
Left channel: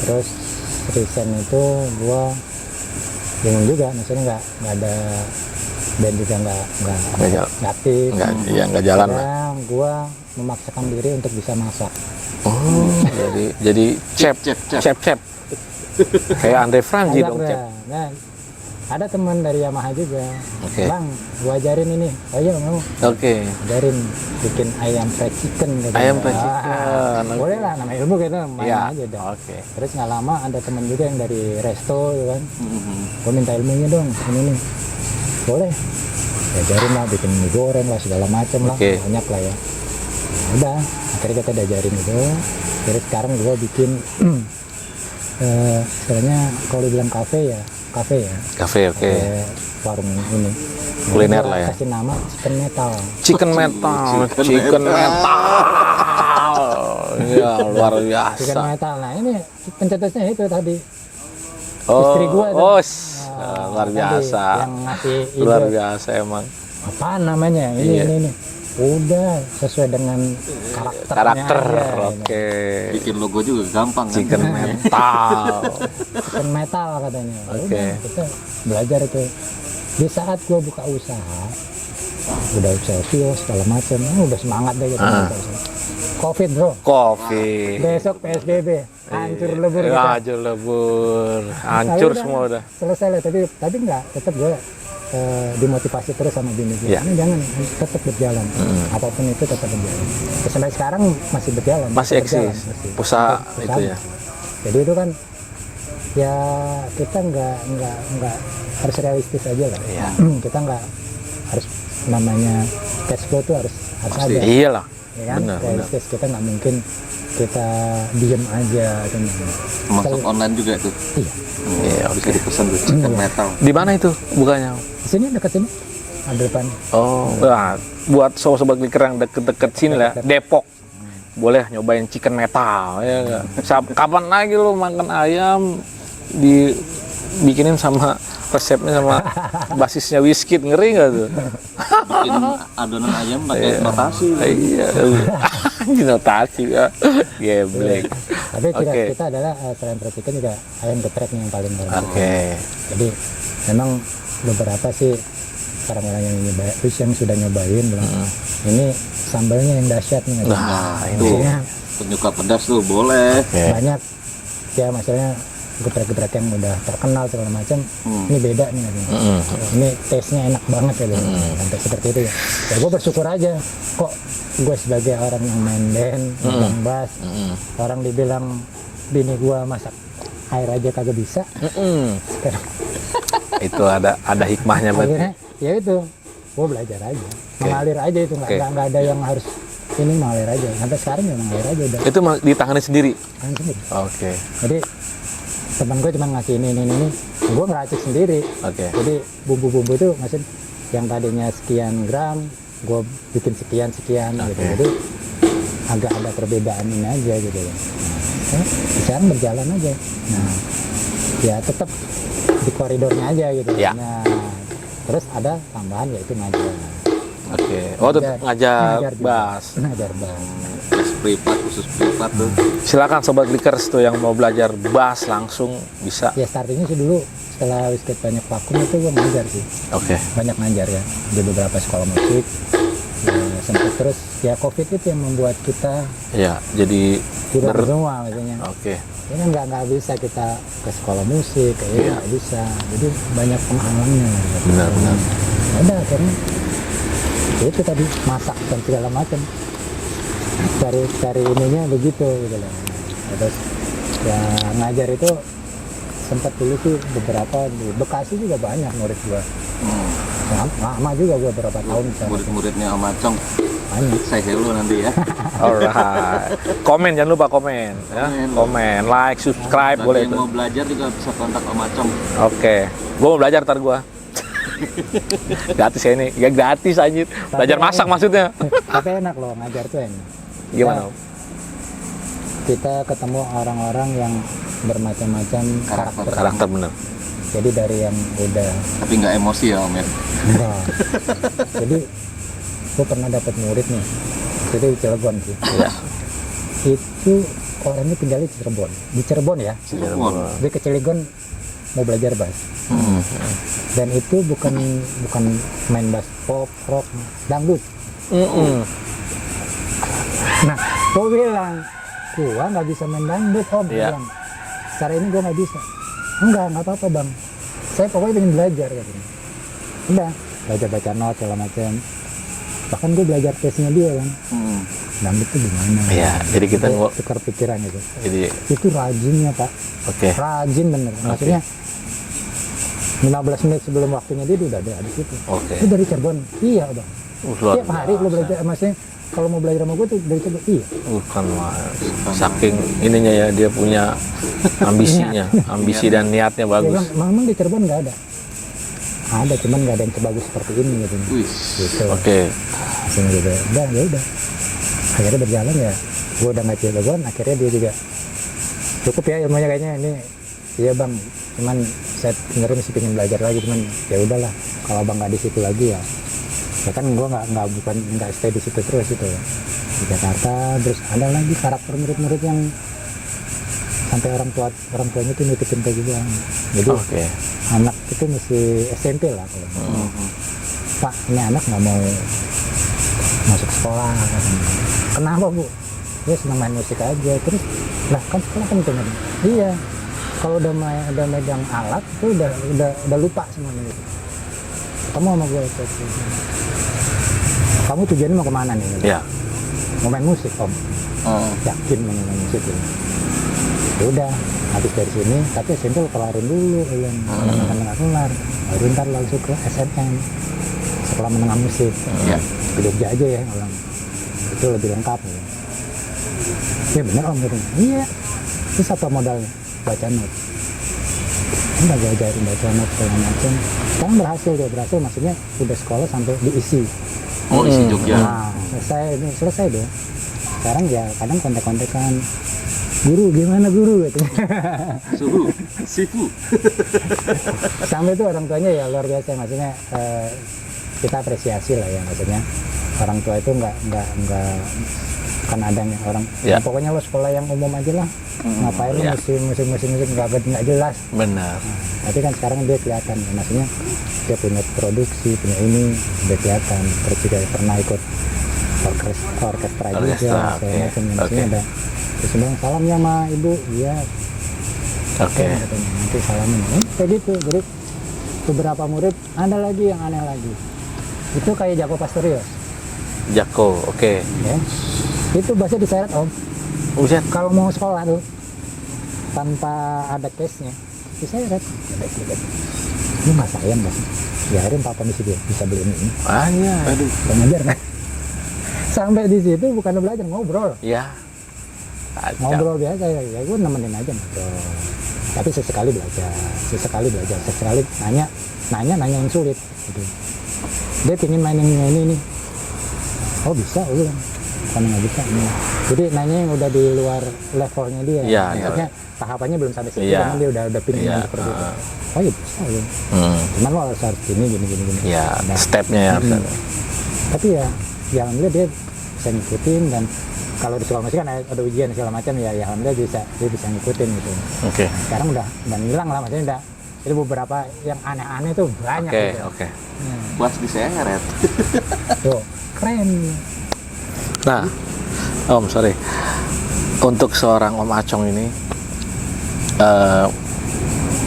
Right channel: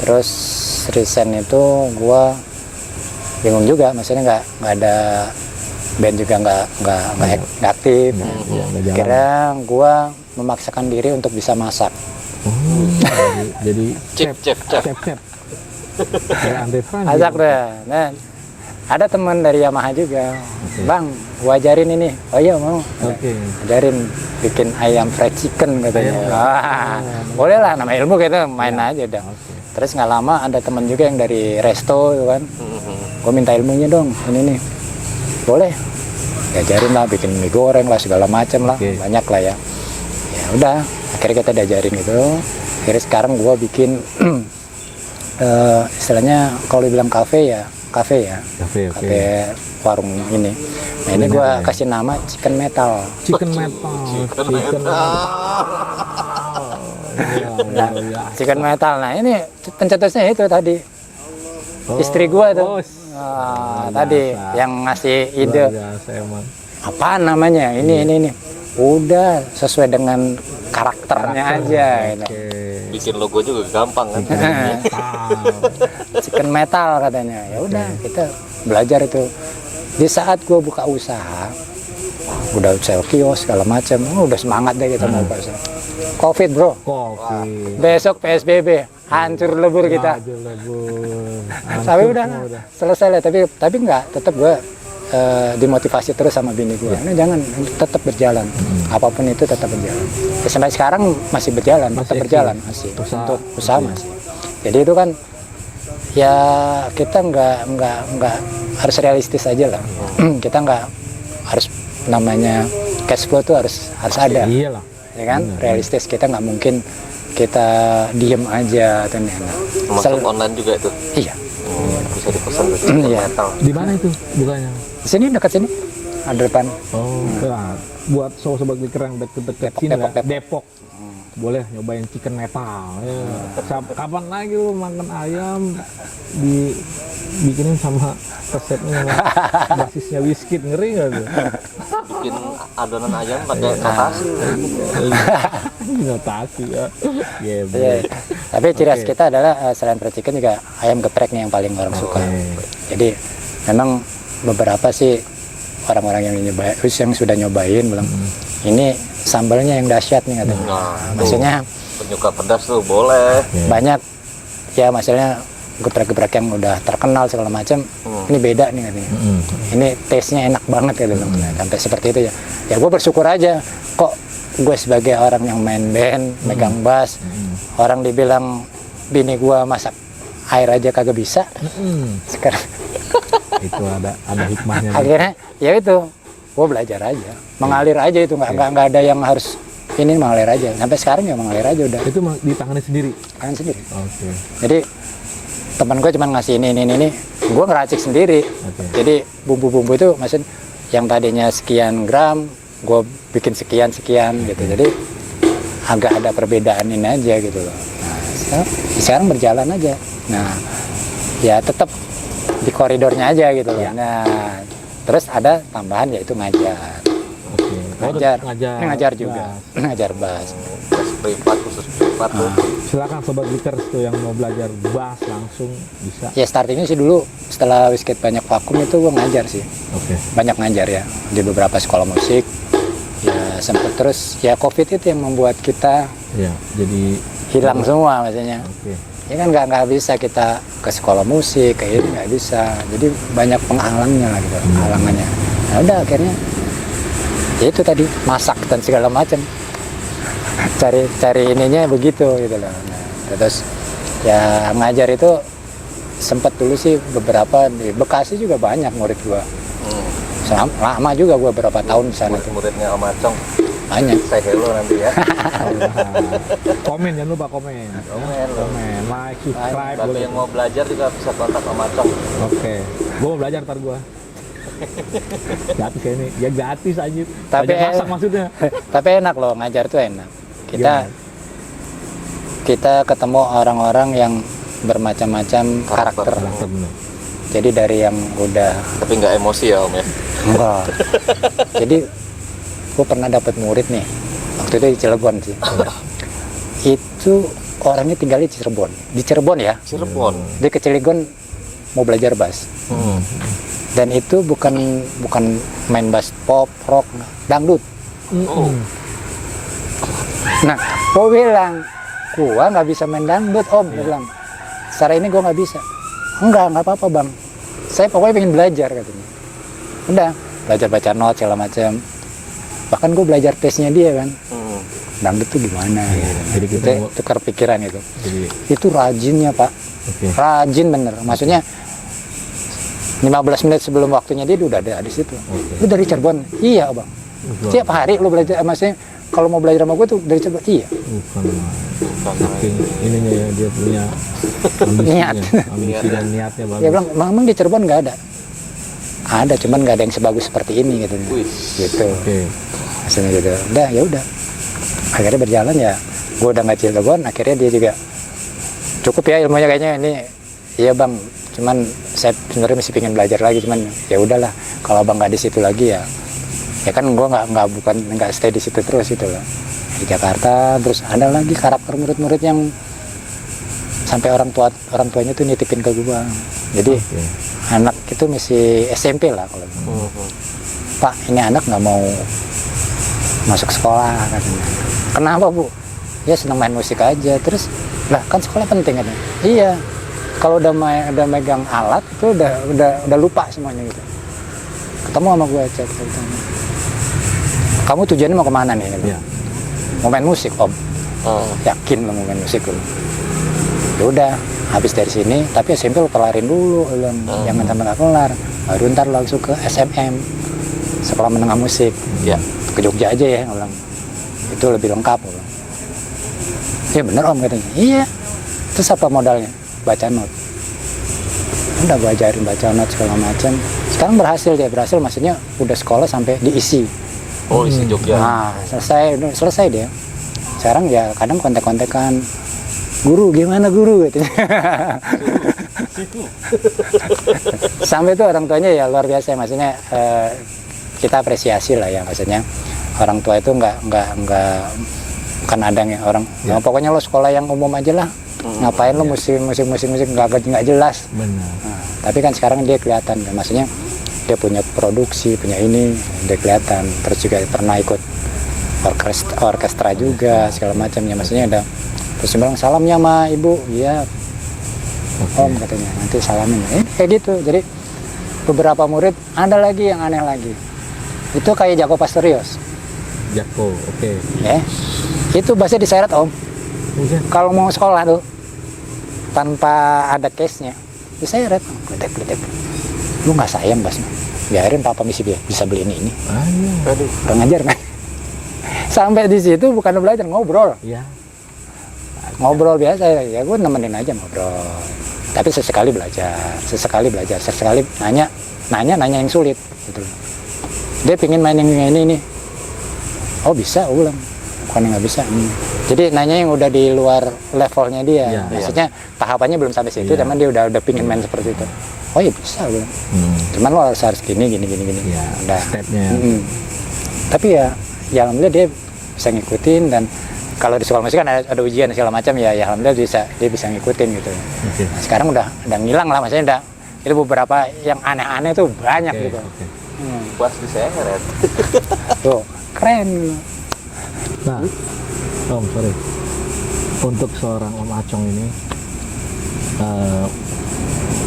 Terus resign itu gua bingung juga, maksudnya nggak ada band juga nggak aktif. Iya, nggak jalan. Akhirnya gua memaksakan diri untuk bisa masak. Oh, jadi chef. Kayak Andre Franz Masak gitu. dah. Nah, ada teman dari Yamaha juga. Oke. Bang, gua ajarin ini. Oh iya mau. Oke. Ajarin bikin ayam fried chicken katanya. Ayam fried chicken. Boleh lah, nama ilmu kita main Ya. aja dah. Oke. Terus nggak lama ada teman juga yang dari resto gitu kan. Gue minta ilmunya dong, ini nih. Boleh. Diajarin lah, bikin mie goreng lah, segala macem lah. Oke. Banyak lah ya. Ya udah, akhirnya kita diajarin gitu. Akhirnya sekarang gue bikin istilahnya kalau dibilang kafe ya. Kafe, oke. Kafe warung ini. Nah, ini Kuliner gue lah ya. kasih nama Chicken Metal. Chicken metal. Iya, luar biasa. Chicken Metal. Nah ini pencetusnya itu tadi. Istri gua itu. Oh, Ah, luar tadi biasa. yang ngasih ide. Luar biasa emang. Apa namanya? Ini. Udah sesuai dengan karakternya aja. Oke. Bikin logo juga gampang kan? Chicken metal. Chicken Metal katanya. Ya udah kita belajar itu. Di saat gua buka usaha, udah sewa kios segala macam, udah semangat deh kita buka usaha. Covid bro, Kopi. besok PSBB, hancur lebur kita. Hancur lebur. Tapi Hancur udah, semua udah. selesai lah. Tapi nggak, tetap gue dimotivasi terus sama bini gue. Iya. Ini jangan, tetap berjalan. Apapun itu tetap berjalan. Ya, sampai sekarang masih berjalan, Masih tetap berjalan eksis. masih. Usaha Untuk usaha itu ya. masih. Jadi itu kan ya kita nggak harus realistis aja lah. Iya. Kita nggak harus namanya cash flow tuh harus ada. Iya lah. Ya kan, Benar, realistis. Kita nggak mungkin kita diem aja atau Masuk online juga tuh. Iya. Iya, bisa dipesan tuh, Chicken Iya. Metal. Di mana itu bukanya? Di sini dekat sini ada depan. Oh, nah, buat sobat kliker yang deket-deket sini lah, Depok. Boleh nyobain chicken metal ya nggak? Kapan lagi lu makan ayam dibikinin sama resepnya sama basisnya Biskuit, ngeri nggak tuh? Bikin adonan ayam pakai notasi. Iya, notasi ya. Geblek. Tapi ciri khas Oke. kita adalah selain fried chicken juga ayam gepreknya yang paling orang suka. Oke. Jadi memang beberapa sih orang-orang yang nyobain, yang sudah nyobain bilang ini sambalnya yang dahsyat nih katanya. Maksudnya penyuka pedas tuh boleh. banyak ya, maksudnya geprek-geprek yang udah terkenal segala macam, ini beda nih katanya. Ini taste-nya enak banget gitu. Sampai seperti itu ya. Ya gue bersyukur aja kok gue sebagai orang yang main band, megang bass, orang dibilang bini gue masak air aja kagak bisa. Sekarang Itu ada hikmahnya. Bang. akhirnya ya itu gue belajar aja, mengalir aja itu, nggak ada yang harus ini, mengalir aja. Sampai sekarang ya mengalir aja udah. Itu ditangani sendiri. Tangan sendiri. Oke. Jadi teman gue cuma ngasih ini, gue ngeracik sendiri. Oke. Jadi bumbu-bumbu itu maksud yang tadinya sekian gram, gue bikin sekian gitu. Jadi agak ada perbedaan ini aja gitu loh. Nah, sekarang berjalan aja. Nah, ya tetap di koridornya aja gitu. Ya. Nah, terus ada tambahan yaitu ngajar. Oke. Oh, tetap ngajar juga. bass. Ngajar bass. Khusus privat tuh. Silakan sobat Likers tuh yang mau belajar bass langsung bisa. Ya startingnya sih dulu setelah Wizkid banyak vakum itu gue ngajar sih. Oke. Banyak ngajar ya di beberapa sekolah musik. Ya sempet terus ya COVID itu yang membuat kita Ya, jadi hilang semua maksudnya. Oke. Ya kan nggak bisa kita ke sekolah musik kayak ini nggak bisa. Jadi banyak penghalangnya gitu, penghalangannya. Nah udah akhirnya ya itu tadi masak dan segala macam. Cari ininya begitu gitu loh. Nah, terus ya ngajar itu sempat dulu sih beberapa di Bekasi juga banyak murid gua. Lama juga gua berapa tahun di sana tuh. Muridnya Om Acong, Banyak. say hello nanti ya. Alright. Komen jangan lupa komen ya. Komen, like, subscribe Bagi boleh yang itu. mau belajar juga bisa kontak Om Acong. Oke. Gua mau belajar ntar gua. Gratis ya ini. Ya gratis anjir. Belajar masak maksudnya. Tapi enak loh, ngajar tuh enak. Gimana? Kita ketemu orang-orang yang bermacam-macam karakter. Karakter bener. Jadi dari yang udah Tapi nggak emosi ya Om ya. enggak. Jadi gue pernah dapat murid nih. Waktu itu di Cilegon sih. Itu orangnya tinggalnya di Cirebon. Di Cirebon ya. Cirebon. Dia ke Cilegon mau belajar bass. Dan itu bukan main bass pop, rock, dangdut. Nah, gue bilang, gua nggak bisa main dangdut Om. Dia bilang, secara ini gua nggak bisa. Nggak apa-apa Bang. Saya pokoknya pengen belajar katanya. Udah, belajar baca not segala macam. Bahkan gue belajar taste-nya dia kan. Dangdut tuh gimana? Iya, jadi kita tukar pikiran itu. Jadi Itu rajinnya Pak. oke. Rajin bener. Maksudnya 15 menit sebelum waktunya dia udah ada di situ. Oke. Lu dari Cirebon? Iya Bang. Luar Tiap hari lu belajar, maksudnya kalau mau belajar sama gue tuh dari Cirebon? Iya. Bukan mas. Saking ininya ya dia punya ambisinya, ambisi dan niatnya Dia bagus. bilang, memang di Cirebon nggak ada. Ada, cuman nggak ada yang sebagus seperti ini gitu. Gitu. Oke. Langsung gitu. Udah, ya udah. Akhirnya berjalan ya. Gue udah nggak Cirebon, akhirnya dia juga cukup ya ilmunya kayaknya ini. Iya Bang, cuman saya sebenarnya masih pengen belajar lagi, cuman ya udahlah. Kalau Bang nggak di situ lagi ya kan gue nggak stay di situ terus gitu loh. Di Jakarta terus ada lagi karakter murid-murid yang sampai orang tuanya tuh nitipin ke gue. Jadi anak itu masih SMP lah kalau Pak ini anak nggak mau masuk sekolah katanya. Kenapa Bu? Ya senang main musik aja. Terus lah kan sekolah penting katanya. Iya, kalau udah megang alat tuh udah lupa semuanya gitu. Ketemu sama gue cek, kamu tujuannya mau kemana nih? Ya. Mau main musik Om. Yakin lo mau main musik lo? Ya udah, habis dari sini, tapi SMP lo kelarin dulu, jangan sampai nggak kelar. Baru ntar langsung ke SMM, sekolah menengah musik. Ya. Ke Jogja aja ya, ulang. Itu lebih lengkap. Ulang. Ya bener Om katanya. Iya. Terus apa modalnya? Baca not. Udah gue ajarin baca not segala macam. Sekarang berhasil maksudnya udah sekolah sampai diisi. Oh, isi Jogja. Nah, selesai dia. Sekarang ya kadang kontek-kontekan, guru gimana guru gitu. Situ. Sampai itu orang tuanya ya luar biasa, maksudnya kita apresiasi lah ya, maksudnya orang tua itu nggak kan ada yang orang ya. Pokoknya lo sekolah yang umum aja lah, ngapain lo musik nggak jelas. Benar. Nah, tapi kan sekarang dia kelihatan, maksudnya dia punya produksi, punya ini udah kelihatan. Terus juga pernah ikut orkestra juga segala macamnya, maksudnya ada. Terus dia bilang salamnya sama ibu, iya Om katanya nanti salamin. Kayak gitu. Jadi beberapa murid ada lagi yang aneh lagi. Itu kayak Jaco Pastorius. Jako, oke. Ya. Itu bahasa diseret Om. Buset. Kalau mau sekolah tuh tanpa ada case-nya diseret. Gledek. Lu nggak sayang Bas? Biarin papa misi bisa beli ini. Ah iya. Waduh, kurang ajar kan? Sampai di situ bukan belajar, ngobrol. Ya. Ngobrol biasa ya, gue nemenin aja ngobrol. Tapi sesekali belajar, sesekali nanya yang sulit gitu. Dia pingin main yang ini nih. Oh bisa, gue bilang. Bukan nggak bisa. Jadi nanya yang udah di luar levelnya dia. Ya, Maksudnya tahapannya belum sampai situ, Ya. cuman dia udah pingin main seperti itu. Oh ya bisa, gue. Cuman lo harus gini. Ya, Udah. stepnya ya. Tapi ya alhamdulillah dia bisa ngikutin, dan kalau di sekolah musik kan ada ujian segala macam ya alhamdulillah dia bisa ngikutin gitu. Oke. Nah, sekarang udah ngilang lah, maksudnya itu beberapa yang aneh-aneh tuh banyak gitu. Oke. Bass di saya Red. Tuh keren. Nah, Om, sorry. Untuk seorang Om Acong ini,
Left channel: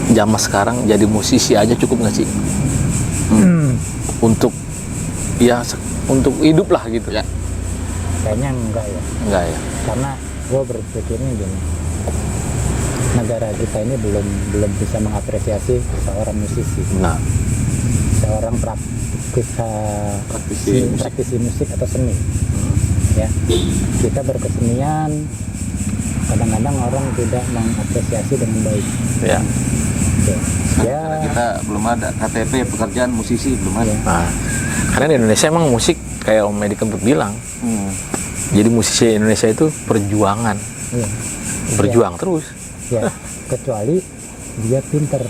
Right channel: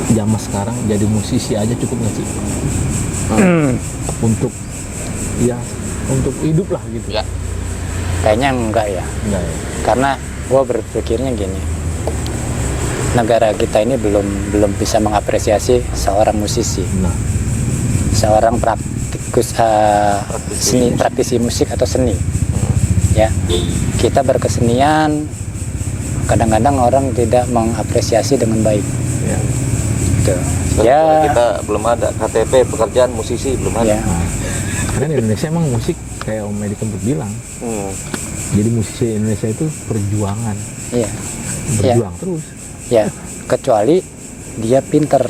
zaman sekarang jadi musisi aja cukup nggak sih? Untuk hidup lah gitu. Ya. Kayaknya enggak ya, Enggak ya? karena gue berpikirnya gini, negara kita ini belum bisa mengapresiasi seorang musisi, Nah, seorang praktisi musik atau seni. Ya, kita berkesenian, kadang-kadang orang tidak mengapresiasi dengan baik. ya. Gitu. Ya, Kita belum ada KTP pekerjaan musisi belum ada. ya. Nah, karena di Indonesia emang musik kayak Om Edi Kempot bilang, jadi musisi Indonesia itu perjuangan, Iya. berjuang terus. Ya, kecuali dia pinter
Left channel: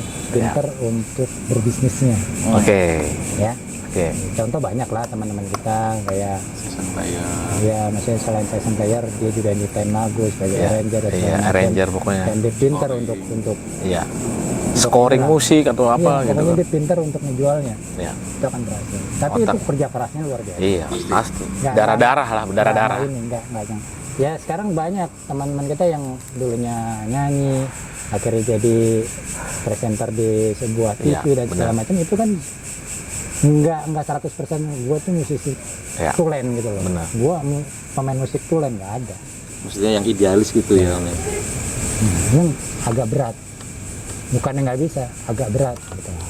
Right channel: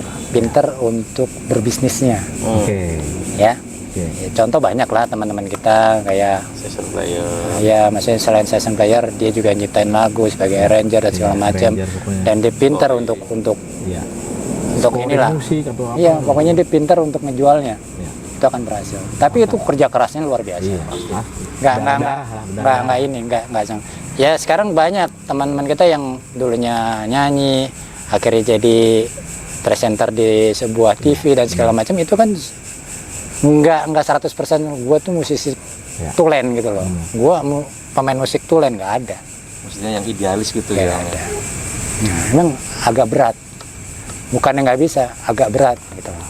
untuk berbisnisnya. Oke. Ya. Oke. Ya, contoh banyak lah teman-teman kita kayak Session player. ya, maksudnya selain session player dia juga nyiptain lagu sebagai arranger dan segala Iya, macam. arranger pokoknya. Dan dia pinter untuk Iya. untuk Scoring inilah. musik atau apa Iya, gitu. pokoknya dia pinter untuk ngejualnya. Ya. Itu akan berhasil. Tapi itu kerja kerasnya luar biasa. Iya, pasti. Nggak- Darah-darah lah, berdarah-darah. Nggak ini, nggak ya sekarang banyak teman-teman kita yang dulunya nyanyi, akhirnya jadi presenter di sebuah TV dan segala macam, itu kan nggak 100% gue tuh musisi Ya. tulen gitu loh. Benar. Gue pemain musik tulen nggak ada. Maksudnya yang idealis gitu Nggak ya. ada. Nah, memang agak berat. Bukannya nggak bisa, agak berat gitu. Nah,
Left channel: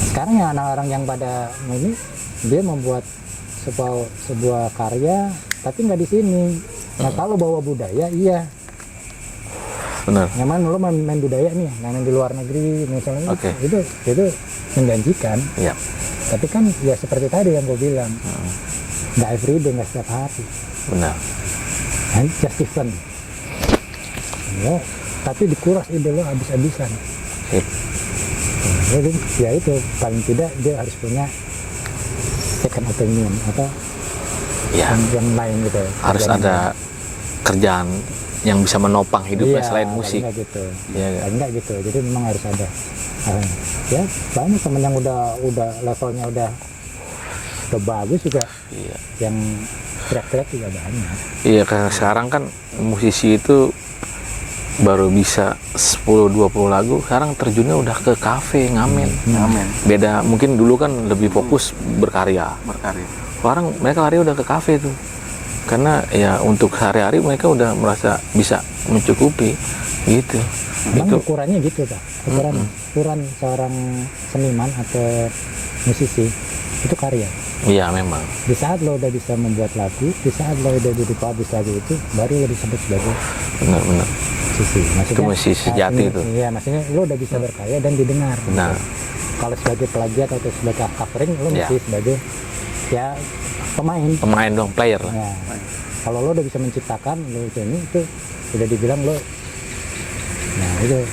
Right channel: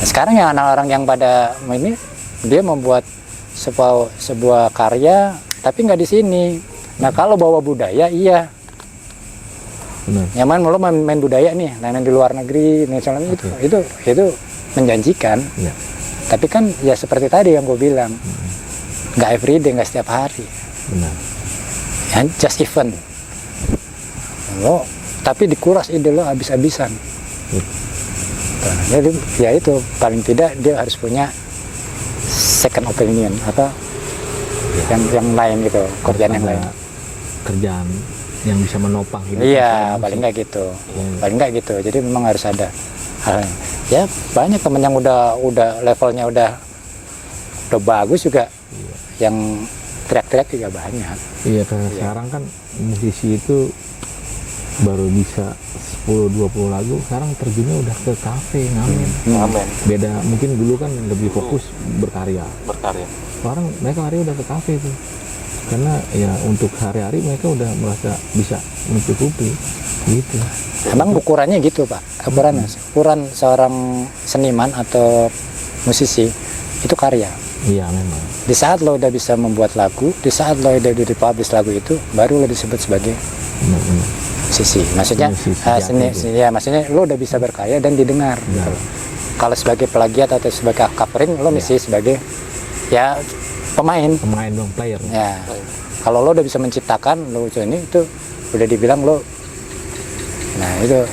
sekarang yang anak orang yang pada ini dia membuat sebuah karya tapi nggak di sini. Nah, kalau bawa budaya iya. Benar. Nyaman lo main budaya nih, main di luar negeri misalnya Oke. itu menjanjikan. Iya. Tapi kan ya seperti tadi yang gue bilang, nggak everyday, nggak setiap hari. Benar. Ya, just event. Lo tapi dikuras ide lo habis-habisan. Sip. Jadi ya itu paling tidak dia harus punya second opinion atau Ya. yang lain gitu. Harus kerjaan yang ada lain. kerjaan yang bisa menopang hidupnya Iya, selain musik. paling nggak gitu. Iya, iya. Paling nggak gitu. Jadi memang harus ada hal yang, ya banyak temen yang udah levelnya udah bagus juga, Iya. yang teriak-teriak juga banyak. Iya, karena sekarang kan musisi itu baru bisa 10-20 lagu, sekarang terjunnya udah ke kafe ngamen. Amin. Beda, mungkin dulu kan lebih fokus berkarya. Berkarya. Sekarang mereka lari udah ke kafe tuh. Karena ya untuk sehari-hari mereka udah merasa bisa mencukupi gitu. Emang Itu- ukurannya gitu Pak, ukuran seorang seniman atau musisi itu karya. Iya memang. Di saat lo udah bisa membuat lagu, di saat lo udah dipublish lagu itu, baru lo disebut sebagai Benar-benar. musisi. Maksudnya musisi sejati itu. ya, maksudnya lo udah bisa berkarya dan didengar. Nah. Gitu. Kalau sebagai plagiat atau sebagai covering, lo Ya. mesti sebagai ya pemain. Pemain dong, player. Ya. Kalau lo udah bisa menciptakan, lo itu udah dibilang lo. Nah itu.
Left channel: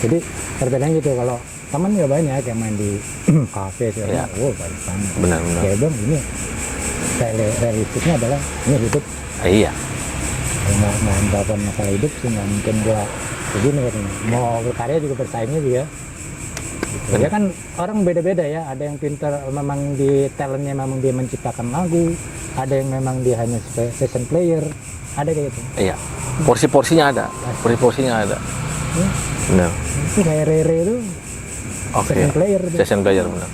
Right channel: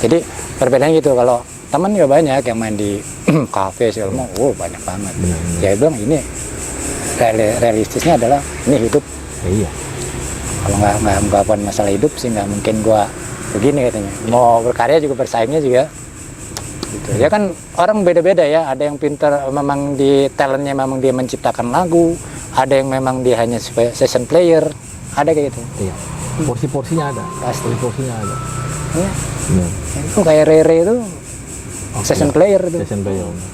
Jadi perbedaannya gitu. Kalau teman juga banyak yang main di kafe segala macam. Wow, banyak banget. Benar-benar. Ya bilang ini realistisnya adalah ini hidup. Iya. Kalau nggak punya masalah hidup sih nggak mungkin gua begini katanya. Mau berkarya juga bersaingnya juga gitu. Ya kan orang beda-beda ya, ada yang pintar memang di talentnya memang dia menciptakan lagu, ada yang memang dia hanya session player, ada kayak gitu. Iya. Porsi-porsinya ada. Pasti. Porsi-porsinya ada. Ya, Benar. itu kayak Rere itu Oke. session player itu. Session player benar.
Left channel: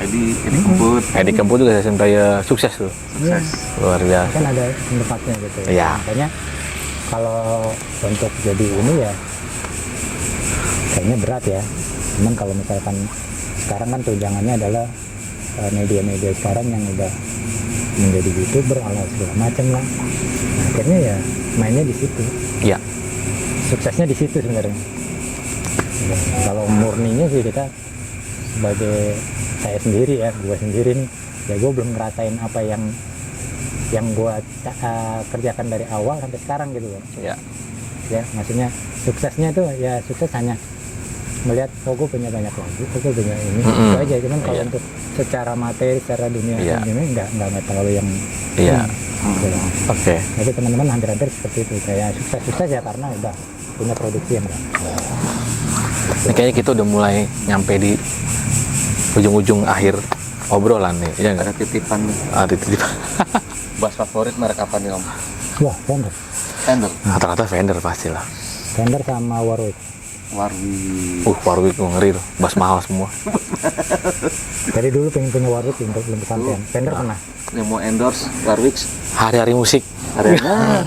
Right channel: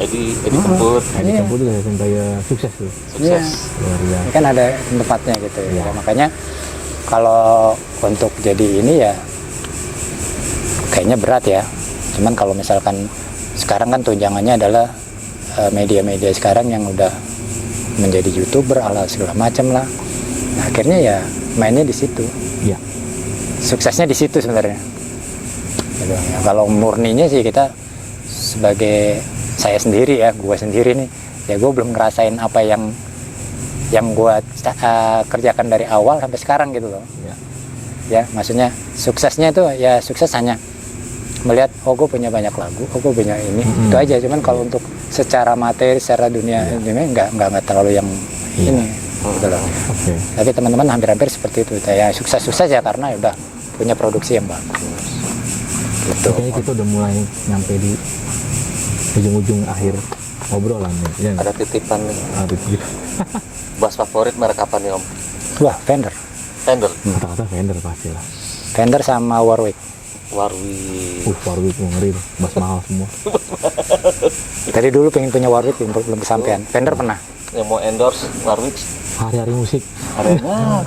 Edi Kemput. Edi Kemput juga session player sukses tuh. Sukses. Luar biasa. Kan ada tempatnya gitu ya. Iya. Makanya kalau untuk jadi ini ya kayaknya berat ya. Cuman kalau misalkan sekarang kan tunjangannya adalah media-media sekarang yang udah menjadi YouTuber ala segala macam lah. Nah, akhirnya ya mainnya di situ. Iya. Suksesnya di situ sebenarnya. Gitu. Nah, kalau murninya sih kita sebagai saya sendiri ya, gue sendiri nih, ya gue belum ngerasain apa yang gue kerjakan dari awal sampai sekarang gitu loh. Iya. Ya, maksudnya suksesnya itu ya sukses hanya melihat gue punya banyak lagu, gue punya ini, itu aja. Cuman kalau untuk secara materi, secara dunia ini nggak terlalu yang Iya. ini, gitu loh. Oke. Tapi teman-teman hampir-hampir seperti itu. Ya sukses-sukses ya karena ya udah punya produksi yang bagus. Ini kayaknya kita udah mulai nyampe di ujung-ujung akhir obrolan nih. Iya nggak? Ada titipan nih. Ada titipan. Bass favorit merek apa nih Om? Wah, Fender. Fender. Rata-rata Fender pastilah. Fender sama Warwick. Warwi. Warwick tuh ngeri tuh. Bass mahal semua. Tadi dulu pengen punya Warwick belum kesampaian. Fender pernah. Yang mau endorse Warwick. Hari-hari musik. Arena.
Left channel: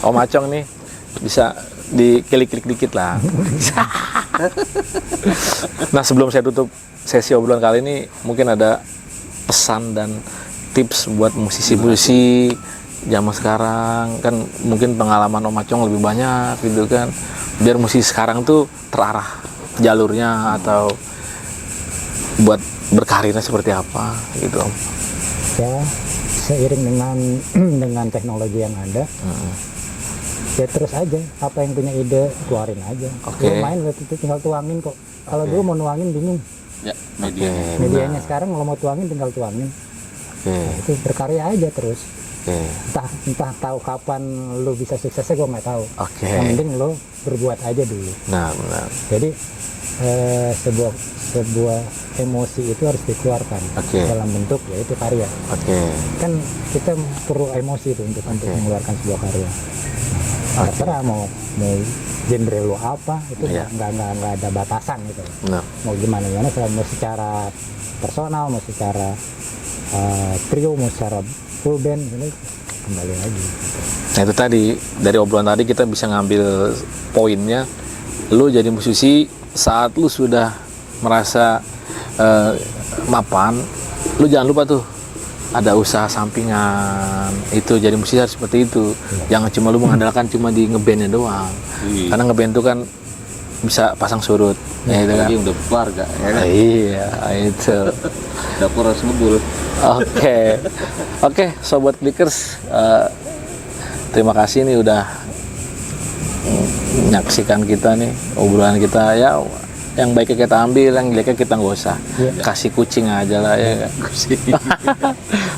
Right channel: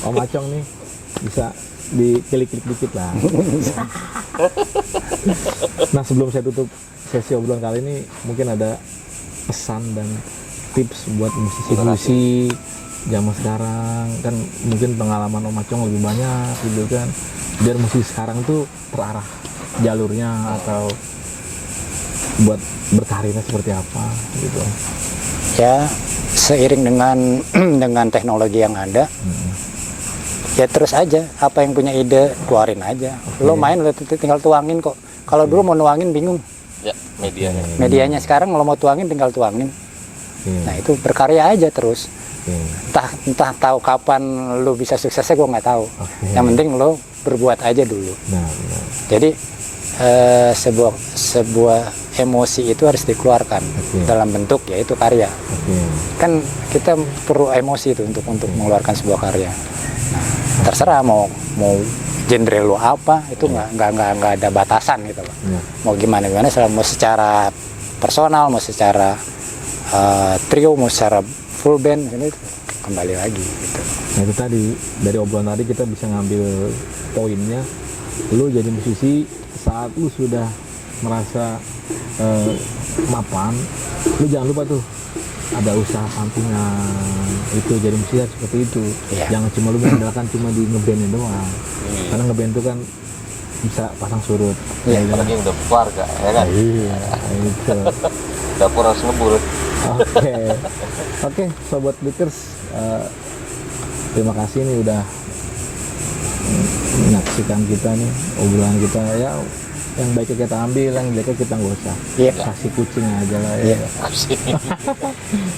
Om Acong nih bisa diklik-klik dikit lah. Nah, sebelum saya tutup sesi obrolan kali ini, mungkin ada pesan dan tips buat musisi-musisi zaman sekarang. Kan mungkin pengalaman Om Acong lebih banyak gitu kan, biar musisi sekarang tuh terarah jalurnya atau buat berkarirnya seperti apa gitu Om. Ya, seiring dengan teknologi yang ada, ya terus aja. Apa yang punya ide keluarin aja. Oke. Lo main lo tinggal tuangin kok. Kalau dulu mau nuangin bingung. Ya, medianya. Medianya sekarang kalau mau tuangin tinggal tuangin. Oke. Nah itu berkarya aja terus. Oke. Entah tahu kapan lo bisa suksesnya gue nggak tahu. Oke. Yang penting lo berbuat aja dulu. Nah, benar. Jadi sebuah emosi itu harus dikeluarkan Oke. dalam bentuk yaitu karya. Oke. Kan kita perlu emosi itu untuk mengeluarkan sebuah karya. Nah, terserah mau genre lo apa itu nggak ada batasan gitu loh. Nah, Mau gimana mau secara personal, mau secara trio, mau secara full band ini kembali lagi gitu. nah itu tadi dari obrolan tadi kita bisa ngambil poinnya. Lu jadi musisi saat lu sudah merasa mapan, lu jangan lupa tuh ada usaha sampingan. Itu jadi musisi harus seperti itu. Iya. Jangan cuma lu mengandalkan cuma di ngebandnya doang. Karena ngeband itu kan bisa pasang surut. Ya, itu kan. Apalagi udah keluarga, ya kan? Iya, itu. Dapur harus ngebul. Oke, sobat Clickers, terima kasih nih udah menyaksikan kita nih obrolan kita. Ya, yang baiknya kita ambil, yang jeleknya kita nggak usah. Iya. Kasih kucing aja lah ya.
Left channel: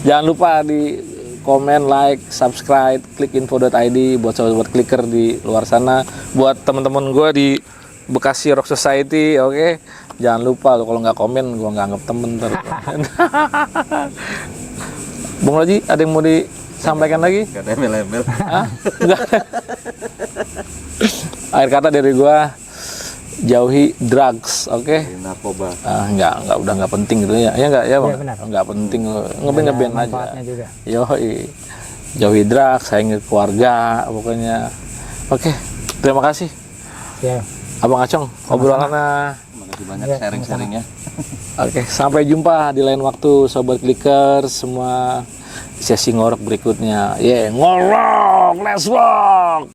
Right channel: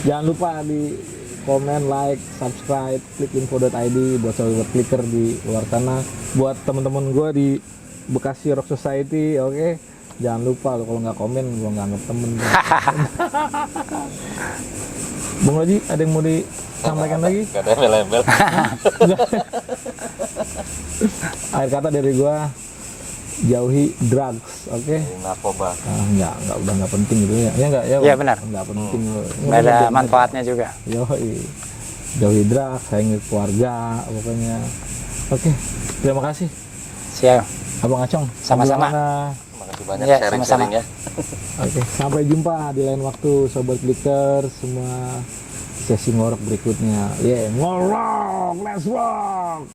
Jangan lupa di komen, like, subscribe, klik info.id buat sobat clicker di luar sana, buat teman-teman gue di Bekasi Rock Society, oke? Jangan lupa kalau nggak komen gue nggak anggap temen. Bung Loji, ada yang mau disampaikan lagi? Gak ada embel-embel. Akhir kata dari gue, jauhi drugs, oke? Narkoba. Udah nggak penting gitu ya, ya nggak ya? Bang? Iya, benar. Nggak penting, Nggak ada manfaatnya juga. Yoi, jauhi drugs, sayangi keluarga, pokoknya. Oke, terima kasih, Siap. Abang Acong. Sama-sama. Obrolannya. Makasih banyak Iya, sharing-sharingnya. Oke, sampai jumpa di lain waktu, sobat Clicker semua. Sesi ngorok berikutnya. Ngorok, let's rock.